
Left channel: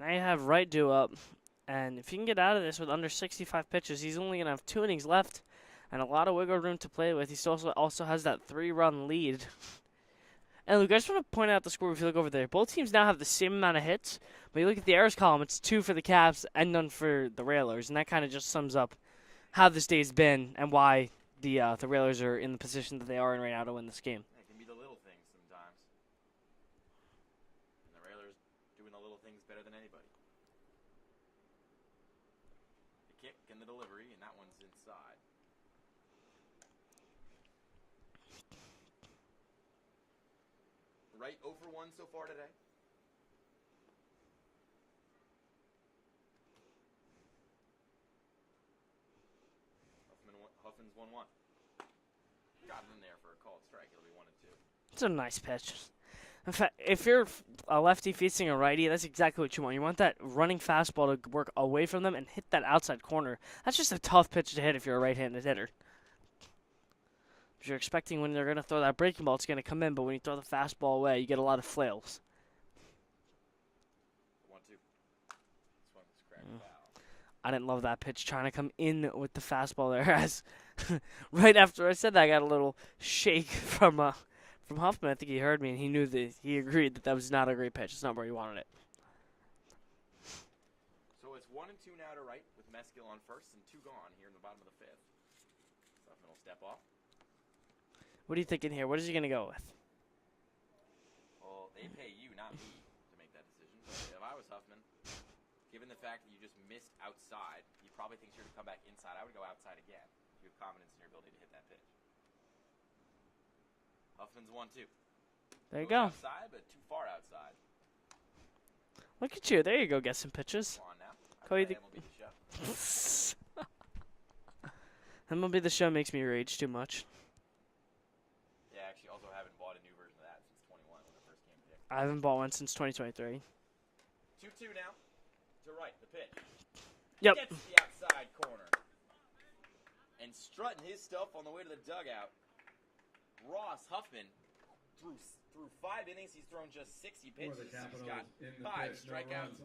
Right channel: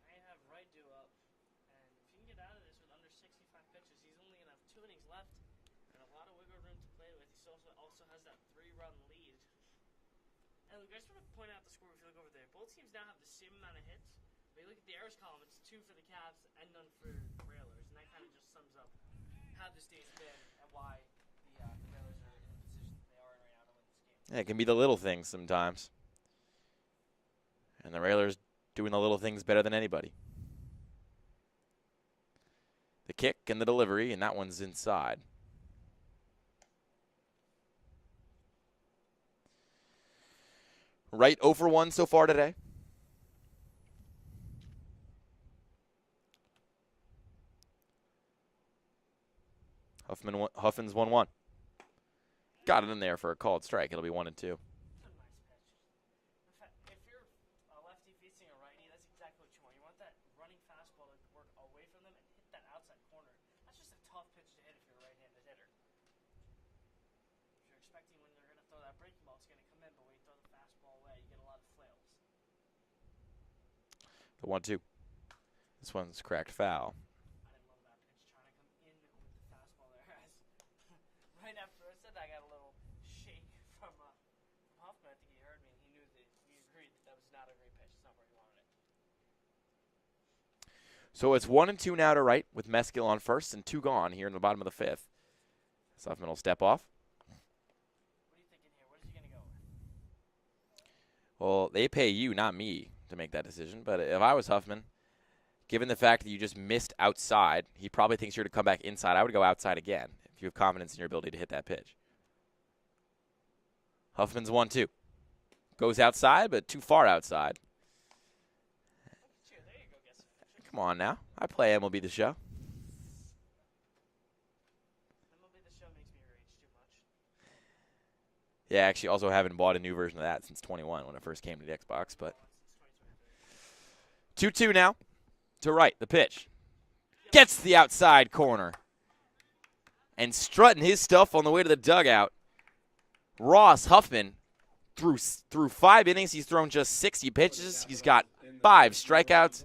Now you have Wright due up, and if he can get out of this with under 65 pitches, he's only going to have 2 innings left and a lot of wiggle room to play with. He still also has that 3-run lead. And Luke, I just want to point out the score if you look over there. Both teams now have the same amount of hits, but you look at the errors column, it's 2 for the Caps and none for the Railers, and that kind of just sums up how this day's been and why the Railers are in the position that they are in right now to win this game. Yeah, it can be the little things sometimes. And the Railers doing the little things better than anybody. The kick and the delivery, and that one's inside. Wright 0 for 1 so far today. Huffman's 1-1. Got it in there for a called strike. It'll be 1-2. It's a nice pitch. In fact, if you're a lefty facing a righty, that's exactly what you want. You want that running fastball to work away from them and hit that outside corner. That's just a tough pitch to hit if you're a right-handed hitter. You're expecting when they're going to throw that breaking ball, it's going to come in, but when you throw the fastball away, you get a lot of flails. The 1-2. This one's cracked foul. I didn't love that pitch trying to come in with the fastball there. As right after I said that, I got a little shake from Huffman. I think he heard me, and he agreed that was not a great pitch. It's not where he wanted it. So it's 1-2 now to right with Meskill on first and 2 gone here in the bottom of the 5th. Huffman will step off. What are you thinking here? What is he going to go with? Well, they pay you, not me, to make that decision. But if I was Huffman, given the fact that you just missed outside, he probably thinks you're to come back inside. I would go outside again if you have confidence in your ability to hit that pitch. Huffman's 1-2. Goes outside, but too far outside. Look at you. There you go. Get some pitches. Come on now. I play MLB The Show. MLB The Show makes me rage too much. Yeah, actually also haven't bought a new version of that since 21 when it first came to the Xbox. I haven't bought one since 2023. 2-2 now. To right, the pitch. Yep. Gets the outside corner. And strutting his stuff on the way to the dugout. Ross Huffman, through 5 innings, he's thrown just 60 pitches. He's got 5 strikeouts.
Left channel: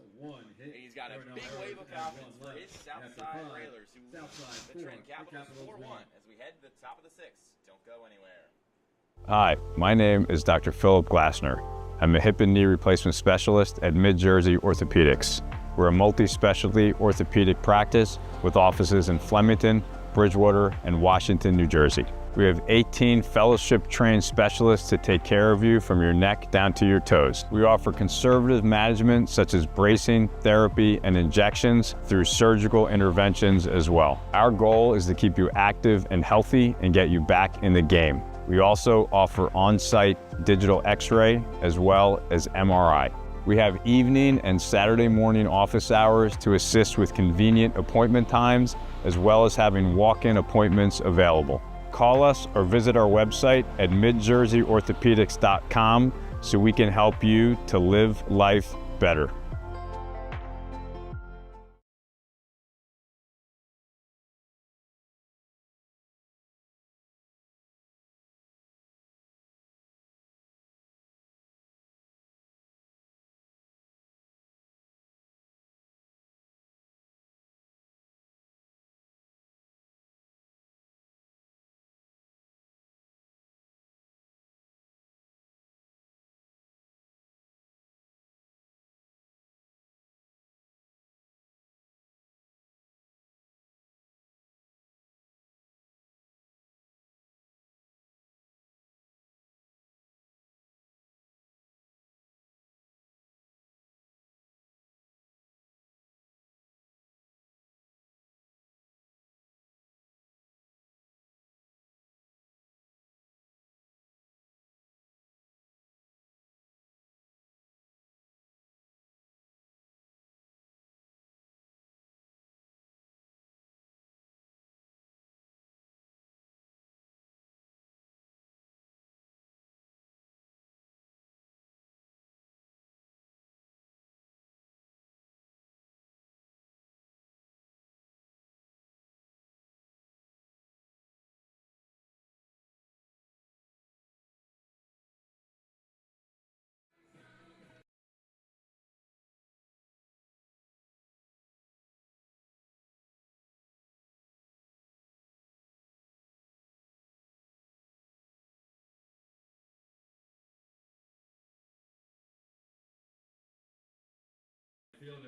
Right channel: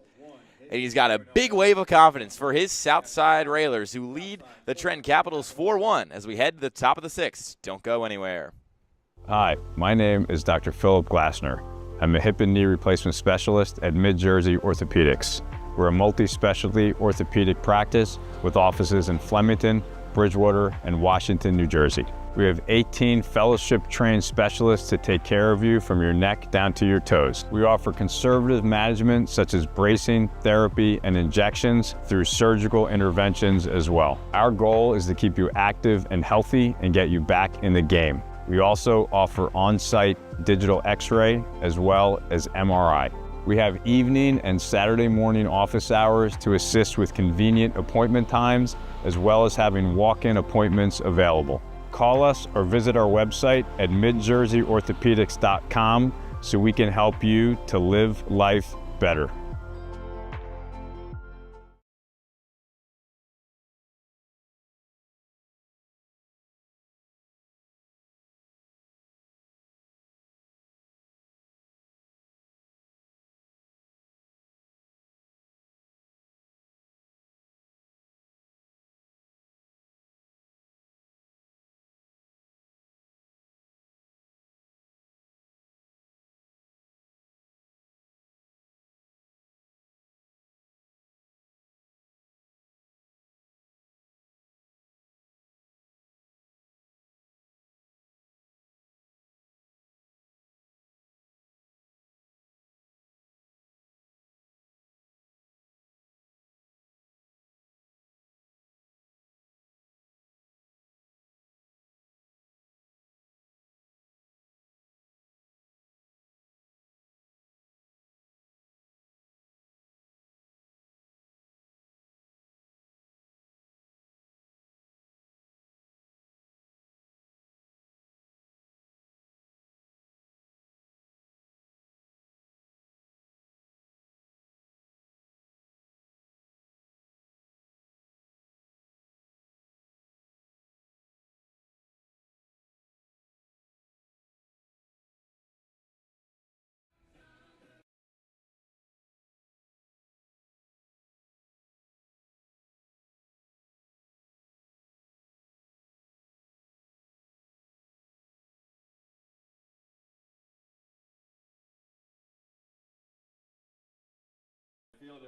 And he's got a big wave of confidence for his Southside Railers, who lead the Trenton Capitals 4-1 as we head to the top of the 6th. Don't go anywhere. Hi, my name is Dr. Philip Glassner. I'm a hip and knee replacement specialist at Mid-Jersey Orthopedics. We're a multi-specialty orthopedic practice with offices in Flemington, Bridgewater, and Washington, New Jersey. We have 18 fellowship-trained specialists to take care of you from your neck down to your toes. We offer conservative management such as bracing, therapy, and injections through surgical interventions as well. Our goal is to keep you active and healthy and get you back in the game. We also offer on-site digital x-ray as well as MRI. We have evening and Saturday morning office hours to assist with convenient appointment times, as well as having walk-in appointments available. Call us or visit our website at midjerseyorthopedics.com so we can help you to live life better.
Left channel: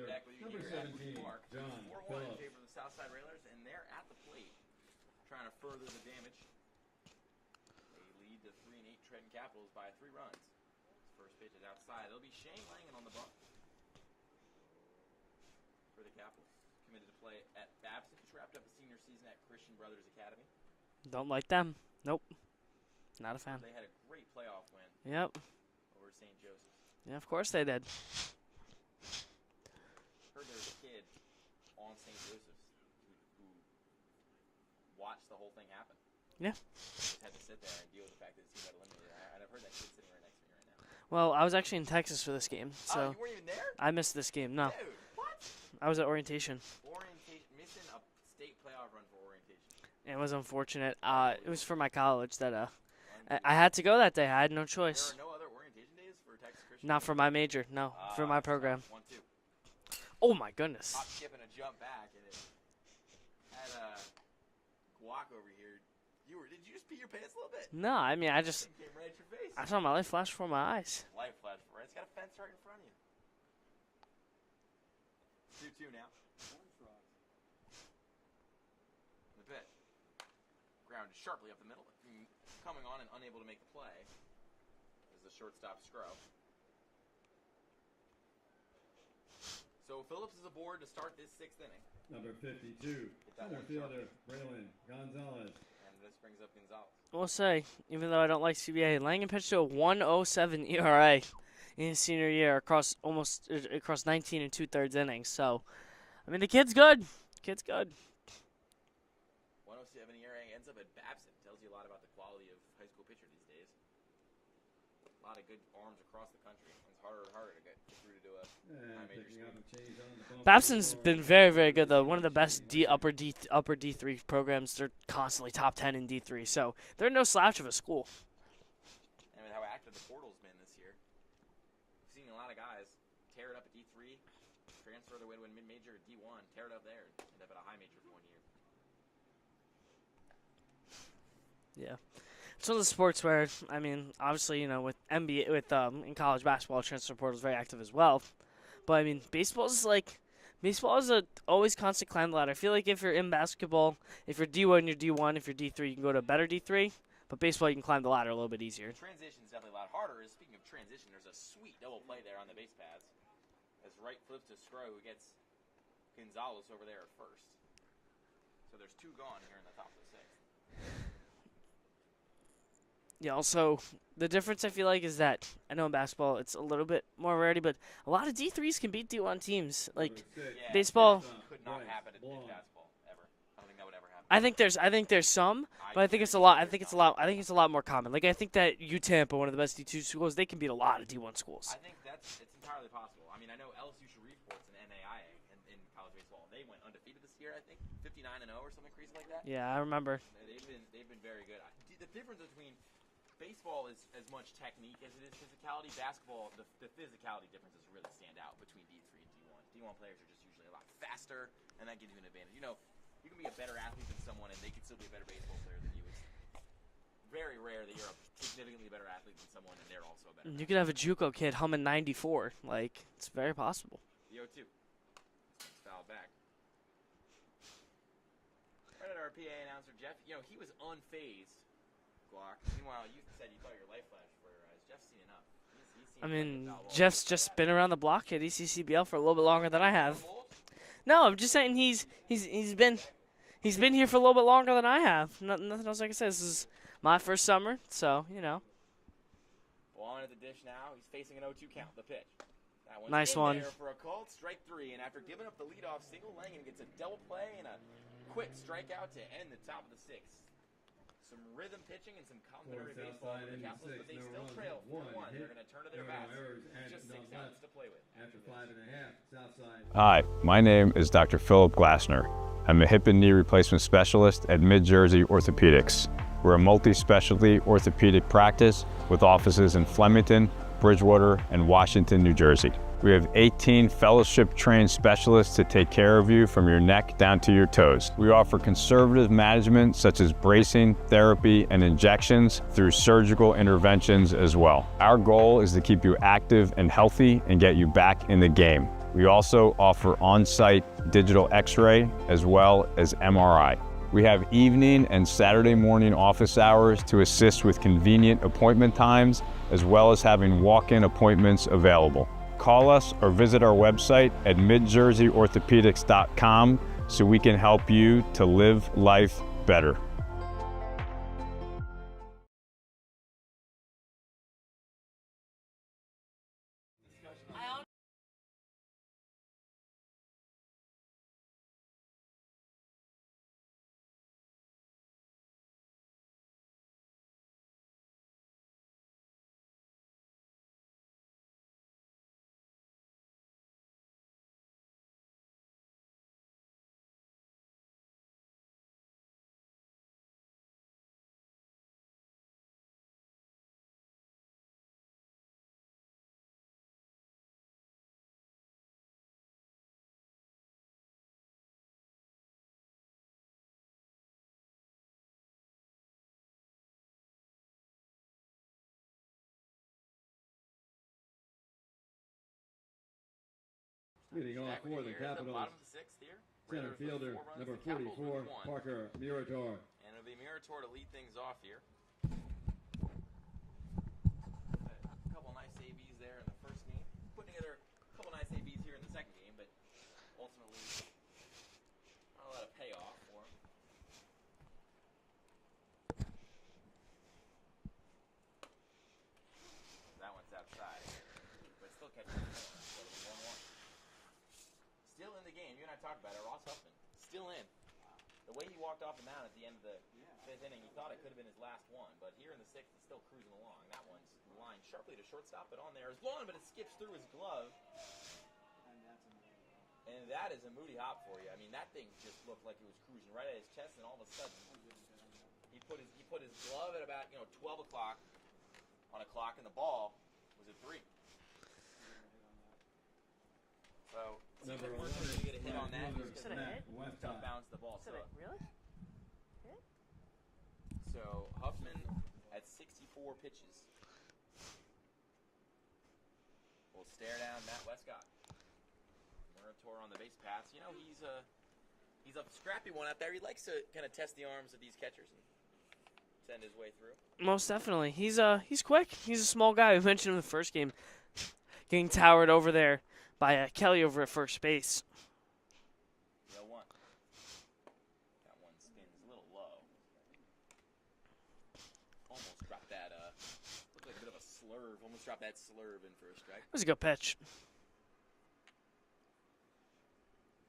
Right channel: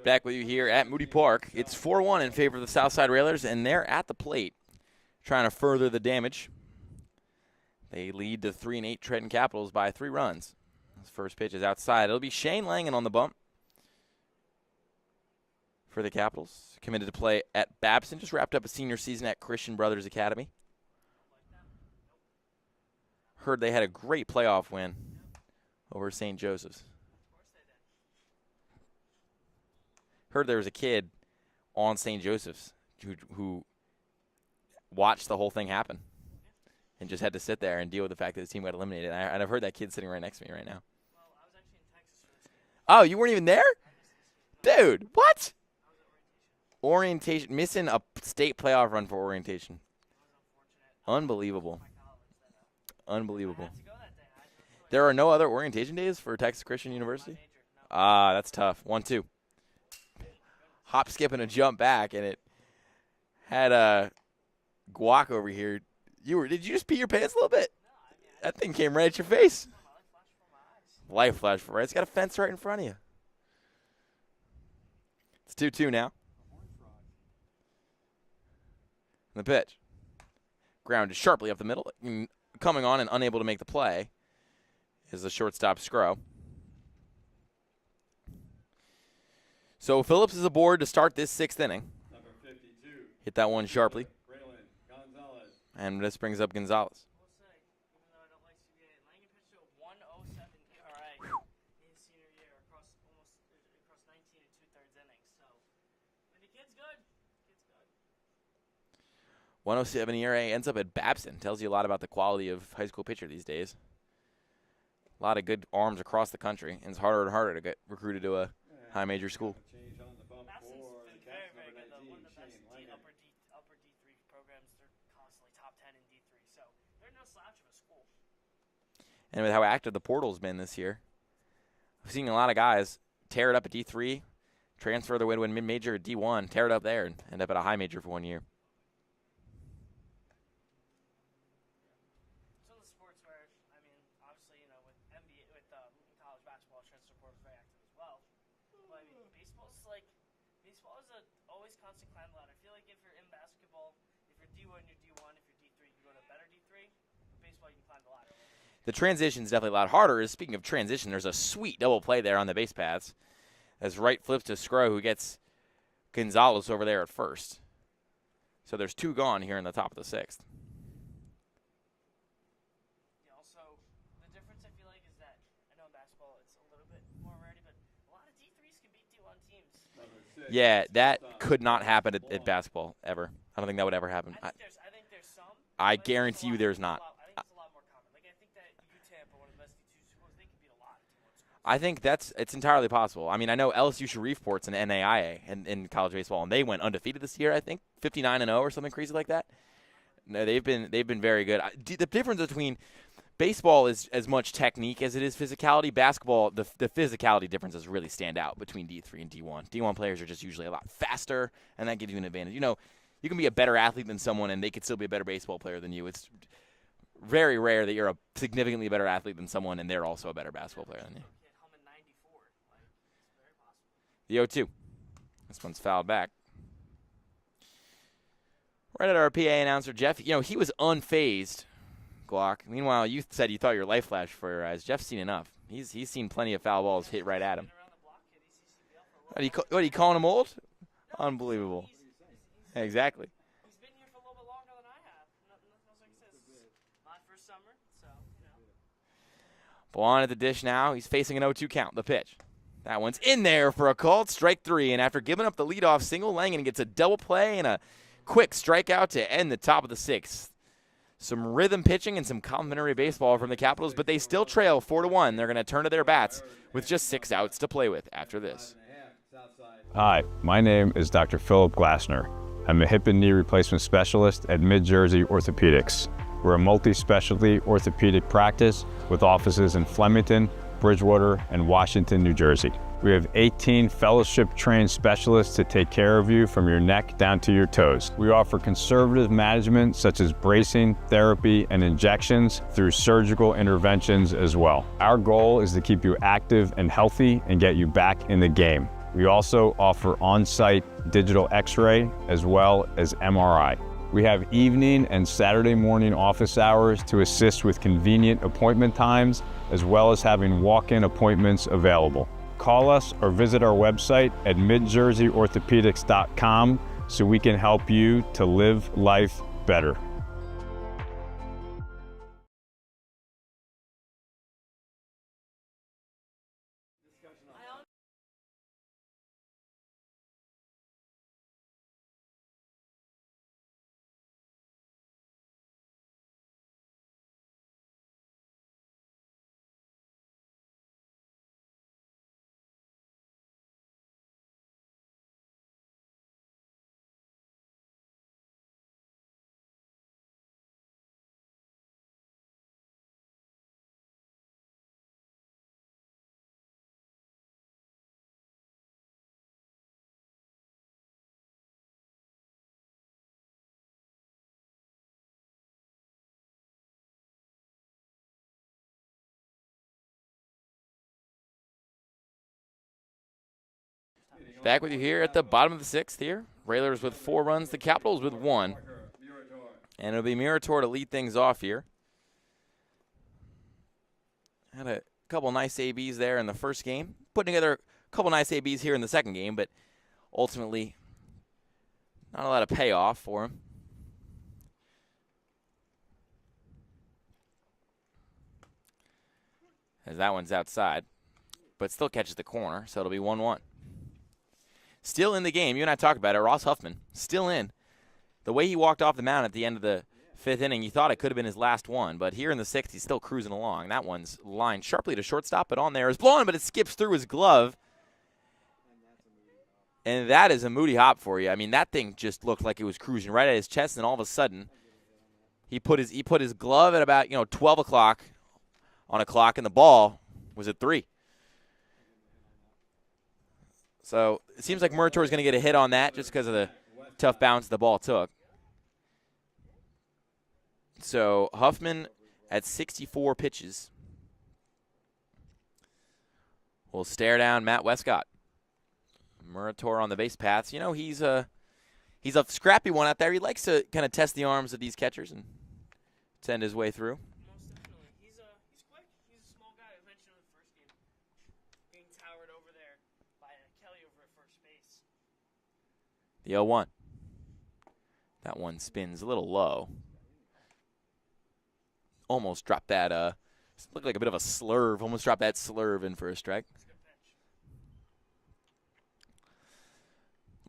Back with you here at Moody Park. It's 4-1 in favor of the Southside Railers, and they're at the plate trying to further the damage. They lead the 3-8 Trenton Capitals by 3 runs. His first pitch is outside. It'll be Shane Langen on the bump for the Capitals. Committed to play at Babson. Just wrapped up a senior season at Christian Brothers Academy. Don't like them. Nope. Not a Heard they had a great playoff win Yep. over St. Joseph's. Yeah, of course they did. Heard there was a kid on St. Joseph's who watched the whole thing happen. Yeah. And just had to sit there and deal with the fact that his team got eliminated. And I've heard that kid sitting right next to me right now. Well, I was actually in Texas for this game. Oh, so you weren't even there? I missed this game. No. Dude, what? I was at orientation. Orientation. Missing a state playoff run for orientation. It was unfortunate. It was Unbelievable. for my college that Unbelievable. I had to go that day. I had no choice. There are no other orientation days for Texas Christian Not University? for my major. No. for Ah, my that's program. tough. 1-2. Oh my goodness. Hop, skip, and a jump back, and it had a guac over here. Did you just pee your pants a little bit? No, I mean I That just thing came right at your face. I saw my life flash before my eyes. Life flash for right. It's got a fence right in front of you. It's 2-2 now. The pitch. Grounded sharply up the middle. Coming on and unable to make the play is the shortstop Scro. So Phillips is aboard to start this 6th inning. Number 52. Hit that one sharply. Braylon Gonzalez. And this brings up Gonzalez. We'll say, even though I don't like CBA, Langen pitched to a 1.07 ERA in his senior year across 19 and 2/3 innings. So, I mean, the kid's good. Kid's good. 107 ERA ends up at Babson. Tells you a lot about the quality of high school pitcher these days. A lot of good arms across the country, and it's harder and harder to get recruited to a high major school. Babson's been very, very good though. One of the best upper D3 programs. They're constantly top 10 in D3, so they're no slouch of a school. And with how active the portal's been this year, we've seen a lot of guys tear it up at D3, transfer their way to a mid-major at D1, tear it up there, and end up at a high major for 1 year. Yeah. It's one of the sports where, I mean, obviously, you know, with NBA, in college basketball, transfer portal is very active as well. But I mean, baseball is a always constant climb the ladder. I feel like if you're in basketball, if you're D1, you're D1. If you're D3, you can go to a better D3. But baseball, you can climb the ladder a little bit easier. The transition's definitely a lot harder. Speaking of transition, there's a sweet double play there on the base paths. As right flips to Scro, who gets Gonzalez over there at first. So there's 2 gone here in the top of the 6th. Yeah, also, the difference I feel like is that, I know in basketball it's a little bit more rarity, but a lot of D3s can beat D1 teams. Like, Yeah, baseball, that could not happen at basketball ever. I don't think that would ever happen. I think there's some. I but I think guarantee it's a lot. there's I think not. it's a lot. I think it's a lot more common. Like I think that UTEP are one of the best D2 schools. They can beat a lot of D1 schools. I think it's entirely possible. I mean, I know LSU Shariveport's an NAIA in college baseball, and they went undefeated this year. I think 59-0 or something crazy like that. Yeah, I remember. No, they've been very good. The difference between baseball is as much technique as it is physicality. Basketball, the physicality differences really stand out between D3 and D1. D1 players are just usually a lot faster, and that gives you an advantage. You know, you can be a better athlete than someone, and they could still be a better baseball player than you. It's very rare that you're a significantly better athlete than someone, and they're also a better basketball player. You could have a JUCO kid humming 94. Like, it's very possible. The 0-2. This one's fouled back. Right at our PA announcer, Jeff. You know, he was unfazed, Glock. Meanwhile, you said you thought your life flashed before your eyes. Jeff's seen enough. He's seen plenty of foul balls Jeff's hit right just at been him. around the block at ECCBL for a little bit longer than What, I are you have. calling him old? No, I'm just saying Unbelievable. he's been Exactly. he's been here for a little bit longer than I have. Nothing else I can say. This is my first summer, so you know. Ball on at the dish now. He's facing an 0-2 count. The pitch. That one's Nice in one. there for a called strike 3. And after giving up the leadoff single, Langen gets a double play and a quick strikeout to end the top of the 6th. Some rhythm pitching and some complimentary baseball from the Capitals, but they still trail 4-1. They're going to turn to their bats with just 6 outs to play with after this. Hi, my name is Dr. Philip Glassner. I'm a hip and knee replacement specialist at Mid-Jersey Orthopedics. We're a multi-specialty orthopedic practice with offices in Flemington, Bridgewater, and Washington, New Jersey. We have 18 fellowship-trained specialists to take care of you from your neck down to your toes. We offer conservative management such as bracing, therapy, and injections through surgical interventions as well. Our goal is to keep you active and healthy and get you back in the game. We also offer on-site digital x-ray as well as MRI. We have evening and Saturday morning office hours to assist with convenient appointment times, as well as having walk-in appointments available. Call us or visit our website at midjerseyorthopedics.com so we can help you to live life better. Back with you here at the bottom of the 6th here. Railers with 4 runs, the Capitals with 1. And it'll be Murator to lead things off here. Had a couple nice ABs there in the first game. Putting together a couple nice ABs here in the second game, but ultimately not a lot of payoff for him. As that one's outside, but still catches the corner, so it'll be 1-1. Still in the game. You and I talked about it. Ross Huffman still in. The way he walked off the mound at the end of the 5th inning, you thought it could have been his last one, but here in the 6th, he's still cruising along. That one's lined sharply to shortstop, but on there is blown, but it skips through his glove. And that is a Moody hop for you. I mean, that thing just looked like it was cruising right at his chest, and all of a sudden, he put his glove at about 12 o'clock on a clock, and the ball was at 3. So it seems like Murator is going to get a hit on that just because of the tough bounce the ball took. So Huffman at 64 pitches will stare down Matt Westcott. Murator on the base paths. He's a scrappy one out there. He likes to kind of test the arms of these catchers and send his way through. Most definitely. He's quick. He's a small guy. We mentioned him in the first game, getting towered over there by Kelly over at first base. The 0-1. That one spins a little low. Almost dropped that, looked like a bit of a slurve. Almost dropped that slurve in for a strike. It was a good pitch.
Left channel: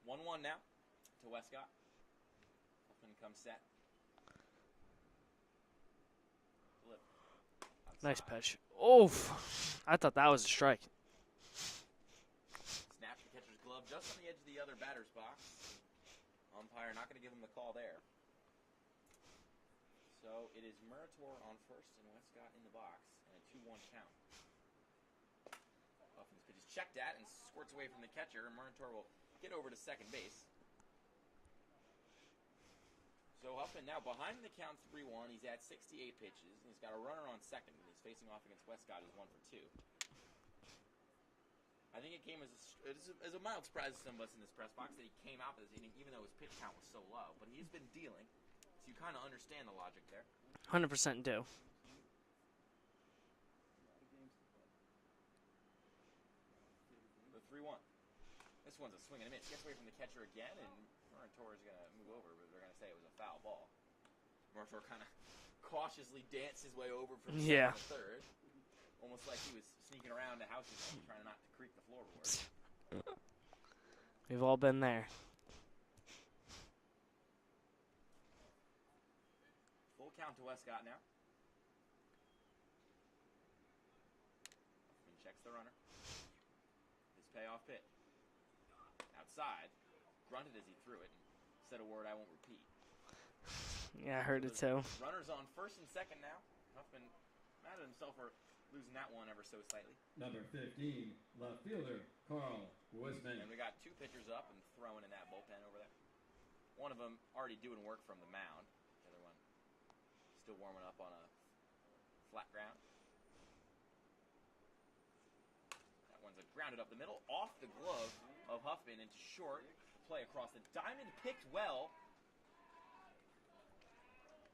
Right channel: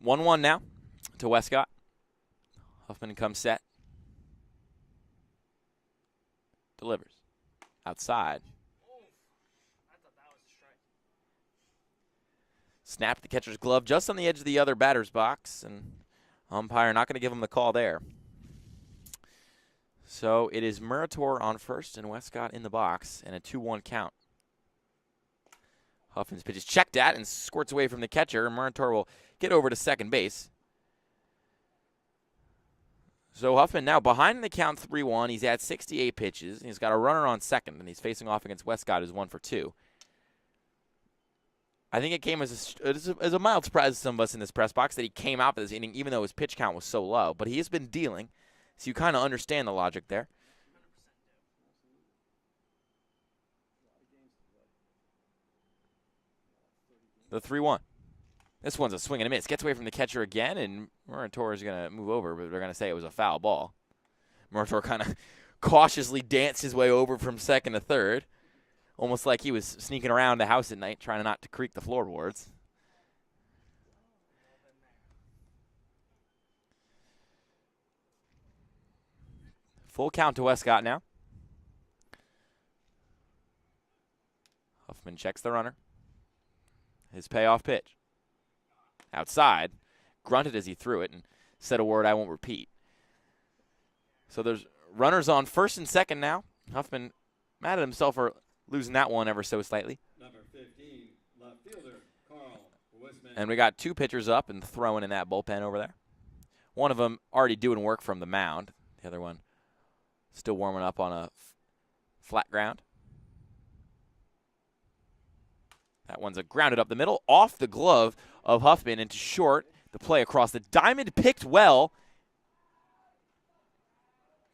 1-1 now to Westcott. Huffman comes set. Delivers. Outside. Nice pitch. Oh, I thought that was a strike. Snapped the catcher's glove just on the edge of the other batter's box, and umpire not going to give him the call there. So it is Murator on first and Westcott in the box, and a 2-1 count. Huffman's pitch is checked at and squirts away from the catcher. Murator will get over to second base. So Huffman now behind the count 3-1. He's at 68 pitches. He's got a runner on second, and he's facing off against Westcott, who's 1 for 2. I think it came as a mild surprise to some of us in this press box that he came out for this inning, even though his pitch count was so low. But he has been dealing, so you kind of understand the logic there. 100% do. The 3-1. This one's a swing and a miss. Gets away from the catcher again, and Murator is going to move over, but they're going to say it was a foul ball. Murator kind of cautiously danced his way over from second to third, almost like he was sneaking around the house at night, trying not to creak the floorboards. We've all been there. Full count to Westcott now. Huffman checks the runner. His payoff pitch. Outside, grunted as he threw it and said a word I won't repeat. Yeah, I heard so there's too. Runners on first and second now. Huffman mad at himself for losing that one ever so slightly. Number 15, left fielder, Carl Wisman. And we got 2 pitchers up and throwing in that bullpen over there. One of them already doing work from the mound. The other one still warming up on a flat ground. That one's a grounded up the middle, off the glove of Huffman into short. The play across the diamond picked well.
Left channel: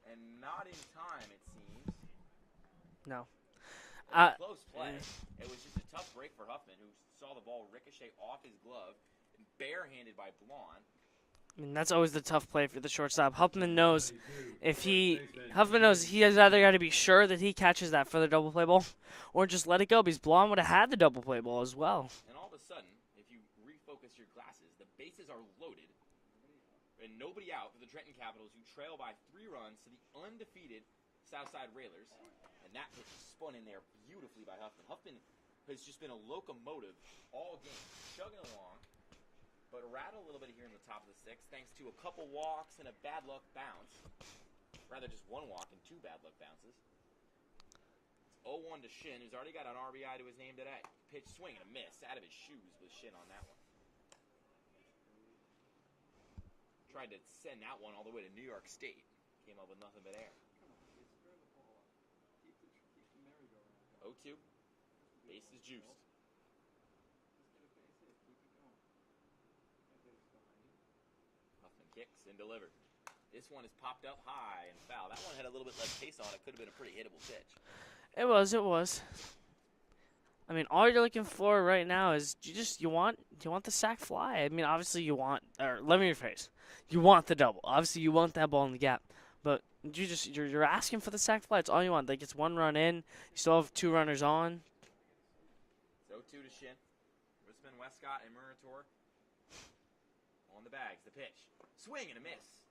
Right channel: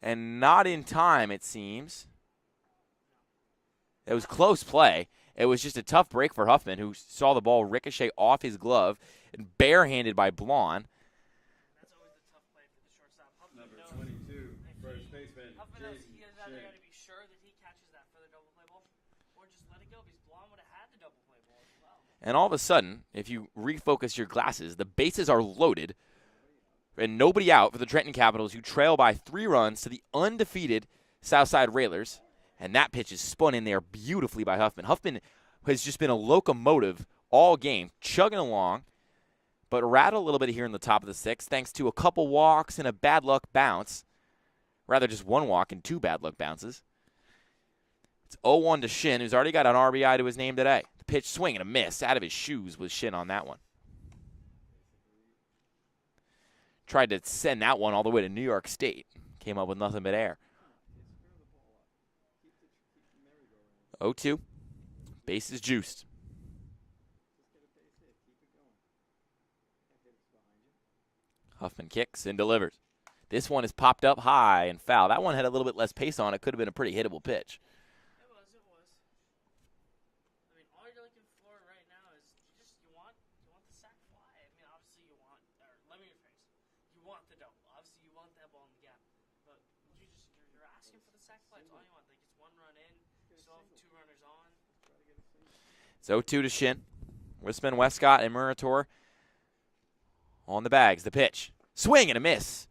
And not in time, it seems. No. It was close play. It was just a tough break for Huffman, who saw the ball ricochet off his glove and barehanded by Blonde. I mean, that's always the tough play for the shortstop. Huffman knows he has either got to be sure that he catches that for the double play ball or just let it go, because Blonde would have had the double play ball as well. And all of a sudden, if you refocus your glasses, the bases are loaded and nobody out for the Trenton Capitals, who trail by 3 runs to the undefeated Southside Railers. And that pitch is spun in there beautifully by Huffman. Huffman has just been a locomotive all game, chugging along, but rattled a little bit here in the top of the 6th, thanks to a couple walks and a bad luck bounce. Rather, just 1 walk and 2 bad luck bounces. It's 0-1 to Shin, who's already got an RBI to his name today. The pitch, swing and a miss. Out of his shoes was Shin on that one. Tried to send that one all the way to New York State. Came up with nothing but air. 0-2. Base is juiced. Huffman kicks and delivers. This one is popped up high and foul. That one had a little bit less pace on it. Could have been a pretty hittable pitch. It was. I mean, all you're looking for right now is you want the sac fly. I mean, obviously you want, or let me rephrase, you want the double. Obviously you want that ball in the gap, but you're asking for the sac fly. It's all you want. Like, it's 1 run in. You still have 2 runners on. It's 0-2 to Shin. Wisman, Westcott, and Murator on the bags. The pitch. Swing and a miss.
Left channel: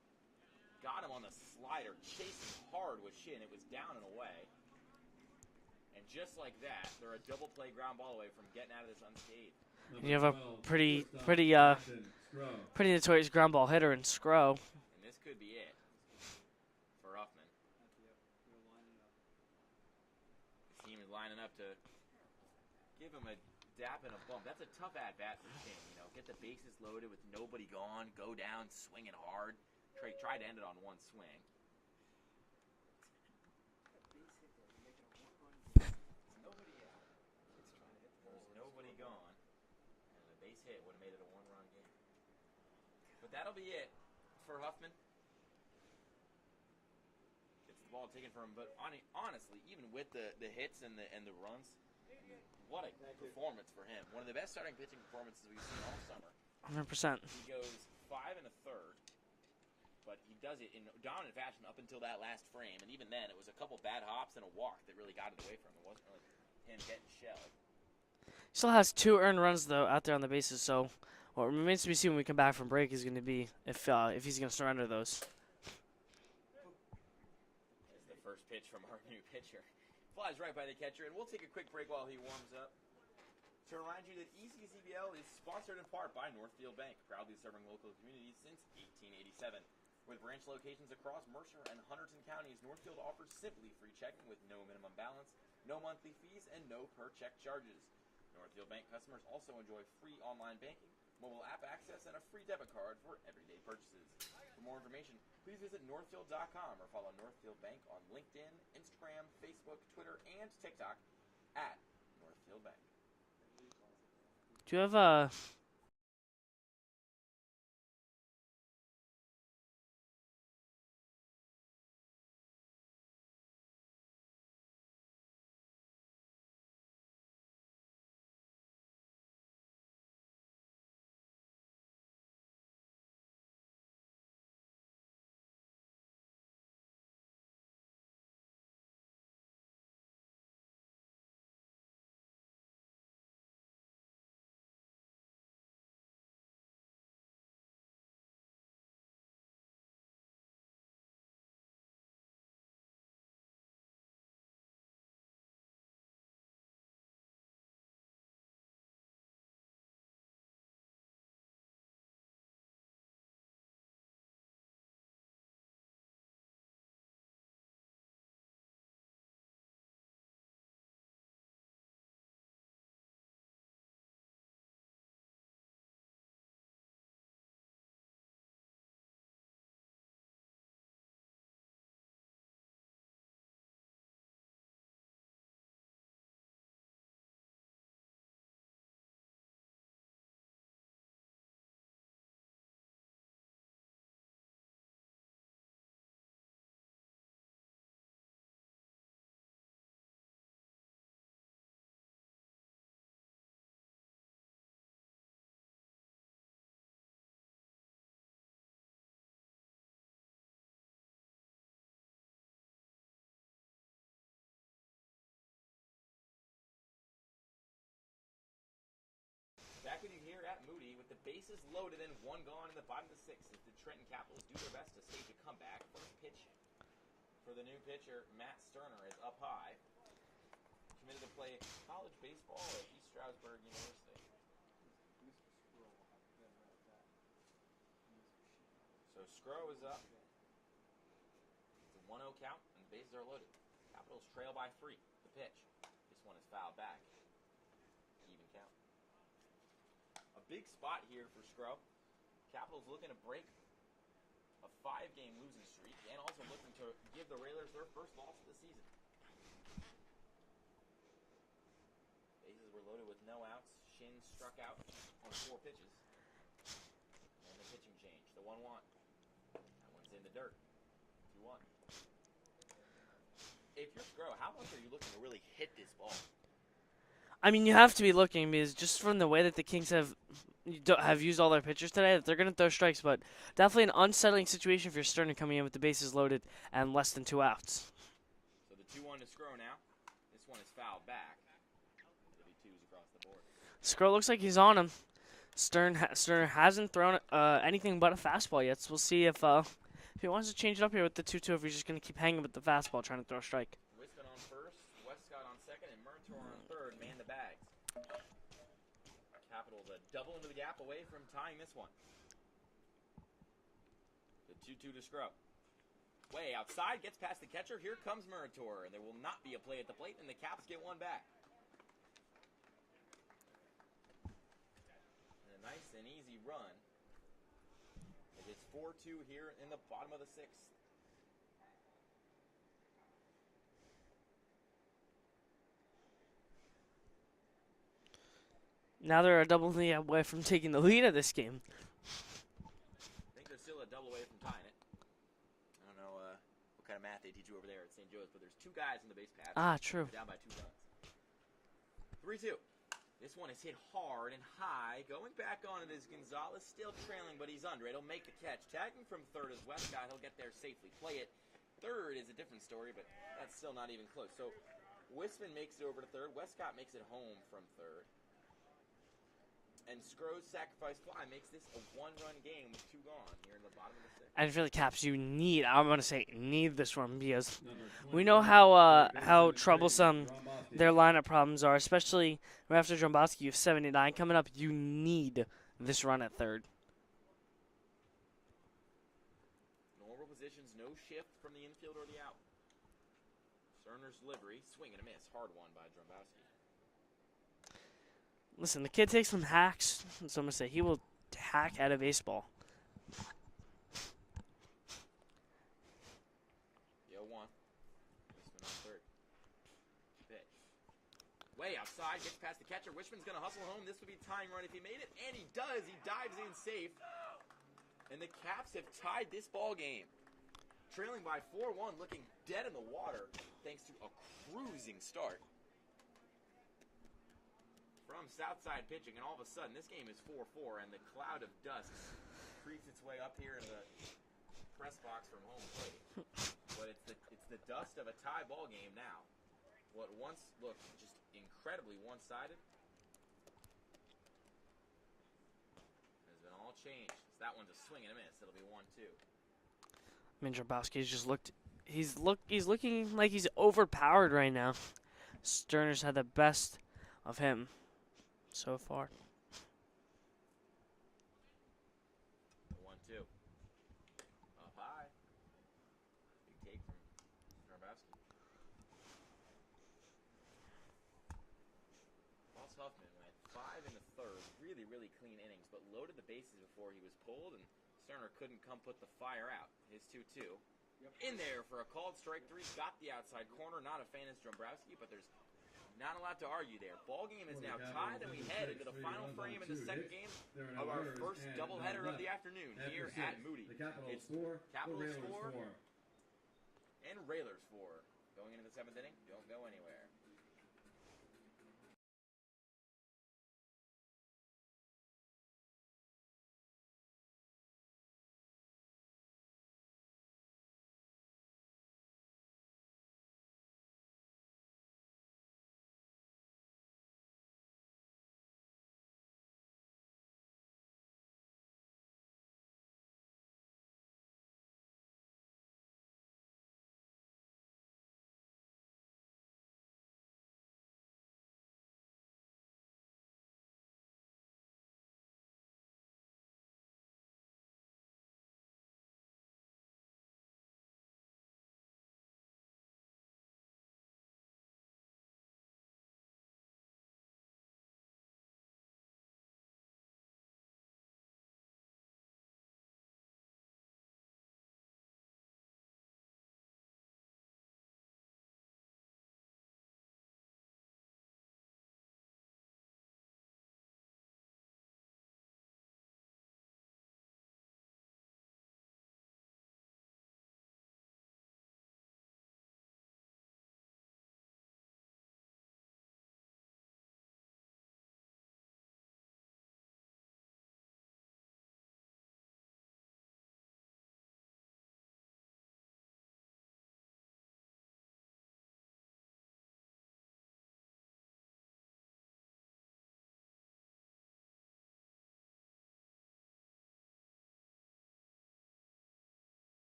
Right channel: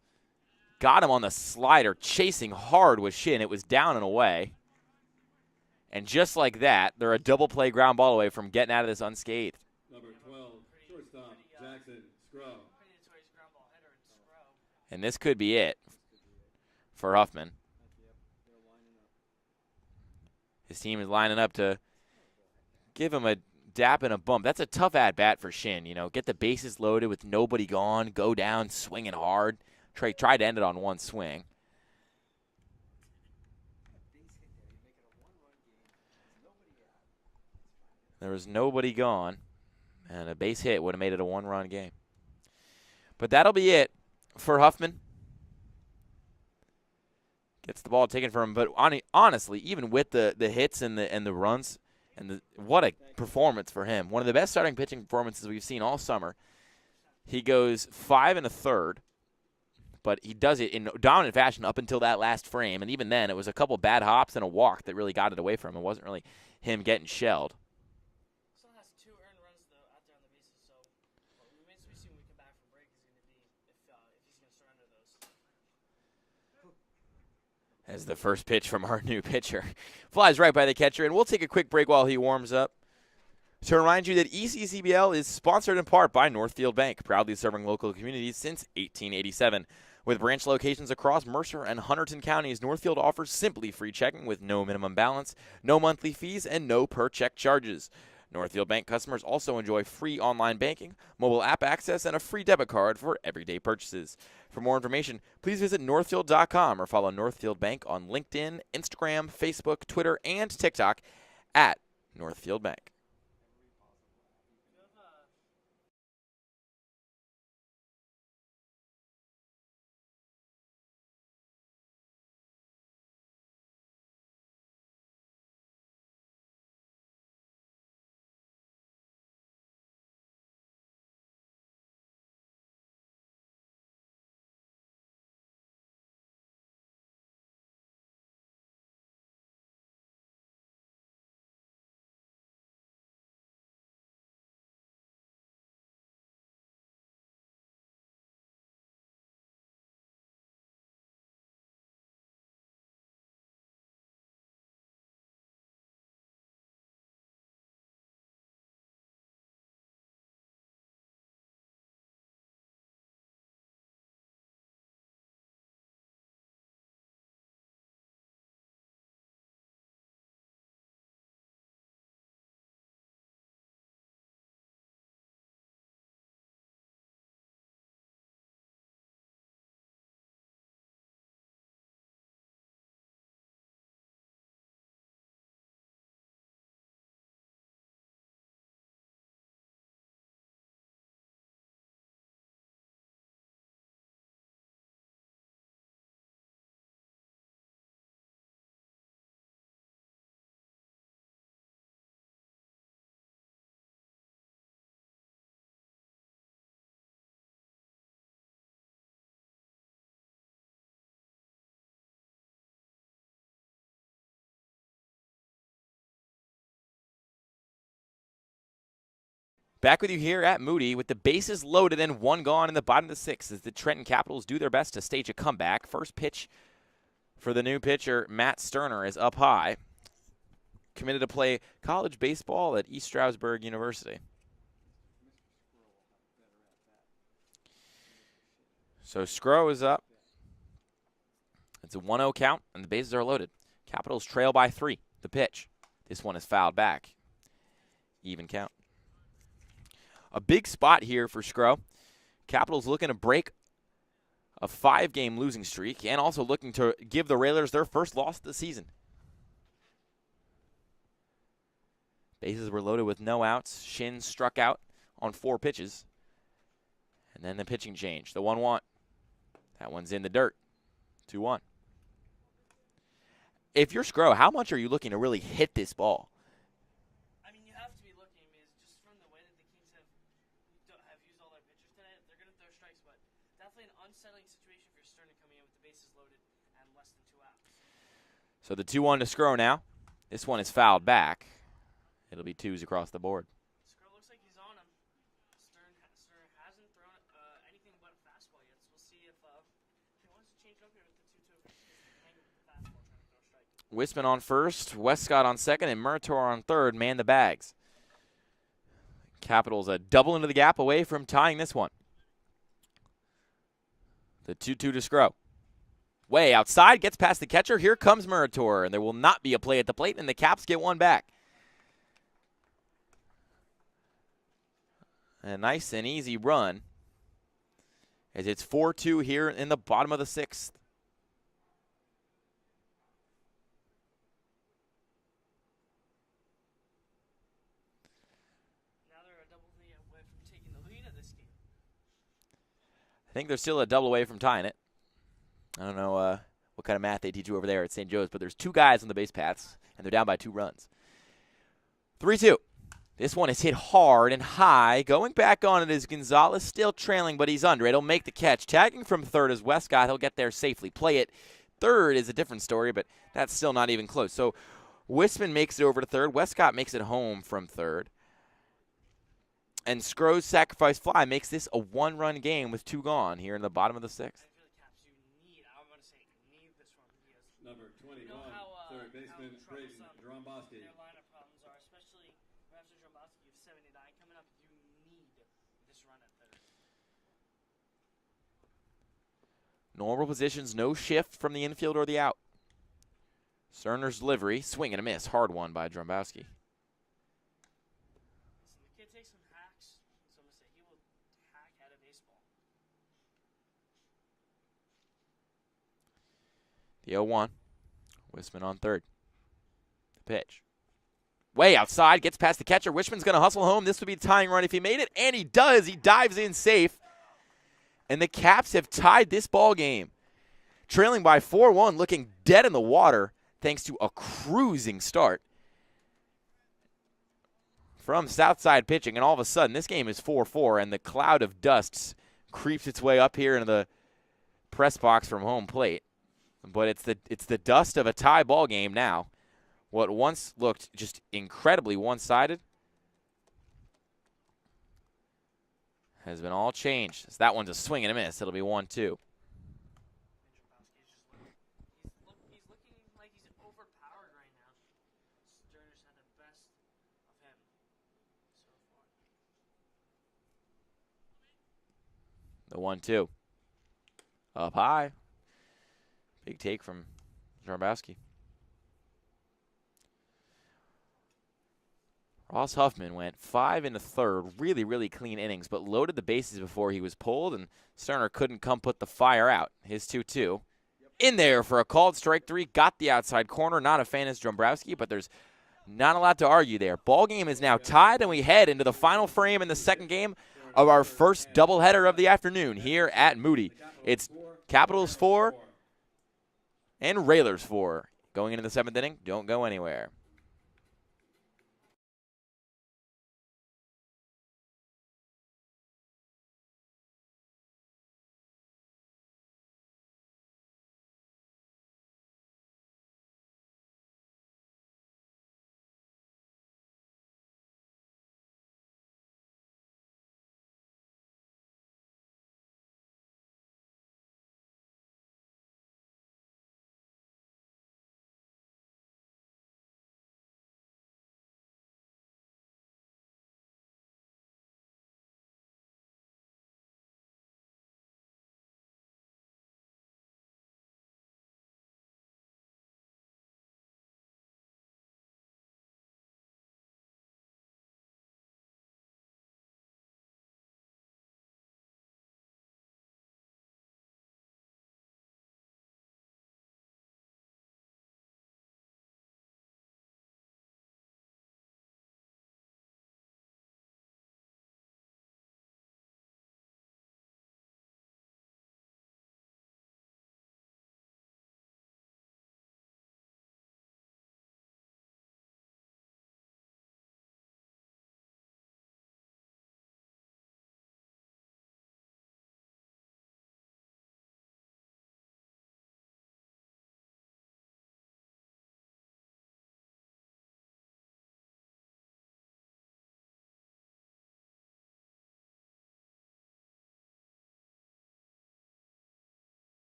Got him on the slider, chasing hard with Shin. It was down and away. And just like that, they're a double play ground ball away from getting out of this unscathed. You have a pretty notorious ground ball hitter in Scro. And this could be it for Huffman. His team is lining up to give him a dap and a bump. That's a tough at-bat for Shin. You know, get the bases loaded with nobody gone, go down swinging hard. Trey tried to end it on one swing. There was nobody gone, and a base hit would have made it a 1-run game. But that'll be it for Huffman. Gets the ball taken from him, but honestly, even with the hits and the runs, what a performance for him. One of the best starting pitching performances we've seen all summer. 100%. He goes 5 1/3, but he does it in dominant fashion up until that last frame, and even then, it was a couple bad hops and a walk that really got it away from him. It wasn't really him getting shelled. Still has 2 earned runs, though, out there on the bases, so what remains to be seen when we come back from break is going to be if he's going to surrender those. As the first pitch from our new pitcher flies right by the catcher, and we'll take a quick break while he warms up. To remind you that ECCBL is sponsored in part by Northfield Bank, proudly serving local communities since 1887. With branch locations across Mercer and Hunterdon counties, Northfield offers simply free checking with no minimum balance, no monthly fees, and no per-check charges. Northfield Bank customers also enjoy free online banking, mobile app access, and a free debit card for everyday purchases. For more information, please visit northfield.com or follow Northfield Bank on LinkedIn, Instagram, Facebook, Twitter, and TikTok at Northfield Bank. Do you have a... Back with you here at Moody with the bases loaded and 1 gone in the bottom of the 6th as the Trenton Capitals do their best to stage a comeback. First pitch for the new pitcher, Matt Sterner, is up high. Committed to play college baseball at East Stroudsburg University. So Scro is up. It's a 1-0 count, and the bases are loaded. Capitals trail by 3. The pitch. This one is fouled back. Even count. A big spot here for Scro. Capitals looking to break a 5-game losing streak and also looking to give the Railers their first loss of the season. Bases were loaded with no outs. Shin struck out on 4 pitches. And then the pitching change. The 1-1. That one's in the dirt. 2-1. If you're Scro, how much are you looking to really hit this ball? I mean, you have to be looking because just from the way that the Kings have used all their pitchers today, that they're going to throw strikes, but definitely an unsettling situation if you're Sterner coming in with the bases loaded and less than 2 outs. So the 2-1 to Scro now. This one is fouled back. It'll be 2s across the board. Scro looks like he's on him. Sterner hasn't thrown anything but a fastball yet, so we'll see if he wants to change it up here with the 2-2, if he's just going to keep hanging with the fastball trying to throw a strike. Wisman on first, Westcott on second, and Murator on third man the bags. Capitals a double into the gap away from tying this one. The 2-2 to Scro. Way outside, gets past the catcher. Here comes Murator, and there will not be a play at the plate, and the Caps get one back. A nice and easy run, as it's 4-2 here in the bottom of the 6th. Now they're a double lead away from taking the lead of this game. I think they're still a double away from tying it. I don't know what kind of math they teach you over there at St. Joe's, but there's 2 guys on the base paths. Ah, true. They're down by 2 runs. 3-2. This one is hit hard and high. Going back on it is Gonzalez, still trailing, but he's under it. He'll make the catch. Tagging from third is Westcott. He'll get there safely. Play it. Third is a different story, but that's still not even close. So Wisman makes it over to third. Westcott makes it home from third. And Scro's sacrifice fly makes this a 1-run game with 2 gone here in the bottom of the 6th. And for the Caps, I'm going to say need this one because we know how troublesome their lineup problems are, especially right after Dromboski. You have 79 coming up. You need this run at third. Normal positions, no shift from the infield or the out. Cerner's delivery, swing and a miss. Hard one by Dromboski. Listen, the kid takes some hacks, so I'm going to say he will hack at a baseball. The 0-1. Wisman on third. Pitch. Way outside, gets past the catcher. Wishman's going to hustle home. This would be a tying run if he made it, and he does. He dives in safe. And the Caps have tied this ball game. Trailing by 4-1, looking dead in the water thanks to a cruising start from Southside pitching, and all of a sudden this game is 4-4, and the cloud of dust creeps its way up here into the press box from home plate. But it's the dust of a tie ball game now. What once looked just incredibly one-sided has been all changed. So that one's a swing and a miss. It'll be 1-2. I mean, Dromboski's just he's looking like he's overpowered right now. Sterner's had the best of him so far. The 1-2. Up high. Big take from Dromboski. Ross Huffman went 5 in the third. Really, really clean innings, but loaded the bases before he was pulled, and Sterner couldn't come put the fire out. His 2-2. In there for a called strike 3. Got the outside corner. Not a fan is Dromboski, but there's not a lot to argue there. Ball game is now tied, and we head into the final frame in the second game of our first doubleheader of the afternoon here at Moody. It's Capitals 4 and Railers 4. Going into the 7th inning, don't go anywhere.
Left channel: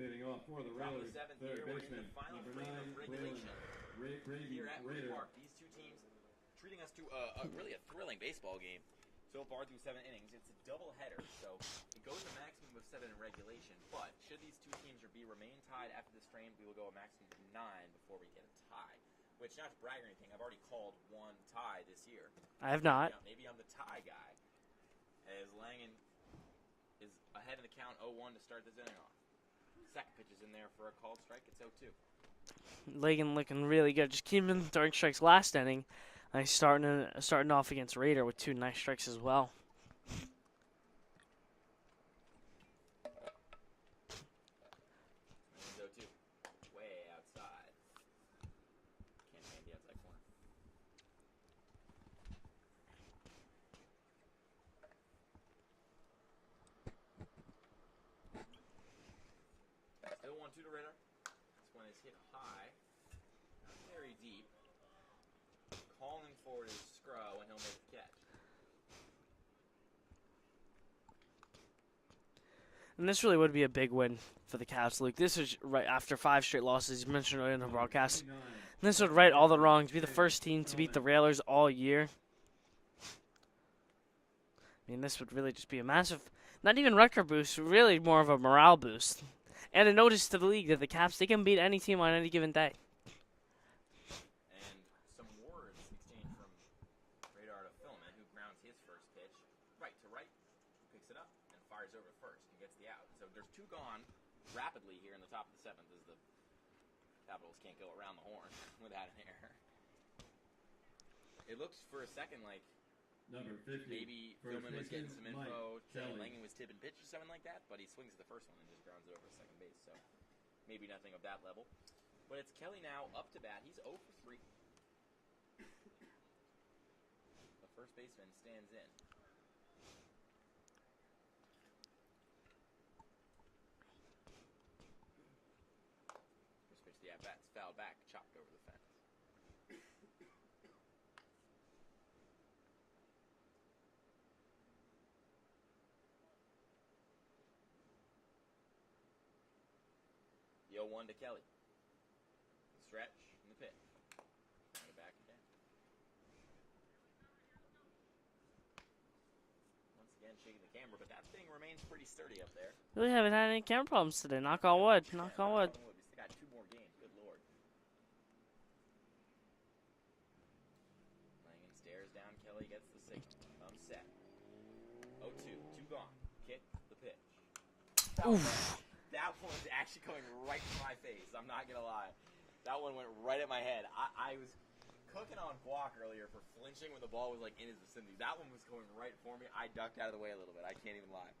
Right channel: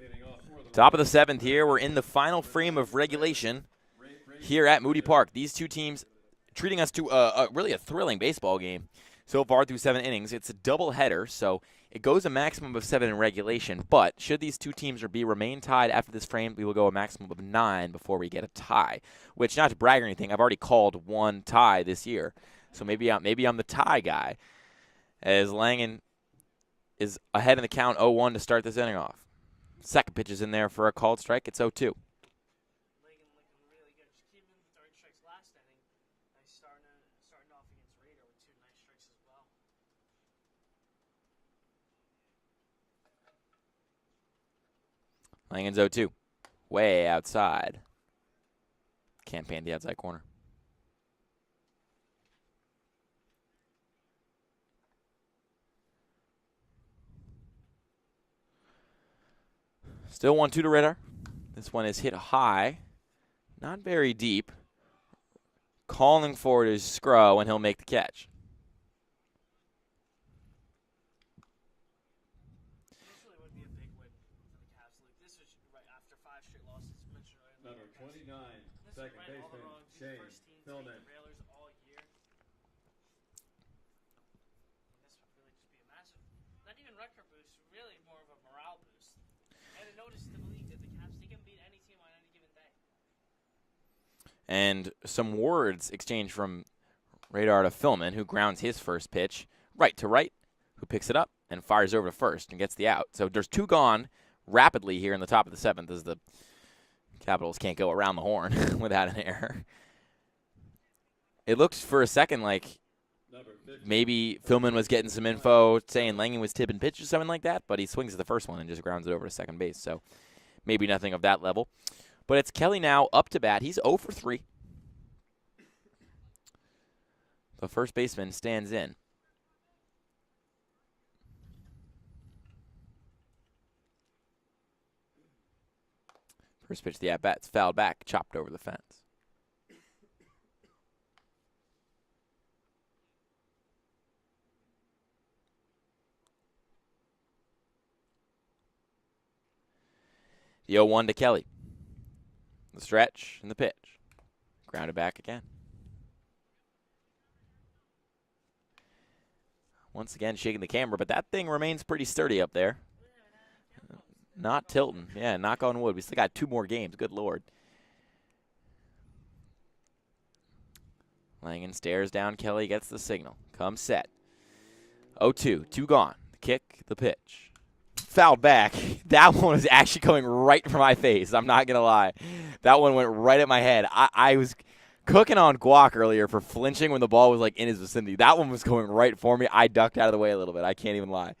Leading off for the Top of the 7th here. We're in the final frame of regulation here at Moody Park. These two teams treating us to really a thrilling baseball game so far through 7 innings. It's a doubleheader, so it goes a maximum of 7 in regulation. But should these two teams remain tied after this frame, we will go a maximum of 9 before we get a tie. Which, not to brag or anything, I've already called one tie this year. So maybe I'm the tie guy, as Langen is ahead in the count 0-1 to start this inning off. Second pitch is in there for a called strike. It's 0-2. Langen looking really good. Just keeping throwing strikes last inning. Starting off against Raider with 2 nice strikes as well. Langen's 0-2. Way outside. Can't pan the outside corner. Still 1-2 to Ritter. This one is hit high. Not very deep. Calling for it is Scrow, and he'll make the catch. And this really would be a big win for the Cavs, Luke. This is right after 5 straight losses. You mentioned earlier in the broadcast. And this would right all the wrongs, be the first team to beat the Railers all year. I mean, this would really just be a massive, not even record boost, really more of a morale boost. And a notice to the league that the Cavs, they can beat any team on any given day. And some words exchanged from Radar to Philman, who grounds his first pitch right to right, who picks it up and fires over to first and gets the out. So there's 2 gone rapidly here in the top of the 7th as the Capitals can't go around the horn without an error. It looked for a second like maybe Philman was getting some info saying Langen was tipping pitch or something like that, but he swings at the first one and just grounds it over to second base. So maybe nothing of that level. But it's Kelly now up to bat. He's 0 for 3. The first baseman stands in. First pitch of the at-bat's fouled back, chopped over the fence. The 0-1 to Kelly. The stretch and the pitch. Grounded back again. Once again, shaking the camera, but that thing remains pretty sturdy up there. Really haven't had any camera problems today. Not Knock on tilting. wood. Yeah, knock on wood. We still got 2 more games. Good Lord. Langen stares down Kelly, gets the signal. Comes set. 0-2. 2 gone. Kick, the pitch. Fouled back. That one was actually going right for my face. I'm not going to lie. That one went right at my head. I was cooking on Guac earlier for flinching when the ball was like in his vicinity. That one was going right for me. I ducked out of the way a little bit. I can't even lie.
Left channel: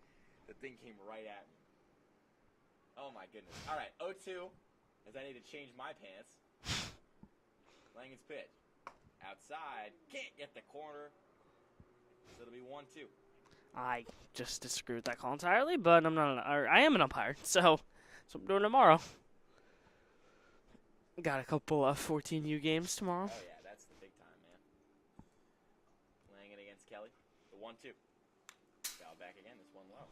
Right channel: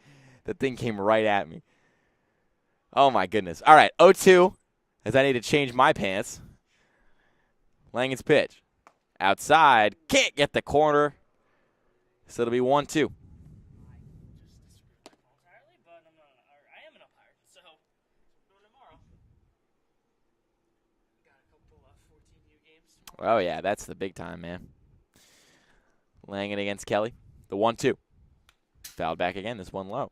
That thing came right at me. Oh, my goodness. All right, 0-2, as I need to change my pants. Langen's pitch. Outside. Can't get the corner. So it'll be 1-2. I just disagree with that call entirely, but I am an umpire, so that's what I'm doing tomorrow. Got a couple of 14U games tomorrow. Oh, yeah, that's the big time, man. Langen against Kelly. The 1-2. Fouled back again, this one low.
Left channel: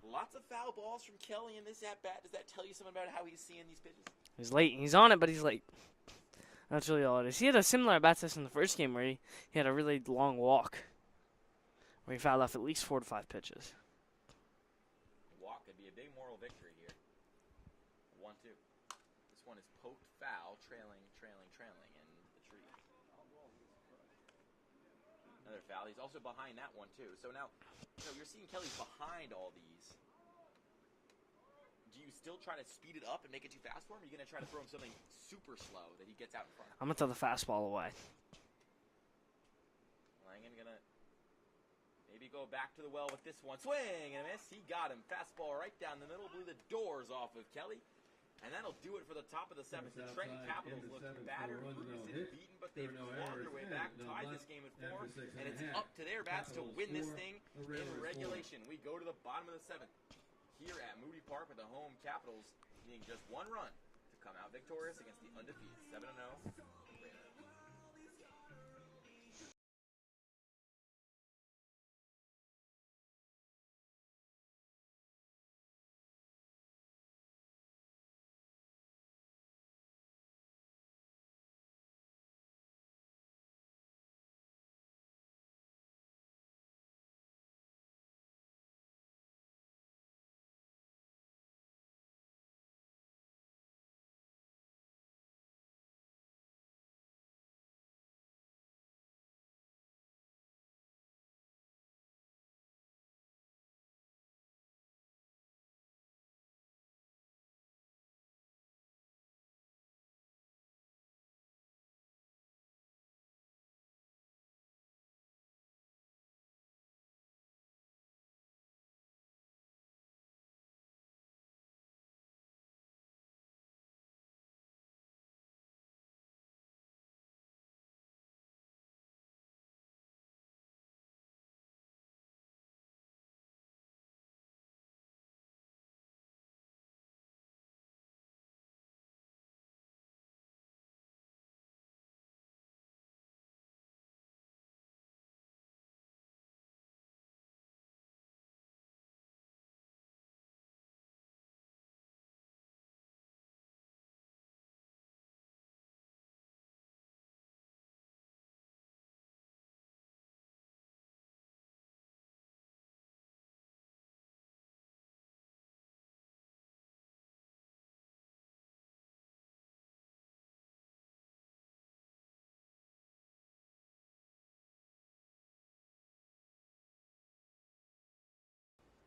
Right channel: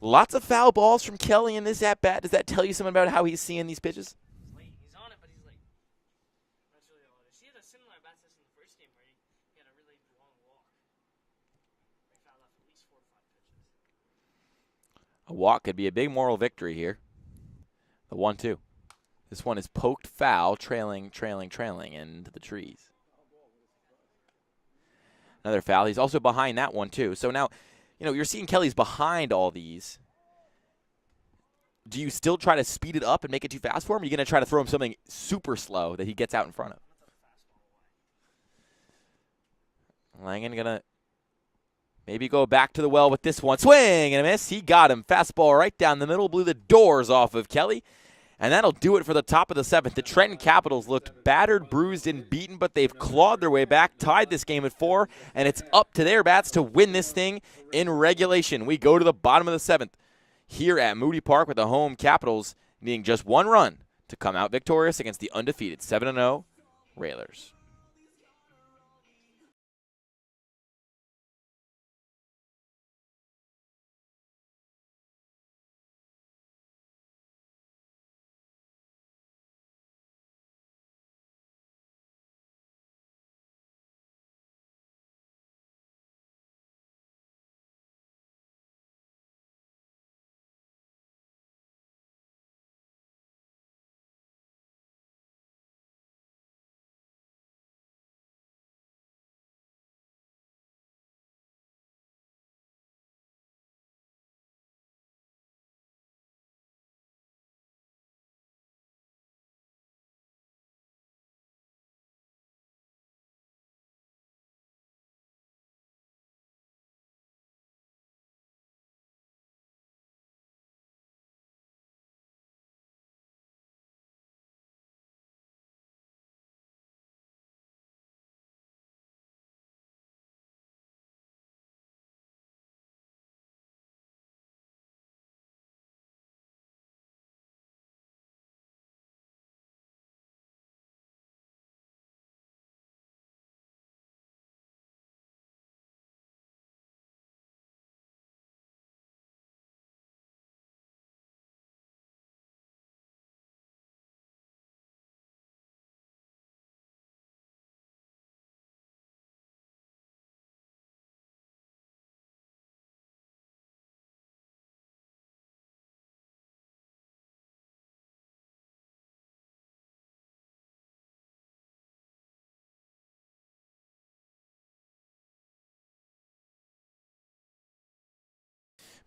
Lots of foul balls from Kelly in this at-bat. Does that tell you something about how he's seeing these pitches? He's late. He's on it, but he's late. That's really all it is. He had a similar at-bat test in the first game where he had a really long walk, where he fouled off at least 4 to 5 pitches. A walk could be a big moral victory here. The 1-2. This one is poked foul, trailing into the trees. Another foul. He's also behind that one, too. So now, you're seeing Kelly's behind all these. Do you still try to speed it up and make it too fast for him? Or are you going to try to throw him something super slow that he gets out in front of? I'm going to throw the fastball away. Langen going to maybe go back to the well with this one. Swing and a miss. He got him. Fastball right down the middle. Blew the doors off of Kelly. And that'll do it for the top of the 7th. The Trenton Capitals looked battered, bruised, and beaten, but they've clawed their way back, tied this game at 4, and it's up to their bats to win this thing in regulation. We go to the bottom of the 7th here at Moody Park with the home Capitals needing just 1 run to come out victorious against the undefeated 7-0 Railers.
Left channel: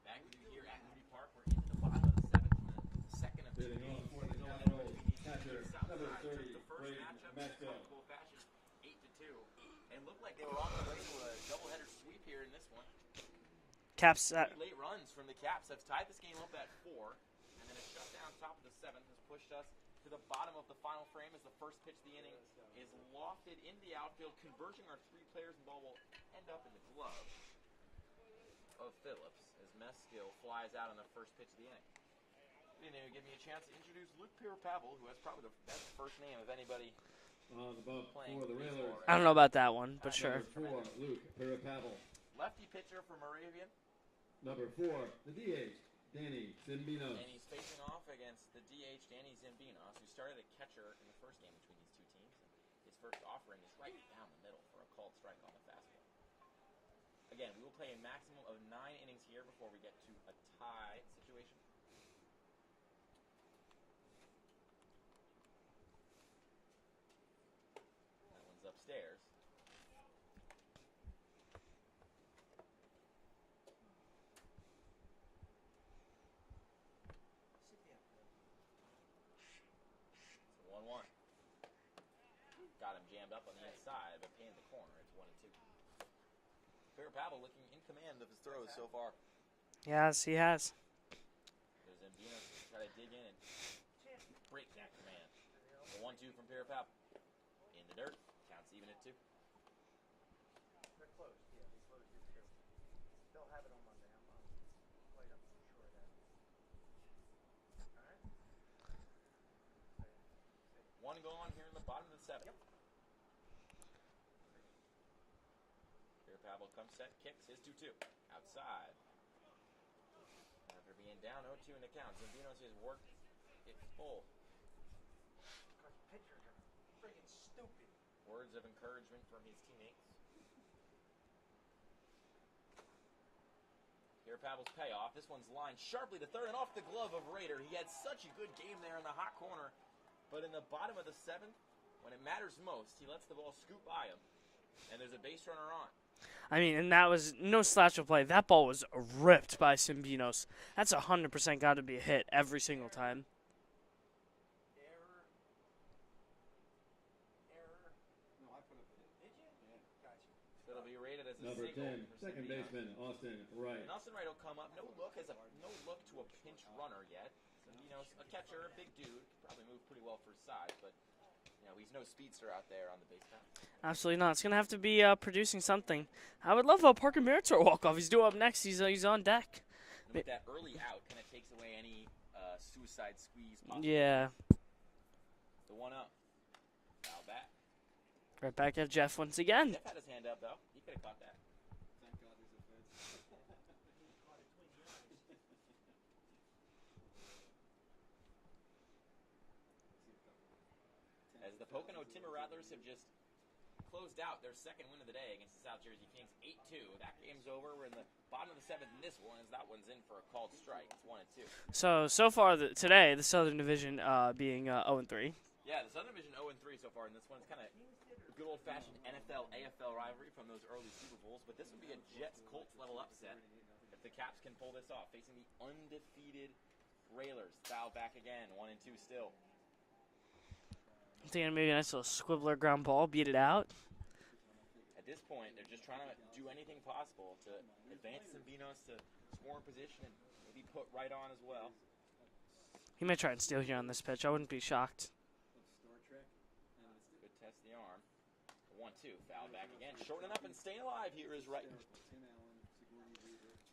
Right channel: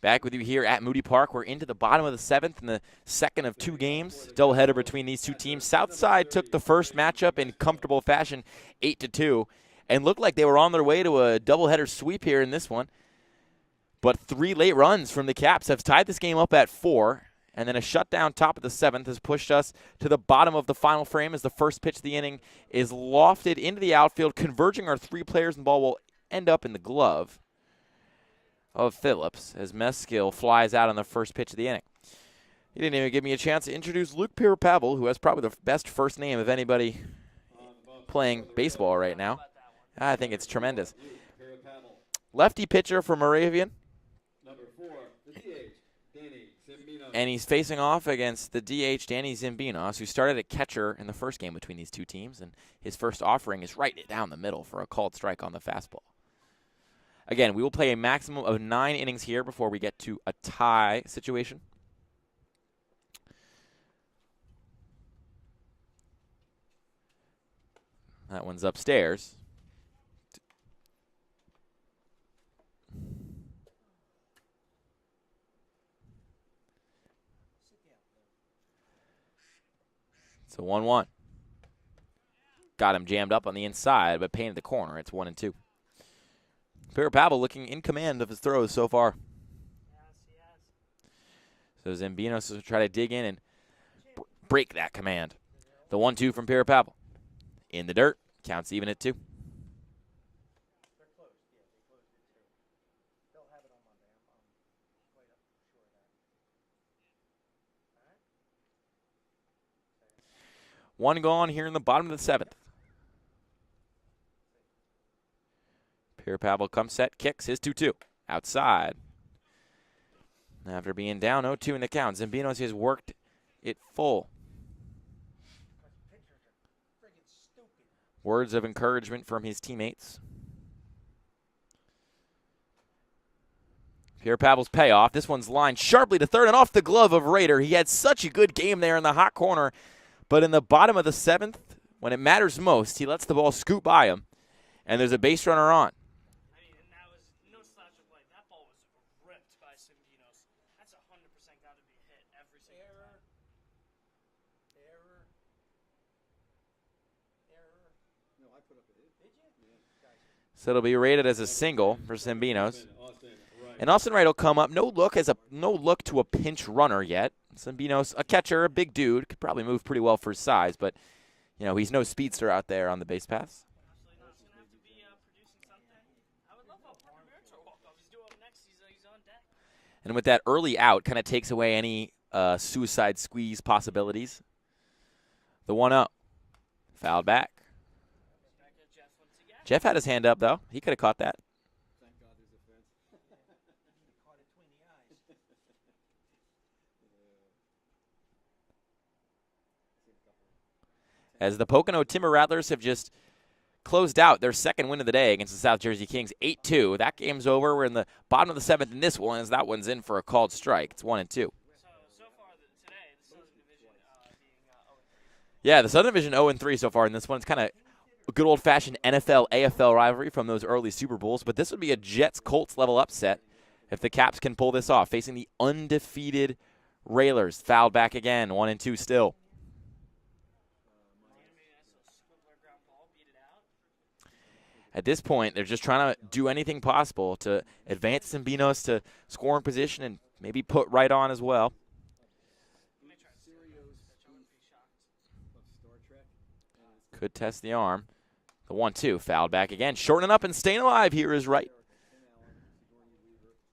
Back with you here at Moody Park. We're into the bottom of the 7th in the second of 2 games. Doubleheader between these two teams. Southside took the first matchup in comfortable fashion, 8-2, and looked like they were on their way to a doubleheader sweep here in this one. But 3 late runs from the Caps have tied this game up at 4, and then a shutdown top of the 7th has pushed us to the bottom of the final frame as the first pitch of the inning is lofted into the outfield, converging our 3 players, and the ball will end up in the glove of Phillips as Meskill flies out on the first pitch of the inning. He didn't even give me a chance to introduce Luke Pierre-Pavel, who has probably the best first name of anybody playing baseball right now. I don't know about that one. I think it's tremendous. Lefty pitcher for Moravian. Number 4, the DH, Danny Zimbinos. And he's facing off against the DH, Danny Zimbinos, who started at catcher in the first game between these two teams. And his first offering is right down the middle for a called strike on the fastball. Again, we will play a maximum of 9 innings here before we get to a tie situation. That one's upstairs. It's a 1-1. Got him jammed up on the inside, but painted the corner. It's 1-2. Pierre-Pavel looking in command of his throws so far. Yes, he has. So Zimbinos will try to dig in and break that command. The 1-2 from Pierre-Pavel. In the dirt. Counts even at 2. One gone here in the bottom of the 7th. Pierre-Pavel comes set, kicks his 2-2. Outside. After being down 0-2 in the count, Zimbinos has worked it full. Words of encouragement from his teammates. Pierre-Pavel's payoff. This one's lined sharply to third and off the glove of Rader. He had such a good game there in the hot corner, but in the bottom of the 7th, when it matters most, he lets the ball scoot by him, and there's a base runner on. I mean, and that was no slouch of play. That ball was ripped by Zimbinos. That's 100% got to be a hit every single time. So it'll be rated as a single for Zimbinos. And Austin Wright will come up. No look to a pinch runner yet. Zimbinos, a catcher, a big dude, could probably move pretty well for his size, but you know, he's no speedster out there on the base paths. Absolutely not. It's going to have to be producing something. I would love a Parker Meritor walk-off. He's due up next. He's on deck. And with that early out, kind of takes away any suicide squeeze possibilities. Yeah. The 1-0. Fouled back. Right back at Jeff once again. Jeff had his hand up, though. He could have caught that. As the Pocono Timber Rattlers have just closed out their second win of the day against the South Jersey Kings, 8-2. That game's over. We're in the bottom of the 7th in this one, as that one's in for a called strike. It's 1-2. So far today, the Southern Division being 0-3. Yeah, the Southern Division 0-3 so far in this one. It's kind of a good old-fashioned NFL-AFL rivalry from those early Super Bowls, but this would be a Jets-Colts level upset if the Caps can pull this off, facing the undefeated Railers. Fouled back again, 1-2 still. I'm thinking maybe a nice little squibbler ground ball, beat it out. At this point, they're just trying to do anything possible to advance Zimbinos to scoring position and maybe put Wright on as well. He may try and steal here on this pitch. I wouldn't be shocked. Could test the arm. The 1-2, fouled back again. Shortening up and staying alive here is Wright.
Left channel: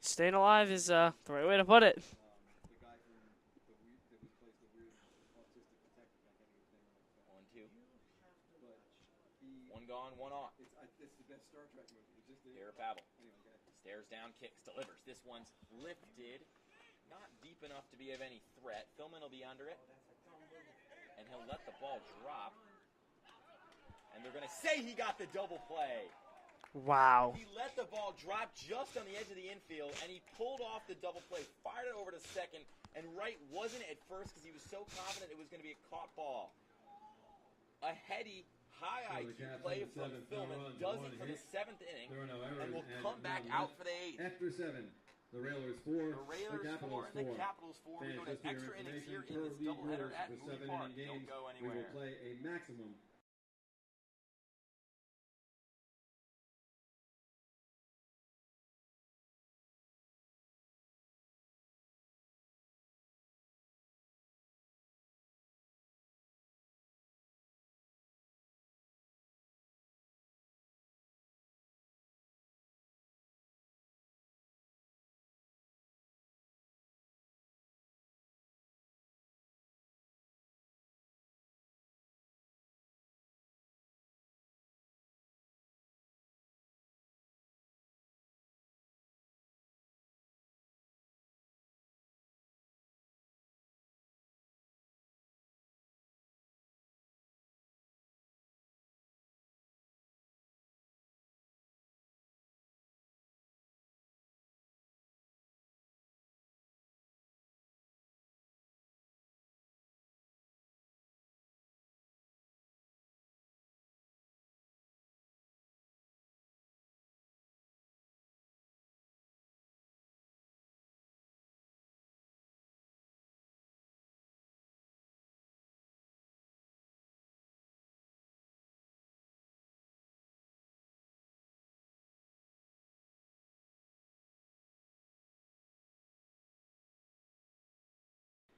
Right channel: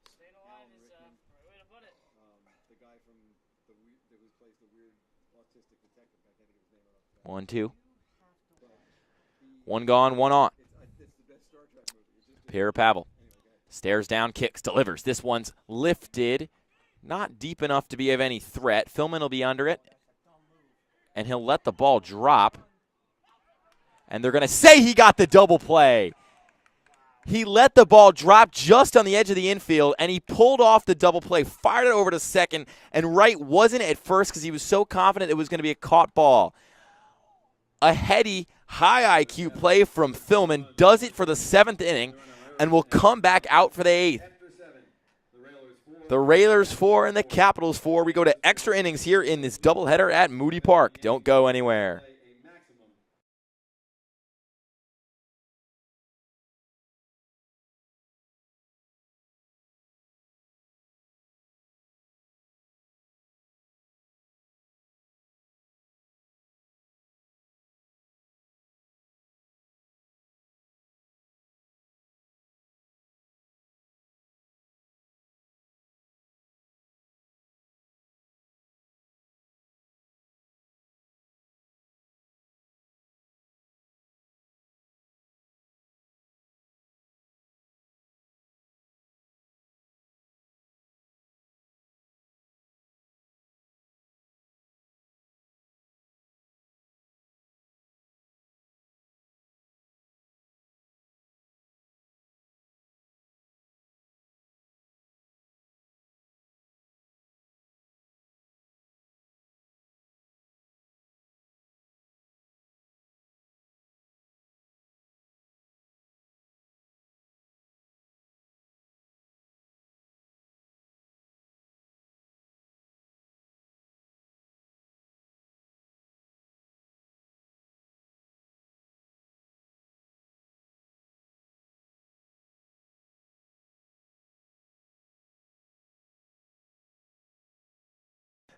Staying alive is the right way to put it. 1-2. One gone, one on. Pierre-Pavel stares down, kicks, delivers. This one's lifted. Not deep enough to be of any threat. Philman will be under it. And he'll let the ball drop. And they're going to say he got the double play. Wow. He let the ball drop just on the edge of the infield, and he pulled off the double play, fired it over to second, and Wright wasn't at first because he was so confident it was going to be a caught ball. A heady, high IQ play from Philman does it for the 7th inning and will come back out for the 8th. After 7, the Railers 4, The Railers 4 and the Capitals 4. We go to extra innings here in this doubleheader at Moody Park. Don't go anywhere.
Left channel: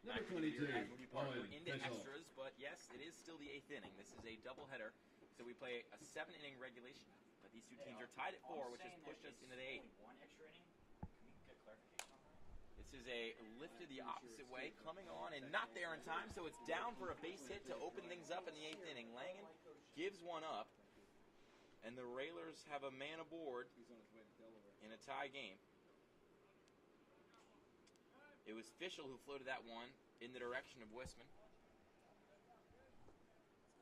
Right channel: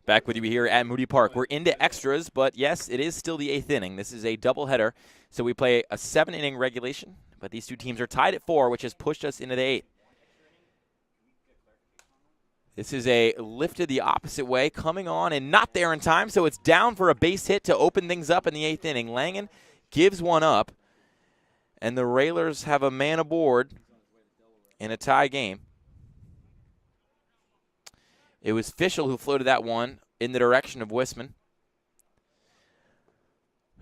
Back with you here at Moody Park. We're into extras, but yes, it is still the 8th inning. This is a doubleheader, so we play a 7-inning regulation, but these two teams are tied at 4, which has pushed us into the 8th. This is a lifted the opposite way, coming on and not there in time, so it's down for a base hit to open things up in the 8th inning. Langen gives one up, and the Railers have a man aboard in a tie game. It was Fischel who floated that one in the direction of Wisman,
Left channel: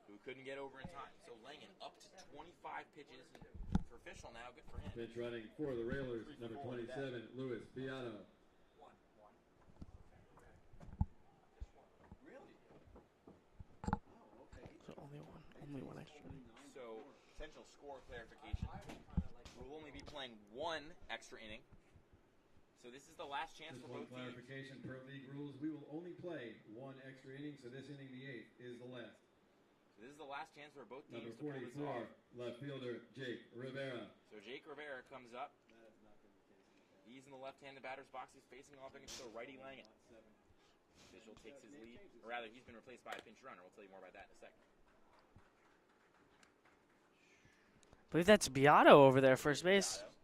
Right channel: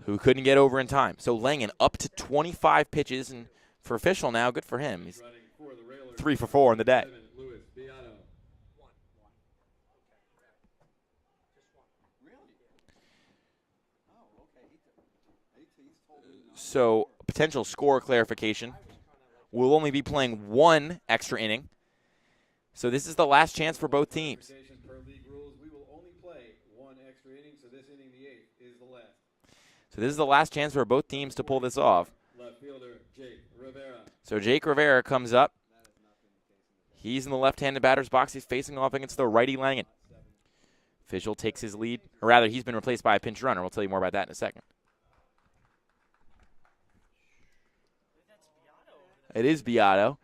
who couldn't get over in time. So Langen up to 25 pitches, and for Fischel now, good for him. He's 3 for 4 in the day. So potential score clarification. We'll only be playing 1 extra inning. So this is the last chance for both teams. Per league rules, we will only play 1 extra inning, so this inning, the 8th, is the last. So this is the last chance for both teams to pull this off. Left fielder, Jake Rivera. So Jake Rivera comes up. He's in the left-handed batter's box. He's facing off against the righty Langen. Fischel takes his lead. Or rather, he's been replaced by a pinch runner. We'll tell you more about that in a second. I believe that's Beato over there. It is Beato.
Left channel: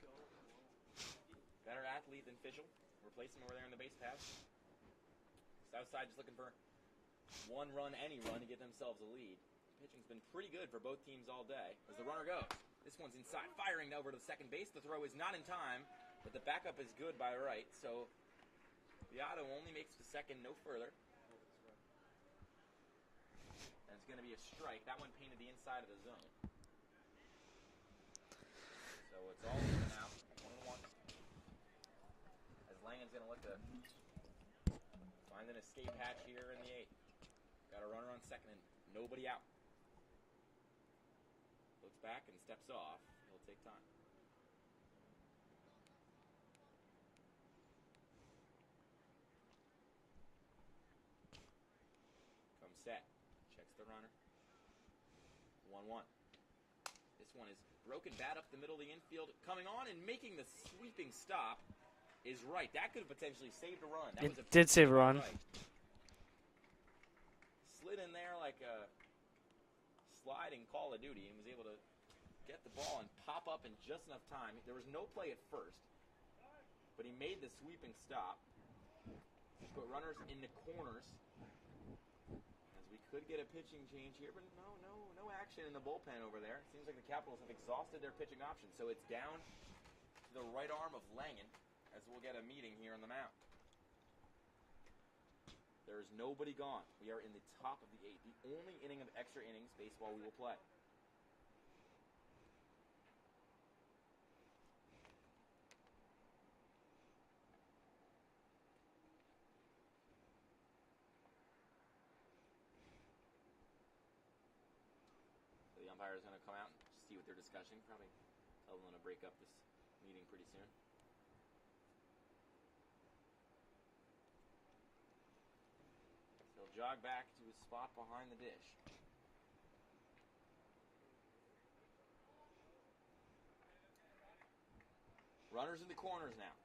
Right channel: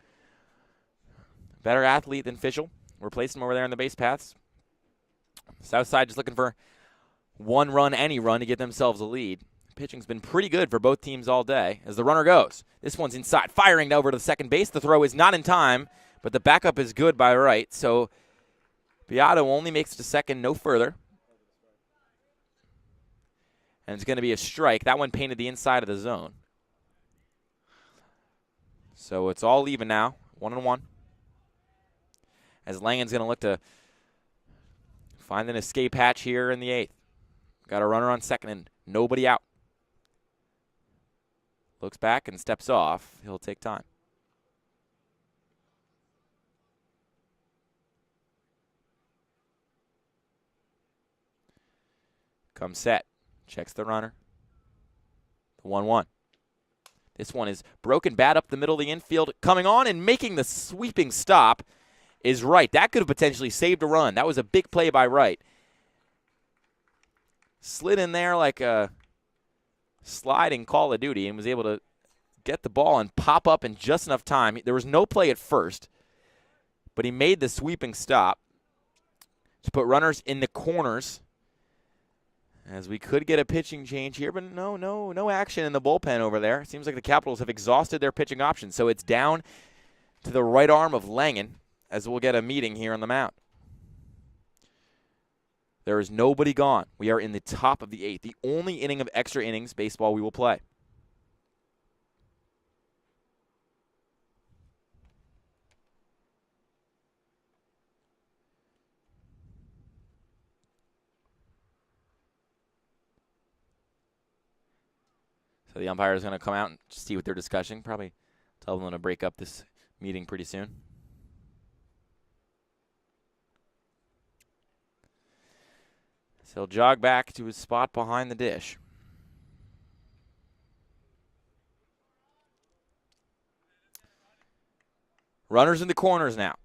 Better athlete than Fischel. Replaced him over there on the base paths. Southside just looking for 1 run, any run, to get themselves a lead. Pitching's been pretty good for both teams all day as the runner goes. This one's inside, firing over to the second base. The throw is not in time, but the backup is good by right. So Beato only makes it to second, no further. And it's going to be a strike. That one painted the inside of the zone. So it's all even now, 1-1. As Langen's going to look to find an escape hatch here in the 8th. Got a runner on second and nobody out. Looks back and steps off. He'll take time. Comes set. Checks the runner. 1-1. This one is broken bat up the middle of the infield. Coming on and making the sweeping stop is Wright. That could have potentially saved a run. That was a big play by Wright. Slid in there like a sliding Call of Duty and was able to get the ball and pop up in just enough time. There was no play at first, but he made the sweeping stop to put runners in the corners. As we could get a pitching change here, but no action in the bullpen over there. It seems like the Capitals have exhausted their pitching options. So it's down to the right arm of Langen as we'll get a meeting here on the mound. There is nobody gone. We are in the top of the 8th, the only inning of extra innings baseball we will play. So the umpire is going to come out and see what they're discussing. Probably tell them to break up this meeting pretty soon. He'll jog back to his spot behind the dish. Runners in the corners now.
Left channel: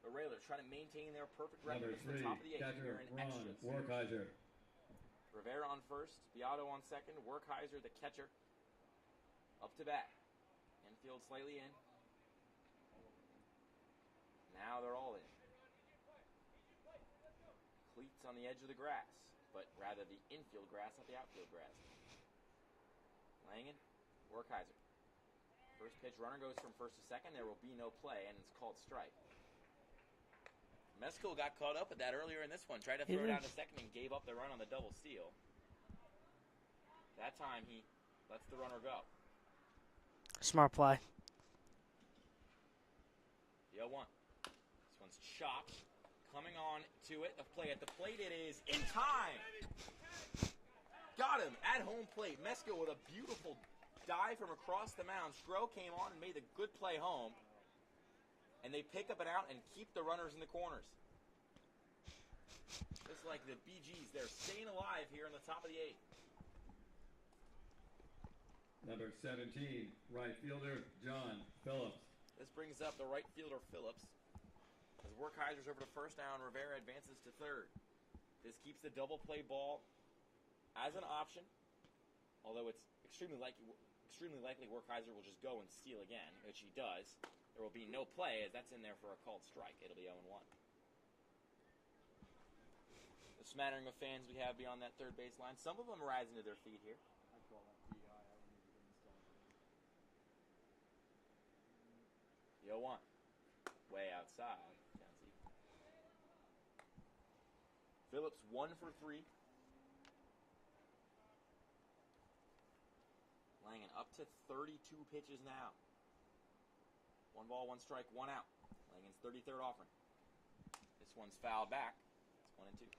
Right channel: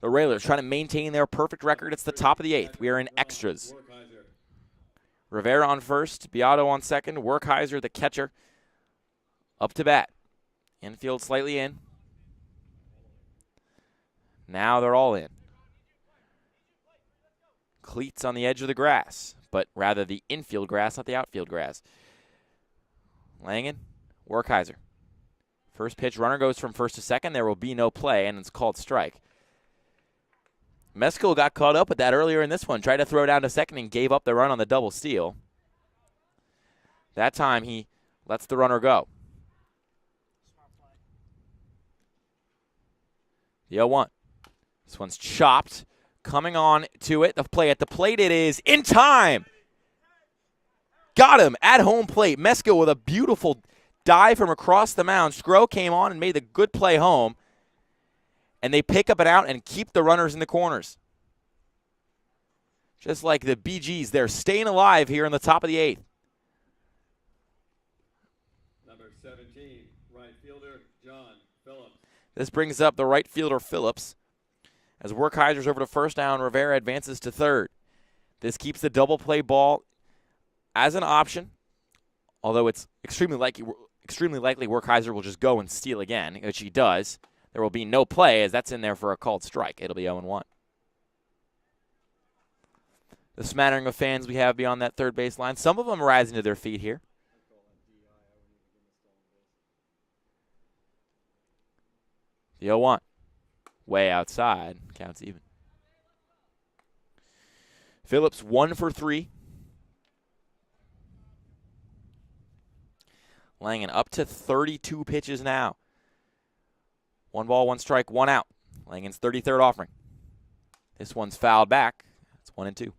The Railers trying to maintain their perfect record. It's the top of the 8th. We are in extras. Rivera on first, Beato on second, Werkheiser, the catcher, up to bat. Infield slightly in. Now they're all in. Cleats on the edge of the grass, but rather the infield grass, not the outfield grass. Langen, Werkheiser. First pitch, runner goes from first to second. There will be no play, and it's called strike. Meskel got caught up with that earlier in this one. Tried to throw down to second and gave up the run on the double steal. That time he lets the runner go. Smart play. The 0-1. This one's chopped. Coming on to it. The play at the plate. It is in time. Got him at home plate. Meskel with a beautiful dive from across the mound. Skro came on and made the good play home. And they pick up and out and keep the runners in the corners. Just like the BGs, they're staying alive here in the top of the 8th. Number 17, right fielder, John Phillips. This brings up the right fielder, Phillips. As Werkheiser's over to first down, Rivera advances to third. This keeps the double play ball as an option, although it's extremely likely Werkheiser will just go and steal again, which he does. There will be no play as that's in there for a called strike. It'll be 0-1. The smattering of fans we have beyond that third base line, some of them rising to their feet here. The 0-1. Way outside. Counts even. Phillips 1 for 3. Langen up to 32 pitches now. 1 ball, 1 strike, 1 out. Langen's 33rd offering. This one's fouled back. It's 1-2.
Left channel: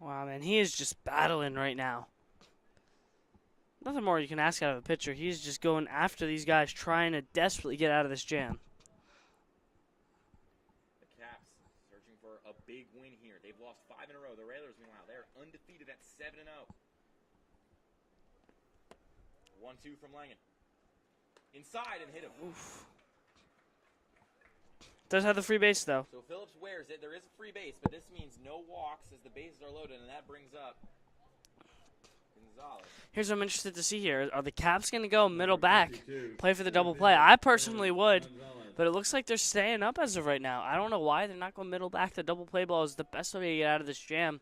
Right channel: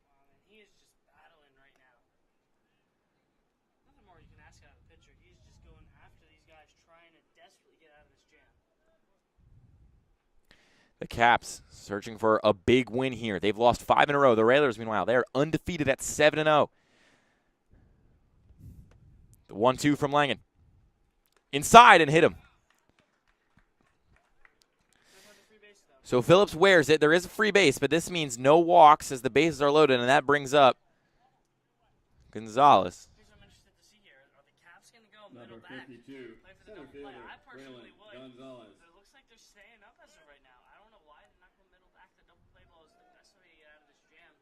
Wow, man, he is just battling right now. Nothing more you can ask out of a pitcher. He's just going after these guys, trying to desperately get out of this jam. The Caps searching for a big win here. They've lost 5 in a row. The Railers, meanwhile, they're undefeated at 7-0. The 1-2 from Langen. Inside and hit him. Does have the free base, though. So Phillips wears it. There is a free base, but this means no walks as the bases are loaded, and that brings up Gonzalez. Here's what I'm interested to see here. Are the Caps going to go middle back, play for the double play? I personally would, but it looks like they're staying up as of right now. I don't know why they're not going middle back. The double play ball is the best way to get out of this jam.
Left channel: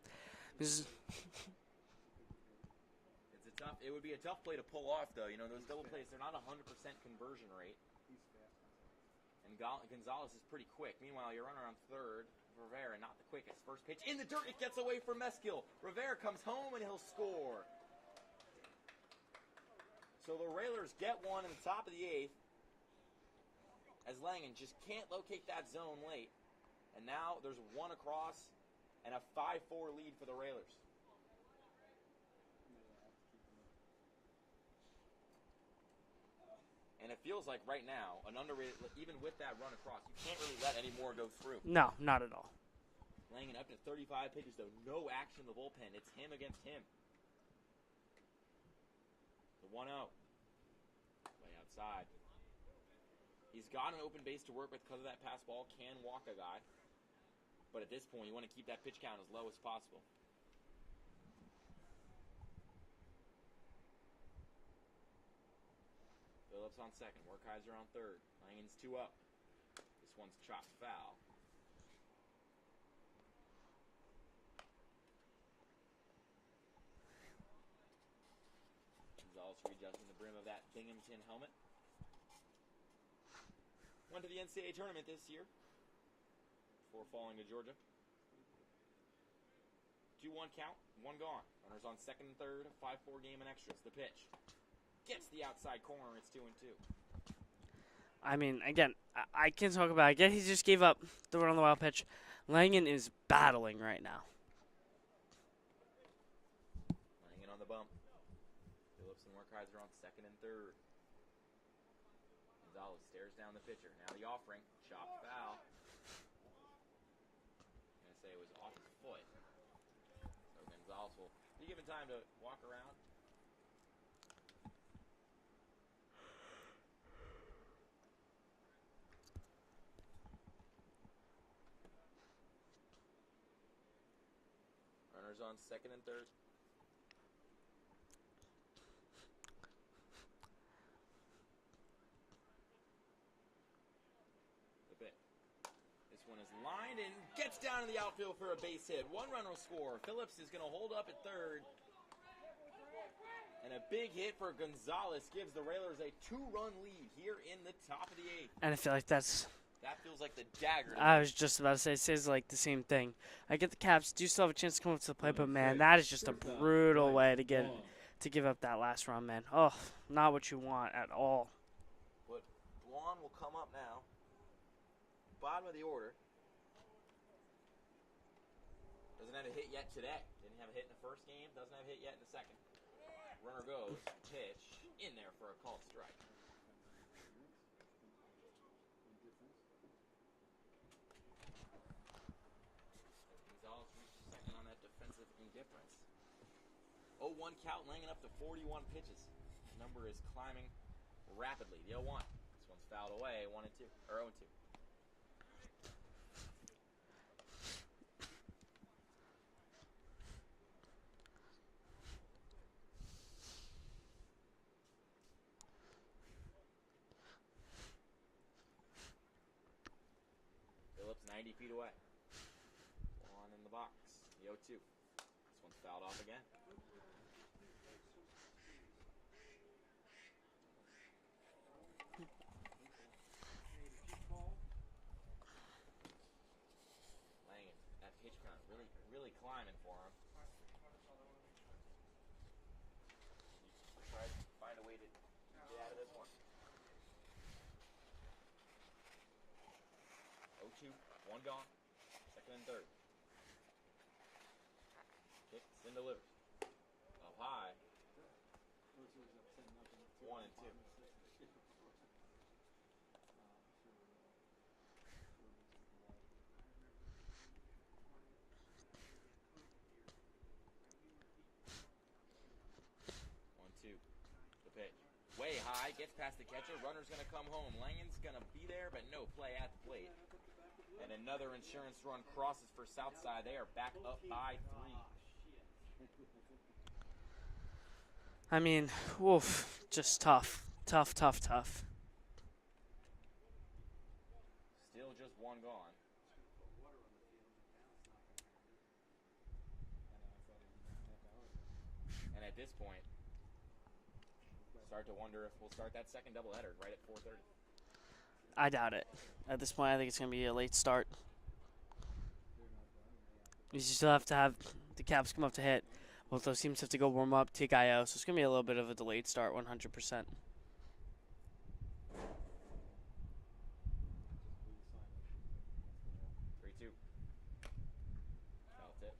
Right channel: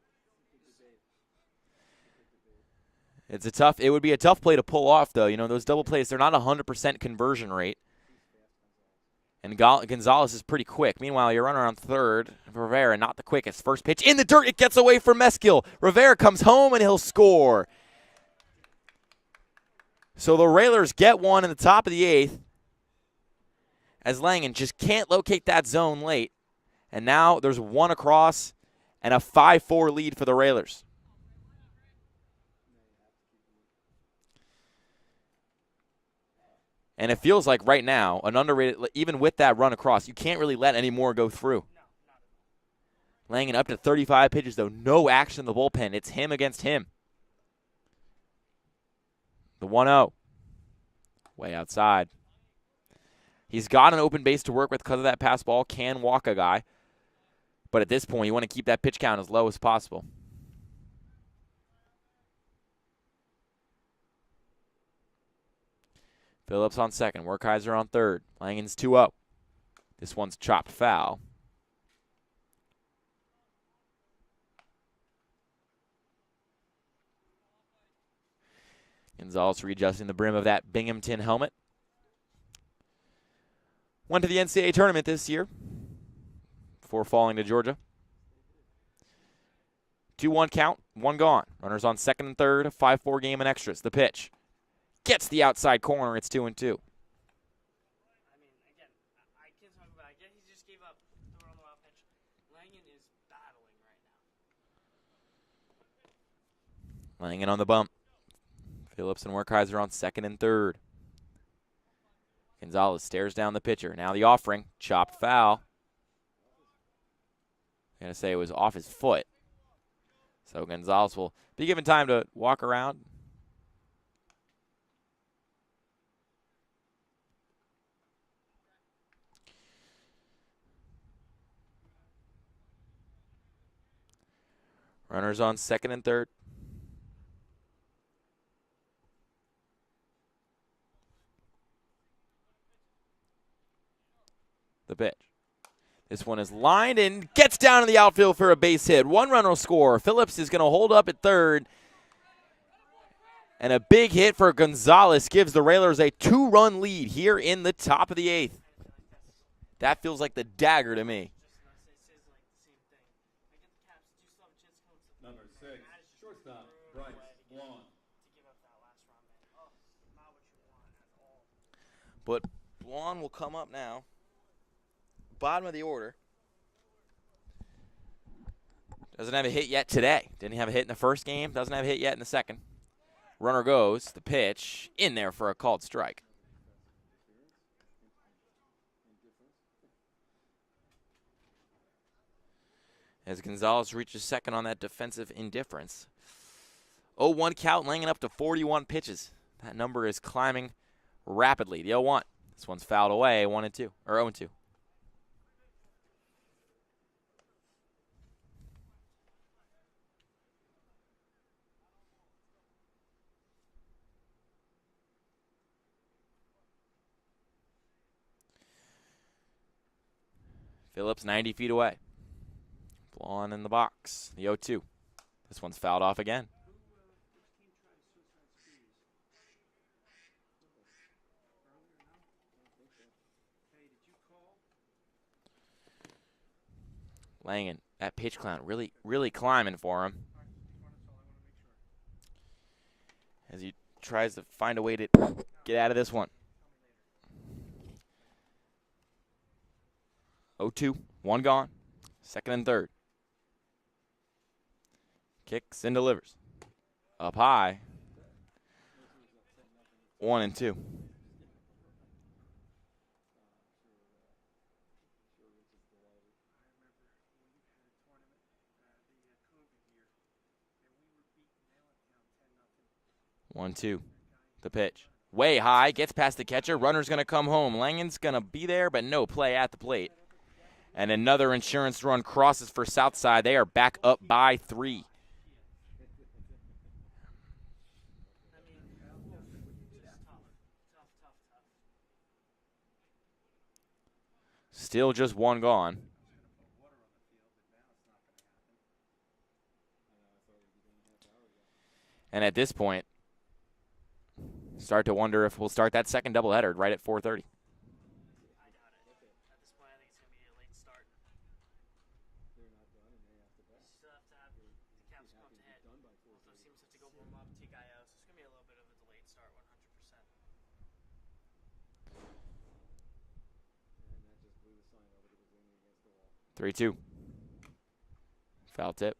It would be a tough play to pull off, though. You know, those double plays, they're not 100% conversion rate. And Gonzalez is pretty quick. Meanwhile, your runner on third, Rivera, not the quickest. First pitch in the dirt. It gets away from Meskel. Rivera comes home, and he'll score. So the Railers get one in the top of the 8th as Langen just can't locate that zone late. And now there's 1 across and a 5-4 lead for the Railers. And it feels like right now, an underrated, even with that run across, you can't really let any more go through. No, not at all. Langen up to 35 pitches, though. No action in the bullpen. It's him against him. The 1-0. Way outside. He's got an open base to work with because of that pass ball. Can walk a guy. But at this point, you want to keep that pitch count as low as possible. Phillips on second. Werkheiser on third. Langen's 2-0. This one's chopped foul. Gonzalez readjusting the brim of that Binghamton helmet. Went to the NCAA tournament this year before falling to Georgia. 2-1 count, 1 gone. Runners on second and third, a 5-4 game in extras. The pitch. Gets the outside corner. It's 2-2. I mean, again, I can't talk about it. Again, he just gave up the run on the wild pitch. Langen is battling right now. Langen on the bump. Phillips and Werkheiser on second and third. Gonzalez stares down the pitcher. Now the offering. Chopped foul. I'm going to say it was off his foot. So Gonzalez will be given time to walk around. Runners on second and third. The pitch. This one is lined and gets down in the outfield for a base hit. One runner will score. Phillips is going to hold up at third. And a big hit for Gonzalez gives the Railers a 2-run lead here in the top of the 8th. And I feel like that feels like the dagger to me. I was just about to say, it says like the same thing. I get the Caps do still have a chance to come up to the plate, but man, that is just a brutal way to give up that last run, man. Oh, not what you want at all. But Blonde will come up now. Bottom of the order. Doesn't have a hit yet today. Didn't have a hit in the first game. Doesn't have a hit yet in the second. Runner goes. The pitch in there for a called strike. As Gonzalez reaches second on that defensive indifference. 0-1 count, laying up to 41 pitches. That number is climbing rapidly. The 0-1. This one's fouled away. 1-2 or 0-2. Phillips 90 feet away. Blonde in the box. The 0-2. This one's fouled off again. Langen, that pitch count really climbing for him. As he tries to find a way to get out of this one. 0-2, one gone. Second and third. Kicks and delivers. Up high. 1-2. One, two. The pitch. Way high. Gets past the catcher. Runner's going to come home. Langen's going to be there, but no play at the plate. And another insurance run crosses for Southside. They are back up by 3. I mean, woof, just tough. Tough. Still just one gone. And at this point, start to wonder if we'll start that second doubleheader right at 4:30. I doubt it. At this point, I think it's going to be a late start. You still have to have the Caps come up to hit. Both those teams have to go warm up, take IO, so it's going to be a little bit of a delayed start, 100%. Three, two. Foul tip.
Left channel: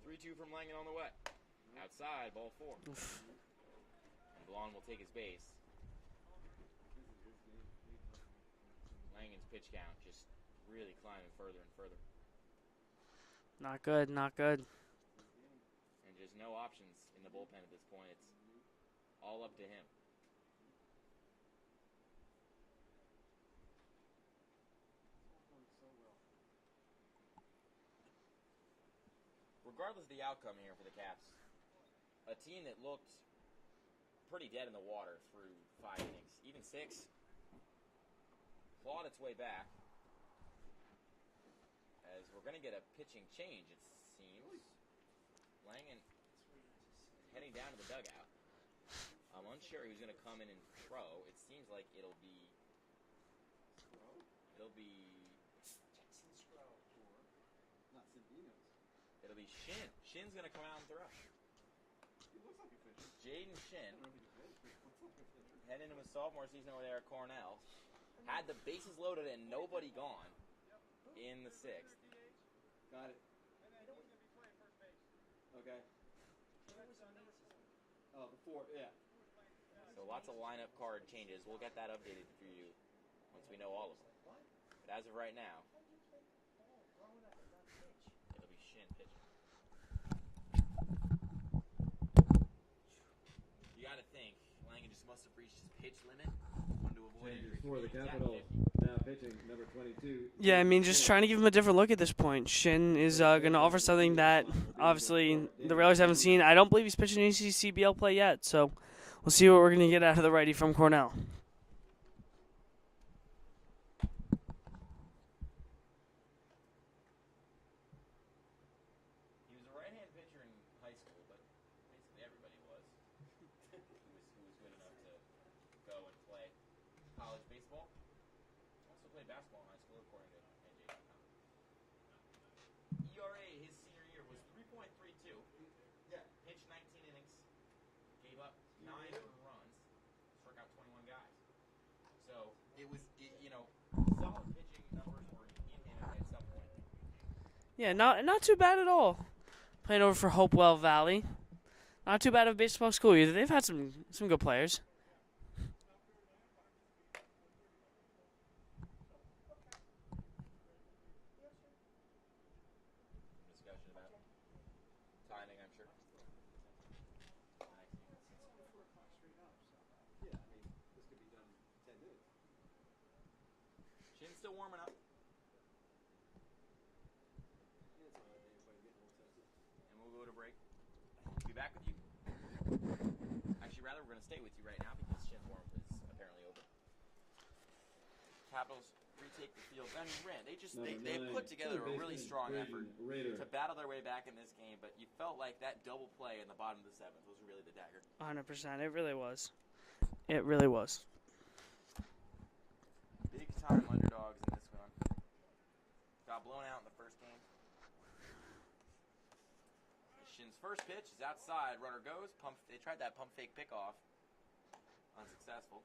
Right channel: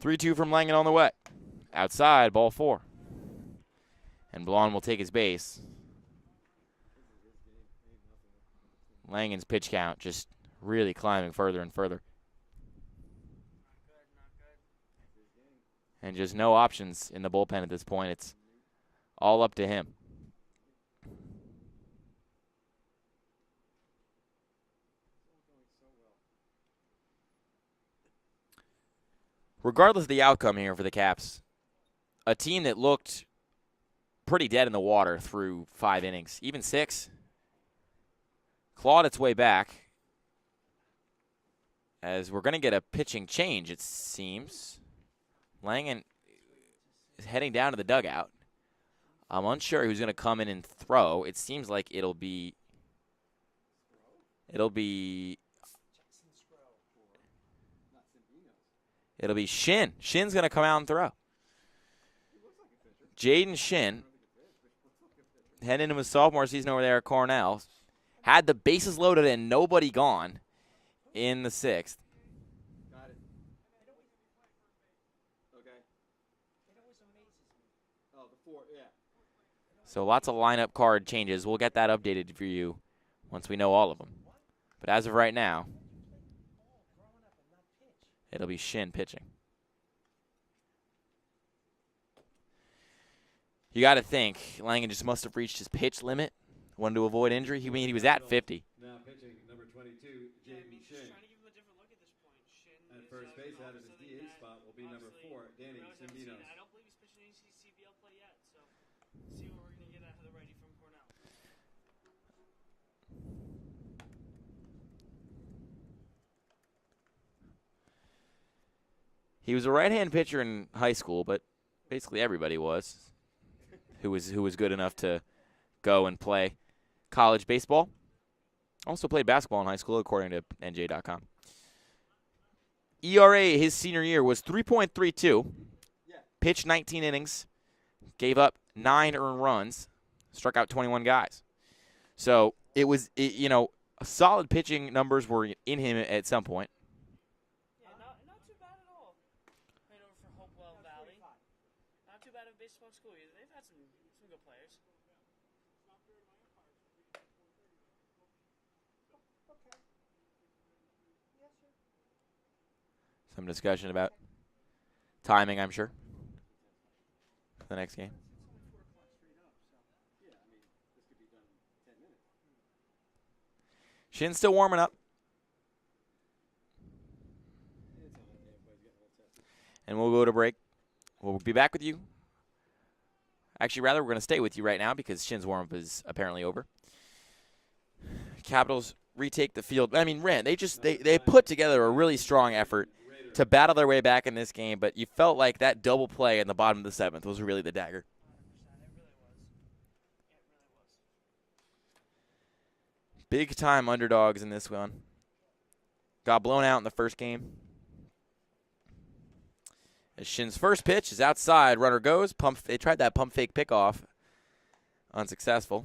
Three, two from Langen on the way. Outside, ball 4. And Blonde will take his base. Langen's pitch count just really climbing further and further. Not good, not good. And just no options in the bullpen at this point. It's all up to him. Regardless of the outcome here for the Caps, a team that looked pretty dead in the water through 5 innings, even 6, clawed its way back. As we're going to get a pitching change, it seems. Langen is heading down to the dugout. I'm unsure who's going to come in and throw. It seems like it'll be Shin. Shin's going to come out and throw. Jaden Shin heading into his sophomore season over there at Cornell. Had the bases loaded and nobody gone in the 6th. Got it. Okay. Oh, the 4, yeah. So lots of lineup card changes. We'll get that updated for you once we know all of them. But as of right now, it'll be Shin pitching. You got to think, Langen just must have reached his pitch limit, wanted to avoid injury. He was at 50. Now pitching, number 22. Yeah, I mean, just trying to give him a different look at this point. Shin is going to offer something that, obviously, the Railers haven't seen. I don't believe he's pitching ECCBL play yet, so we'll see what we're going to get out of the righty from Cornell. He was a right-hand pitcher in high school, but basically everybody was who was good enough to go and play college baseball. Also played basketball in high school, according to NJ.com. ERA his senior year was 3.32. Pitched 19 innings, gave up 9 earned runs, struck out 21 guys. So solid pitching numbers were in him at some point. Yeah, not too bad at all. Playing over for Hopewell Valley. Not too bad of a baseball school either. They've had some good players. Some discussion about timing, I'm sure, for the next game. Shin's still warming up. And we'll go to break. We'll be back with you. Actually, rather, we're going to stay with you right now because Shin's warm-up is apparently over. Capitals retake the field. I mean, Rand, they put together a really strong effort to battle their way back in this game, but you felt like that double play in the bottom of the 7th was really the dagger. 100%. It really was. It really was. Big-time underdogs in this one. Got blown out in the first game. As Shin's first pitch is outside, runner goes. They tried that pump fake pickoff. Unsuccessful.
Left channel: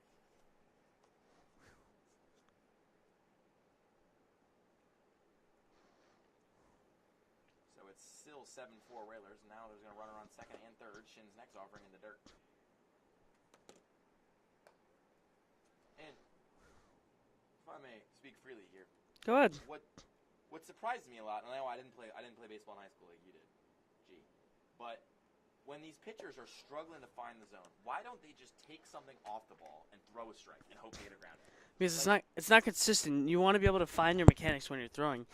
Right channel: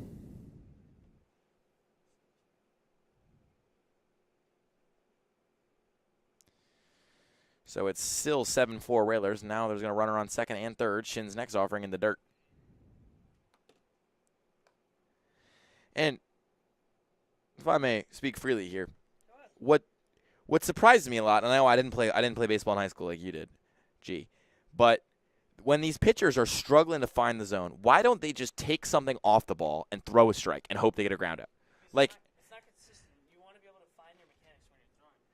So it's still 7-4 Railers. Now there's going to runner on second and third. Shin's next offering in the dirt. And if I may speak freely here. Go ahead. What surprised me a lot, and I know I didn't play baseball in high school like you did. But when these pitchers are struggling to find the zone, why don't they just take something off the ball and throw a strike and hope they get a ground out? Because it's not consistent. You want to be able to find your mechanics when you're throwing.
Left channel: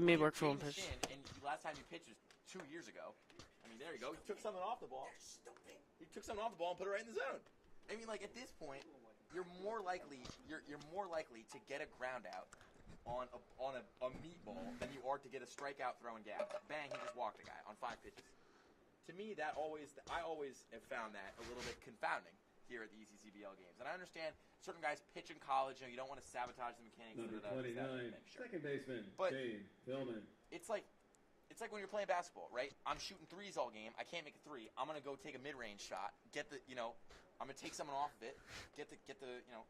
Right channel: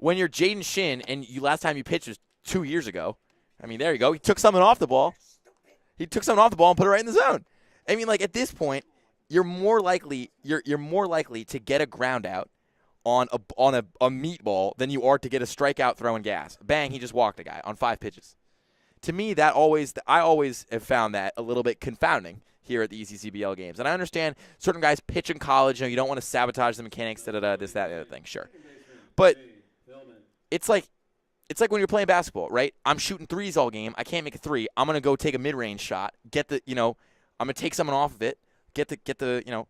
When you're Jaden Shin and last time you pitched was 2 years ago, I mean, there you go. He took something off the ball. He took something off the ball and put it right in the zone. I mean, like at this point, you're more likely to get a ground out on a meatball than you are to get a strikeout throwing gas. Bang, he just walked a guy on 5 pitches. To me, I always have found that a little bit confounding here at the ECCBL games. And I understand certain guys pitch in college, you don't want to sabotage the mechanics, this, that, and the other thing, sure. But it's like when you're playing basketball, right? I'm shooting threes all game. I can't make a three. I'm going to go take a mid-range shot, I'm going to take someone off of it, get the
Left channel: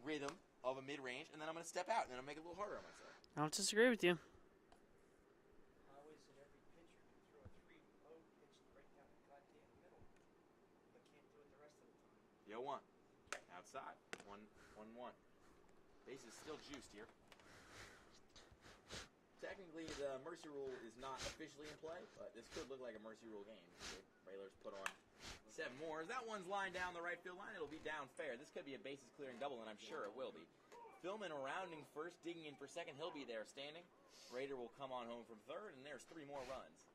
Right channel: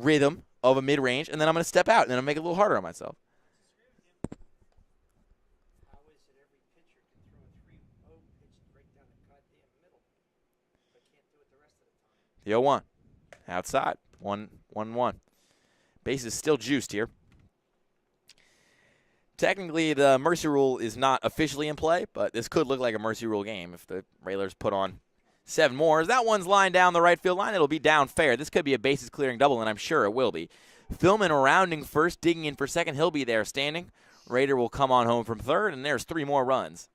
rhythm of a mid-range, and then I'm going to step out, and then I'll make it a little harder on myself. I don't disagree with you. The 0-1. Outside. 1-1. Base is still juiced here. Technically, the mercy rule is not officially in play, but this could look like a mercy rule game if the Railers put on 7 more. As that one's lined down the right field line, it'll be down fair. This could be a bases clearing double, and I'm sure it will be. Philman rounding first, digging in for second. He'll be there standing. Raider will come on home from third, and there's 3 more runs.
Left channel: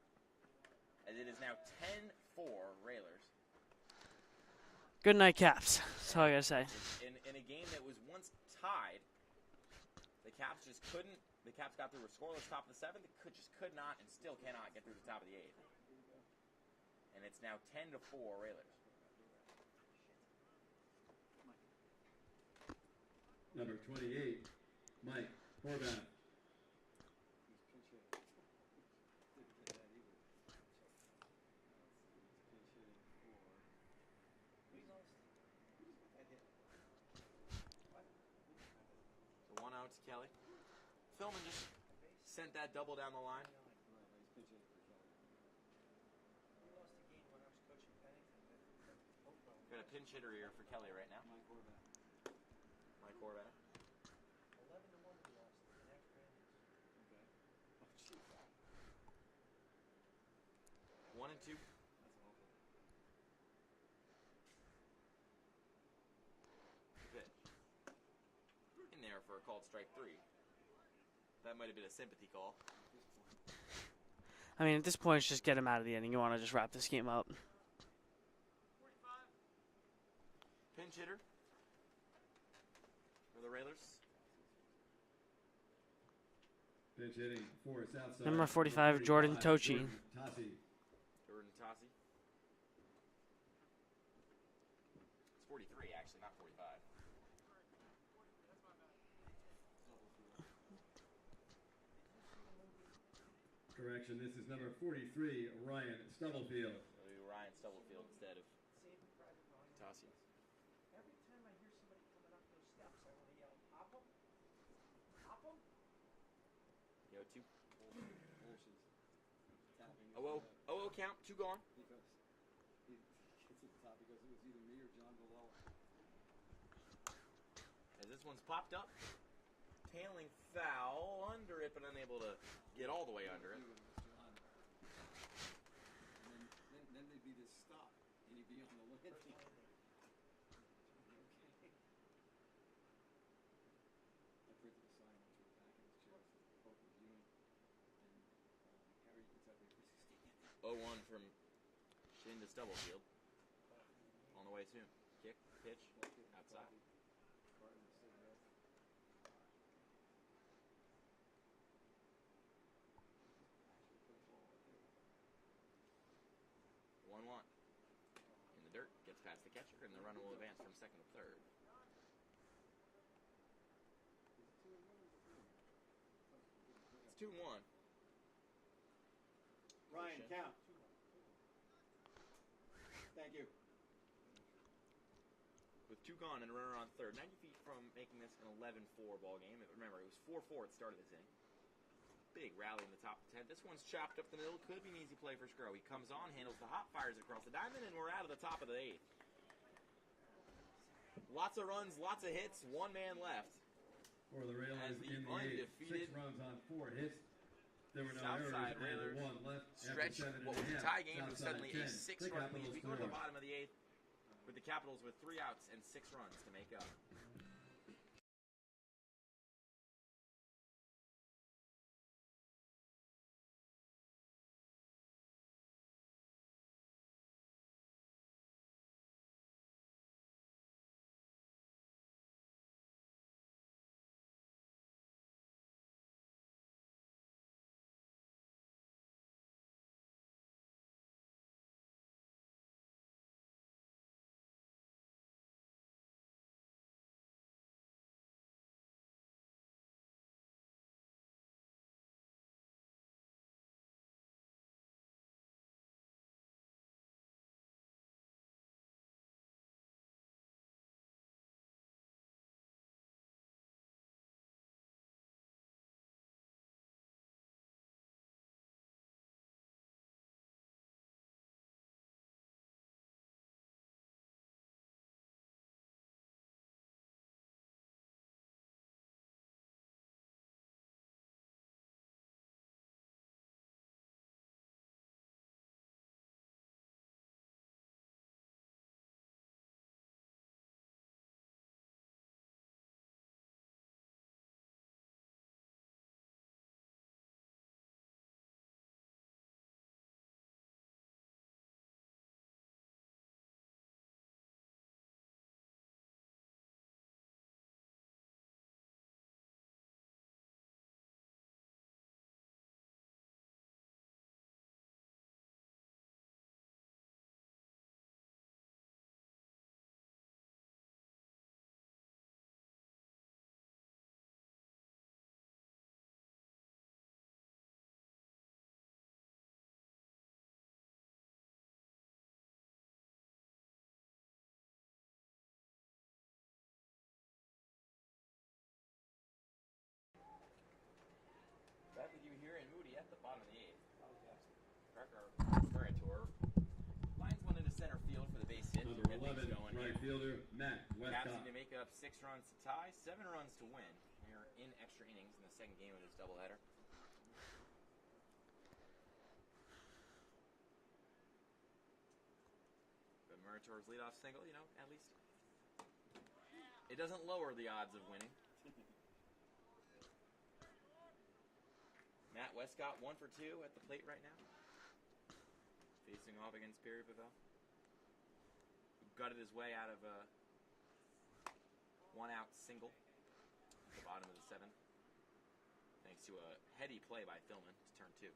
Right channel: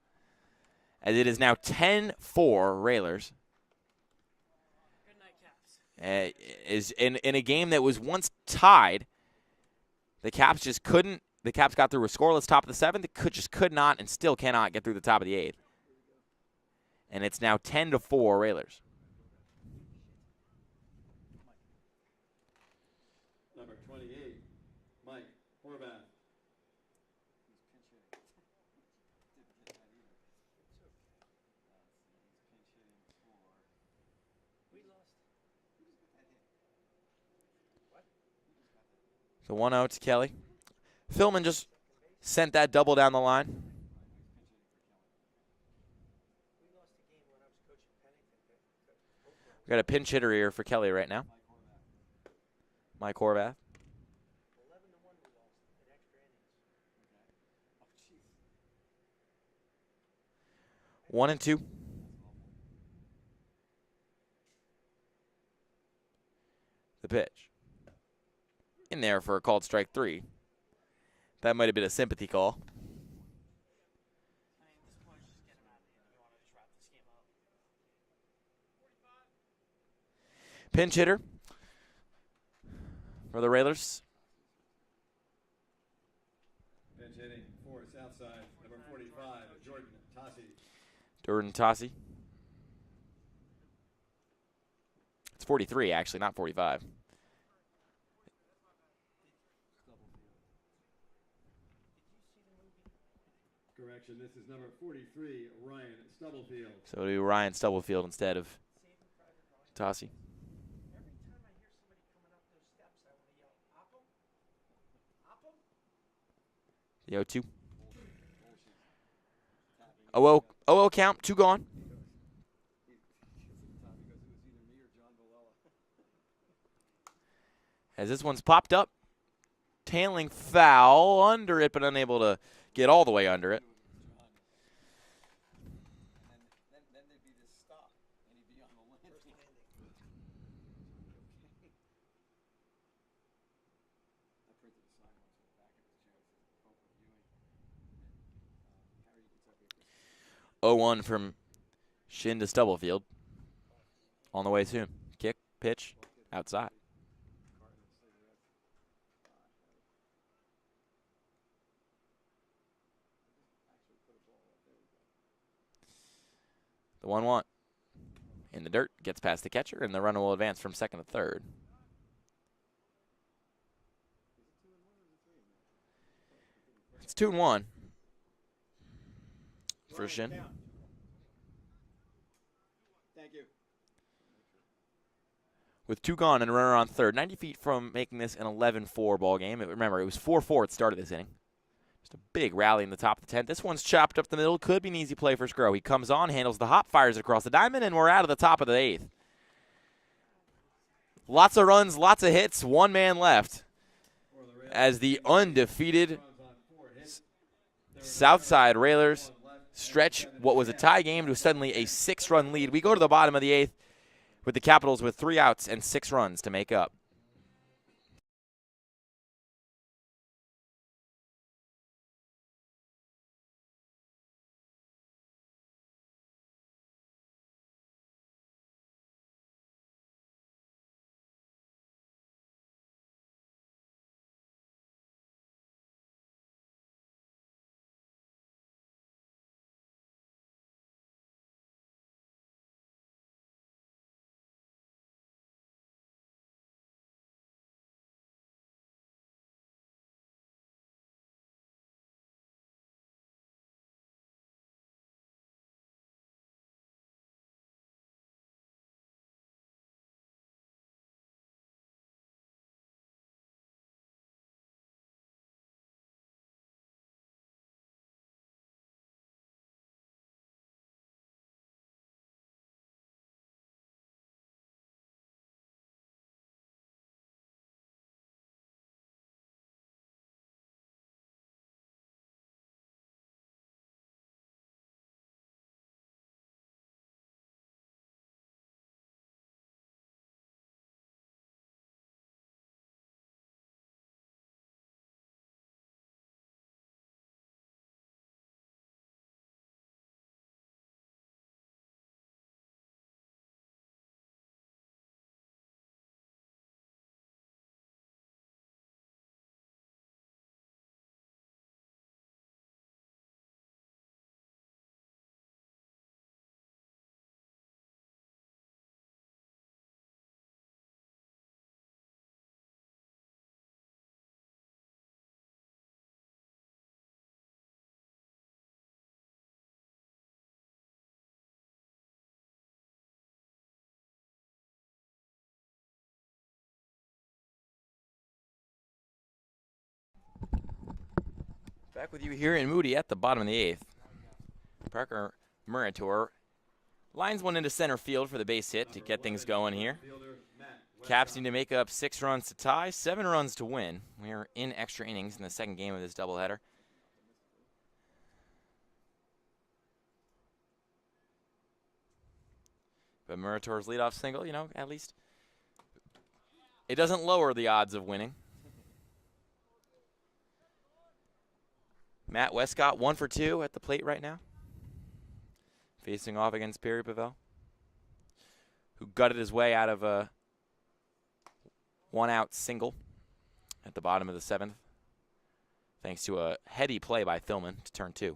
As it is now 10-4 Railers. Good night, Caps. That's all I got to say. Is in a game that was once tied, the Caps just couldn't. The Caps got through a scoreless top of the 7th. They could not and still cannot get through the top of the 8th. And it's now 10-4 Railers. Number 28, Mike Horvath. The 1-0 to Kelly. Philman just sent that double down the line. We got a pinch hitter here for Kelly right now. Mike Horvath. 1-2. The pitch. In there for a called strike 3. That might have been a sympathy call. I mean, at this point, it's just get him out of the inning. You want to just wrap this game up. Pinch hitter for the Railers. Pitch hitting for Southside. Number 45, Jordan Tochi. Jordan Tossi. It's 43, actually, not 45. Correction, this is number 43, Ryan Stubblefield. So we'll do Ryan Stubblefield instead of Tossi. The 0-2. 0-0 count, 2 gone. As this one's popped up. Tailing foul under it, but unable to get all the way under it. Oh, 0-1 from Shin to Stubblefield. On the way soon. Kick, pitch, outside. The 1-1 in the dirt, gets past the catcher, and the runner will advance from second to third. It's 2-1 for Shin. Thank you. With 2 gone and a runner on third. 90 feet from making this an 11-4 ball game. Remember, it was 4-4 at the start of this inning. Just a big rally in the top of the 10th. This one's chopped up the middle. Could be an easy play for Scro. He comes on, handles the hop, fires it across the diamond, and we're out of the top of the 8th. Lots of runs, lots of hits, 1 man left as the undefeated Southside Railers stretch what was a tie game to suddenly a 6-run lead. We go to the bottom of the 8th with the Capitals with 3 outs and 6 runs to make up. Back with you here in Moody at the bottom of the 8th. Parker Murator lines one into center field for the base hit to get things going here. Caps need to make up 6 runs to tie, 7 runs to win. We're in extra innings in the second game of this doubleheader. But Murator's leadoff single, you know, at least it doesn't lower the odds of winning. Matt Westcott 1 for 2 at the plate right now, facing off against Perry Pavel, who gutted his way out of a 1-out single at the bottom of the 7th, thanks to a heady play by Thillman to turn 2.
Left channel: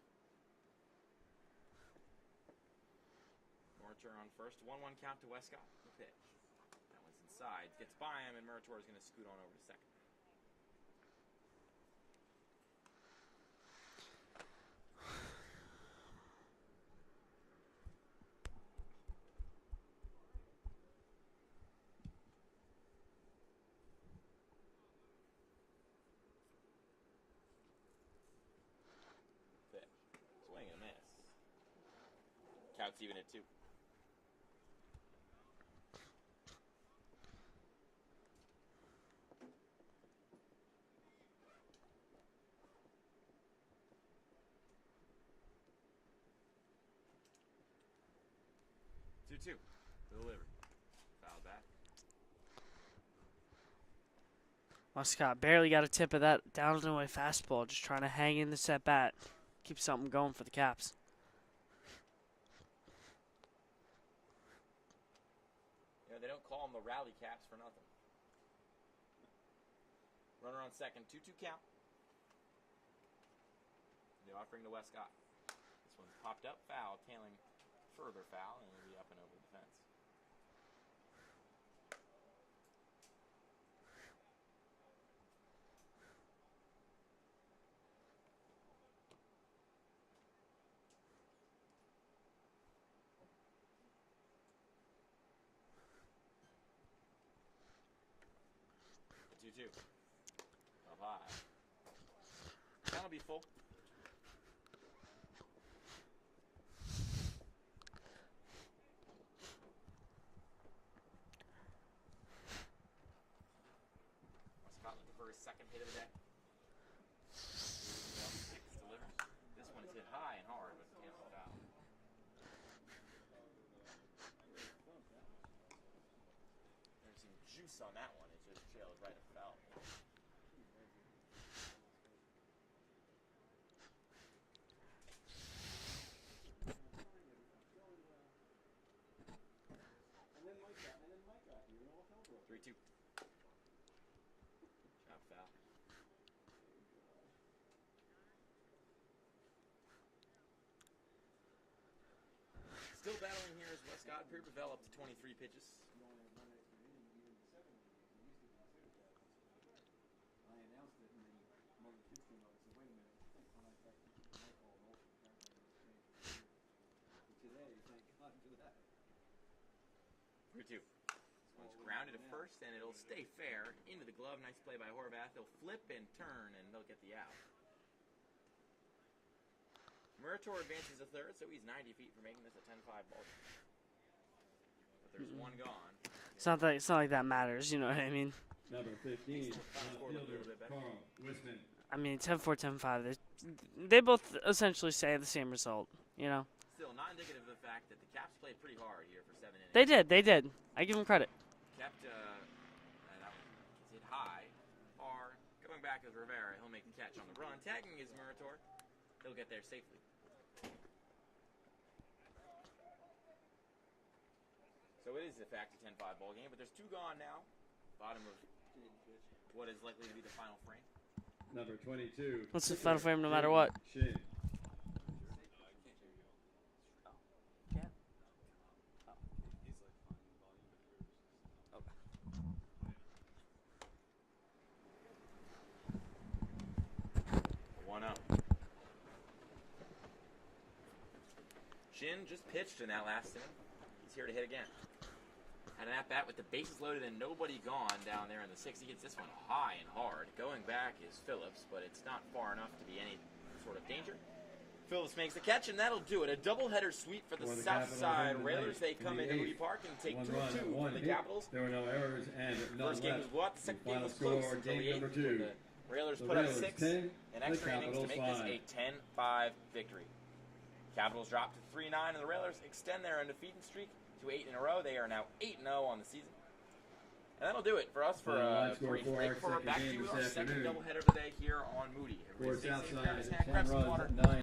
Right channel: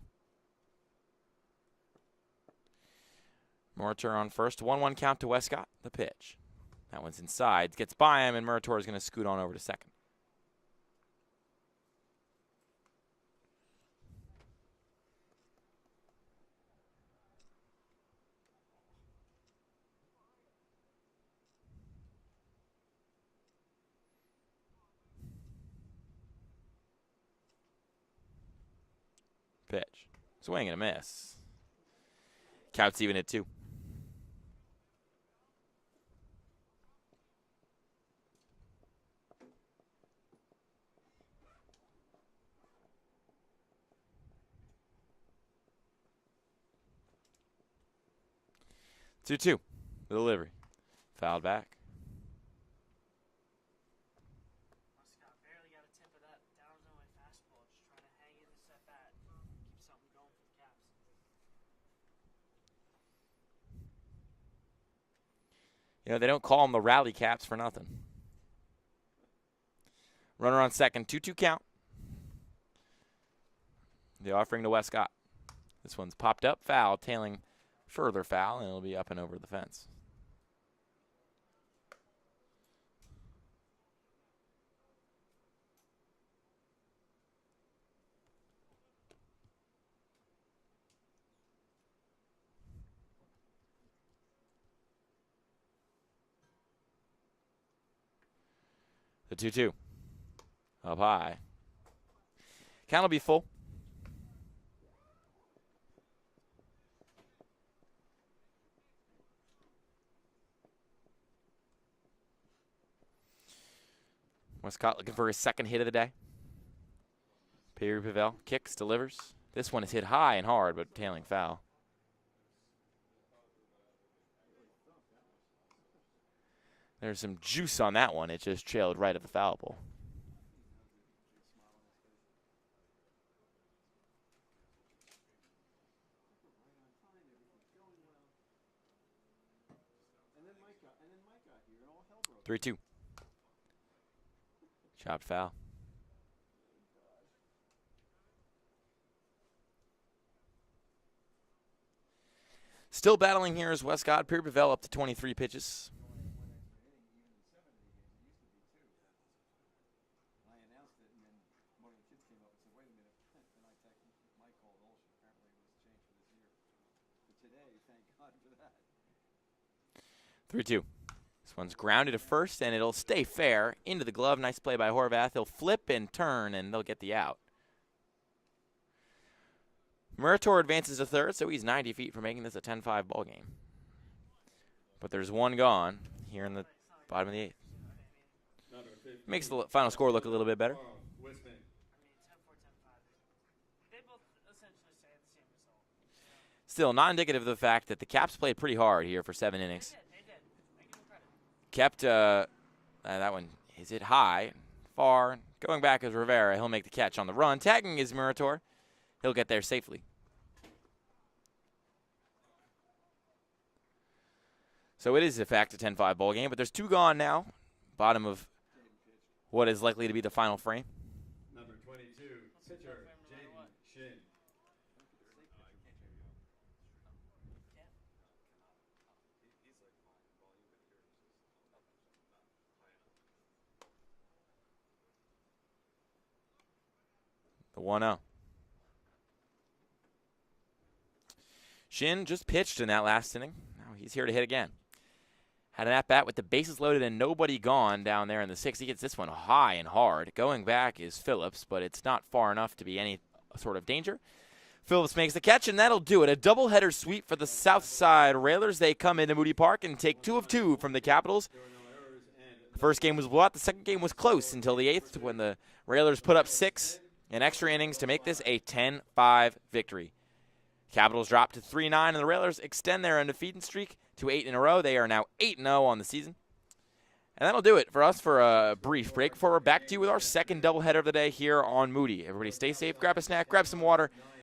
Murator on first, 1-1 count to Westcott. The pitch. That one's inside, gets by him, and Murator is going to scoot on over to second. Pitch. Swing and a miss. Count's even at 2. Two. The delivery. Fouled back. Scott barely got a tip of that down and away fastball, just trying to hang in the at bat. Keep something going for the Caps. You know, they don't call them the Rally Caps for nothing. Runner on second, 2-2 count. The offering to Westcott. This one's popped up, foul, tailing further foul, and it'll be up and over the fence. The 2-2. Up high. Count will be full. Westcott looking for his second hit of the day. Perry Pavel kicks, delivers. This one is hit high and hard, but tailing foul. There's some juice on that one. It just trailed right at the foul pole. Three-two. Chopped foul. Still battling here is Westcott. Perry Pavel up to 23 pitches. Three-two. This one's grounded to first, and it'll stay fair. Into the glove. Nice play by Horvath. He'll flip and turn, and they'll get the out. Murator advances to third, so he's 90 feet from making this a 10-5 ball game. But there's one gone. Here it's not like that matters, you know what I mean? Makes the final score look a little bit better. I mean, 10-4, 10-5. They both essentially say the same result, you know? Still, not indicative of the fact that the Caps played pretty hard here for 7 innings. They did. I give them credit. Kept, that one is hit high, far. Going back is Rivera. He'll make the catch on the run. Tagging is Murator. He'll get there safely. So it is, in fact, a 10-5 ball game, but there's 2 gone now. Bottom of what is likely to be the final frame. Number 22. What's the final frame no matter what? The 1-0. Shin just pitched in that last inning. Now he's here to hit again. Had an at-bat with the bases loaded and nobody gone down there in the 6th. He gets this one high and hard. Going back is Phillips, but it's not far enough to be any sort of danger. Phillips makes the catch, and that'll do it. A doubleheader sweep for the Southside Railers. They come into Moody Park and take 2 of 2 from the Capitals. First game was blowout. The second game was close until the 8th when the Railers put up 6 in extra innings to make this a 10-5 victory. Capitals drop to 3-9, and the Railers extend their undefeated streak to 8 in a row. They are now 8-0 on the season. And that'll do it for us for a brief break before we're back to you with our second doubleheader of the day here on Moody. Everybody stay safe, grab a snack, grab some water.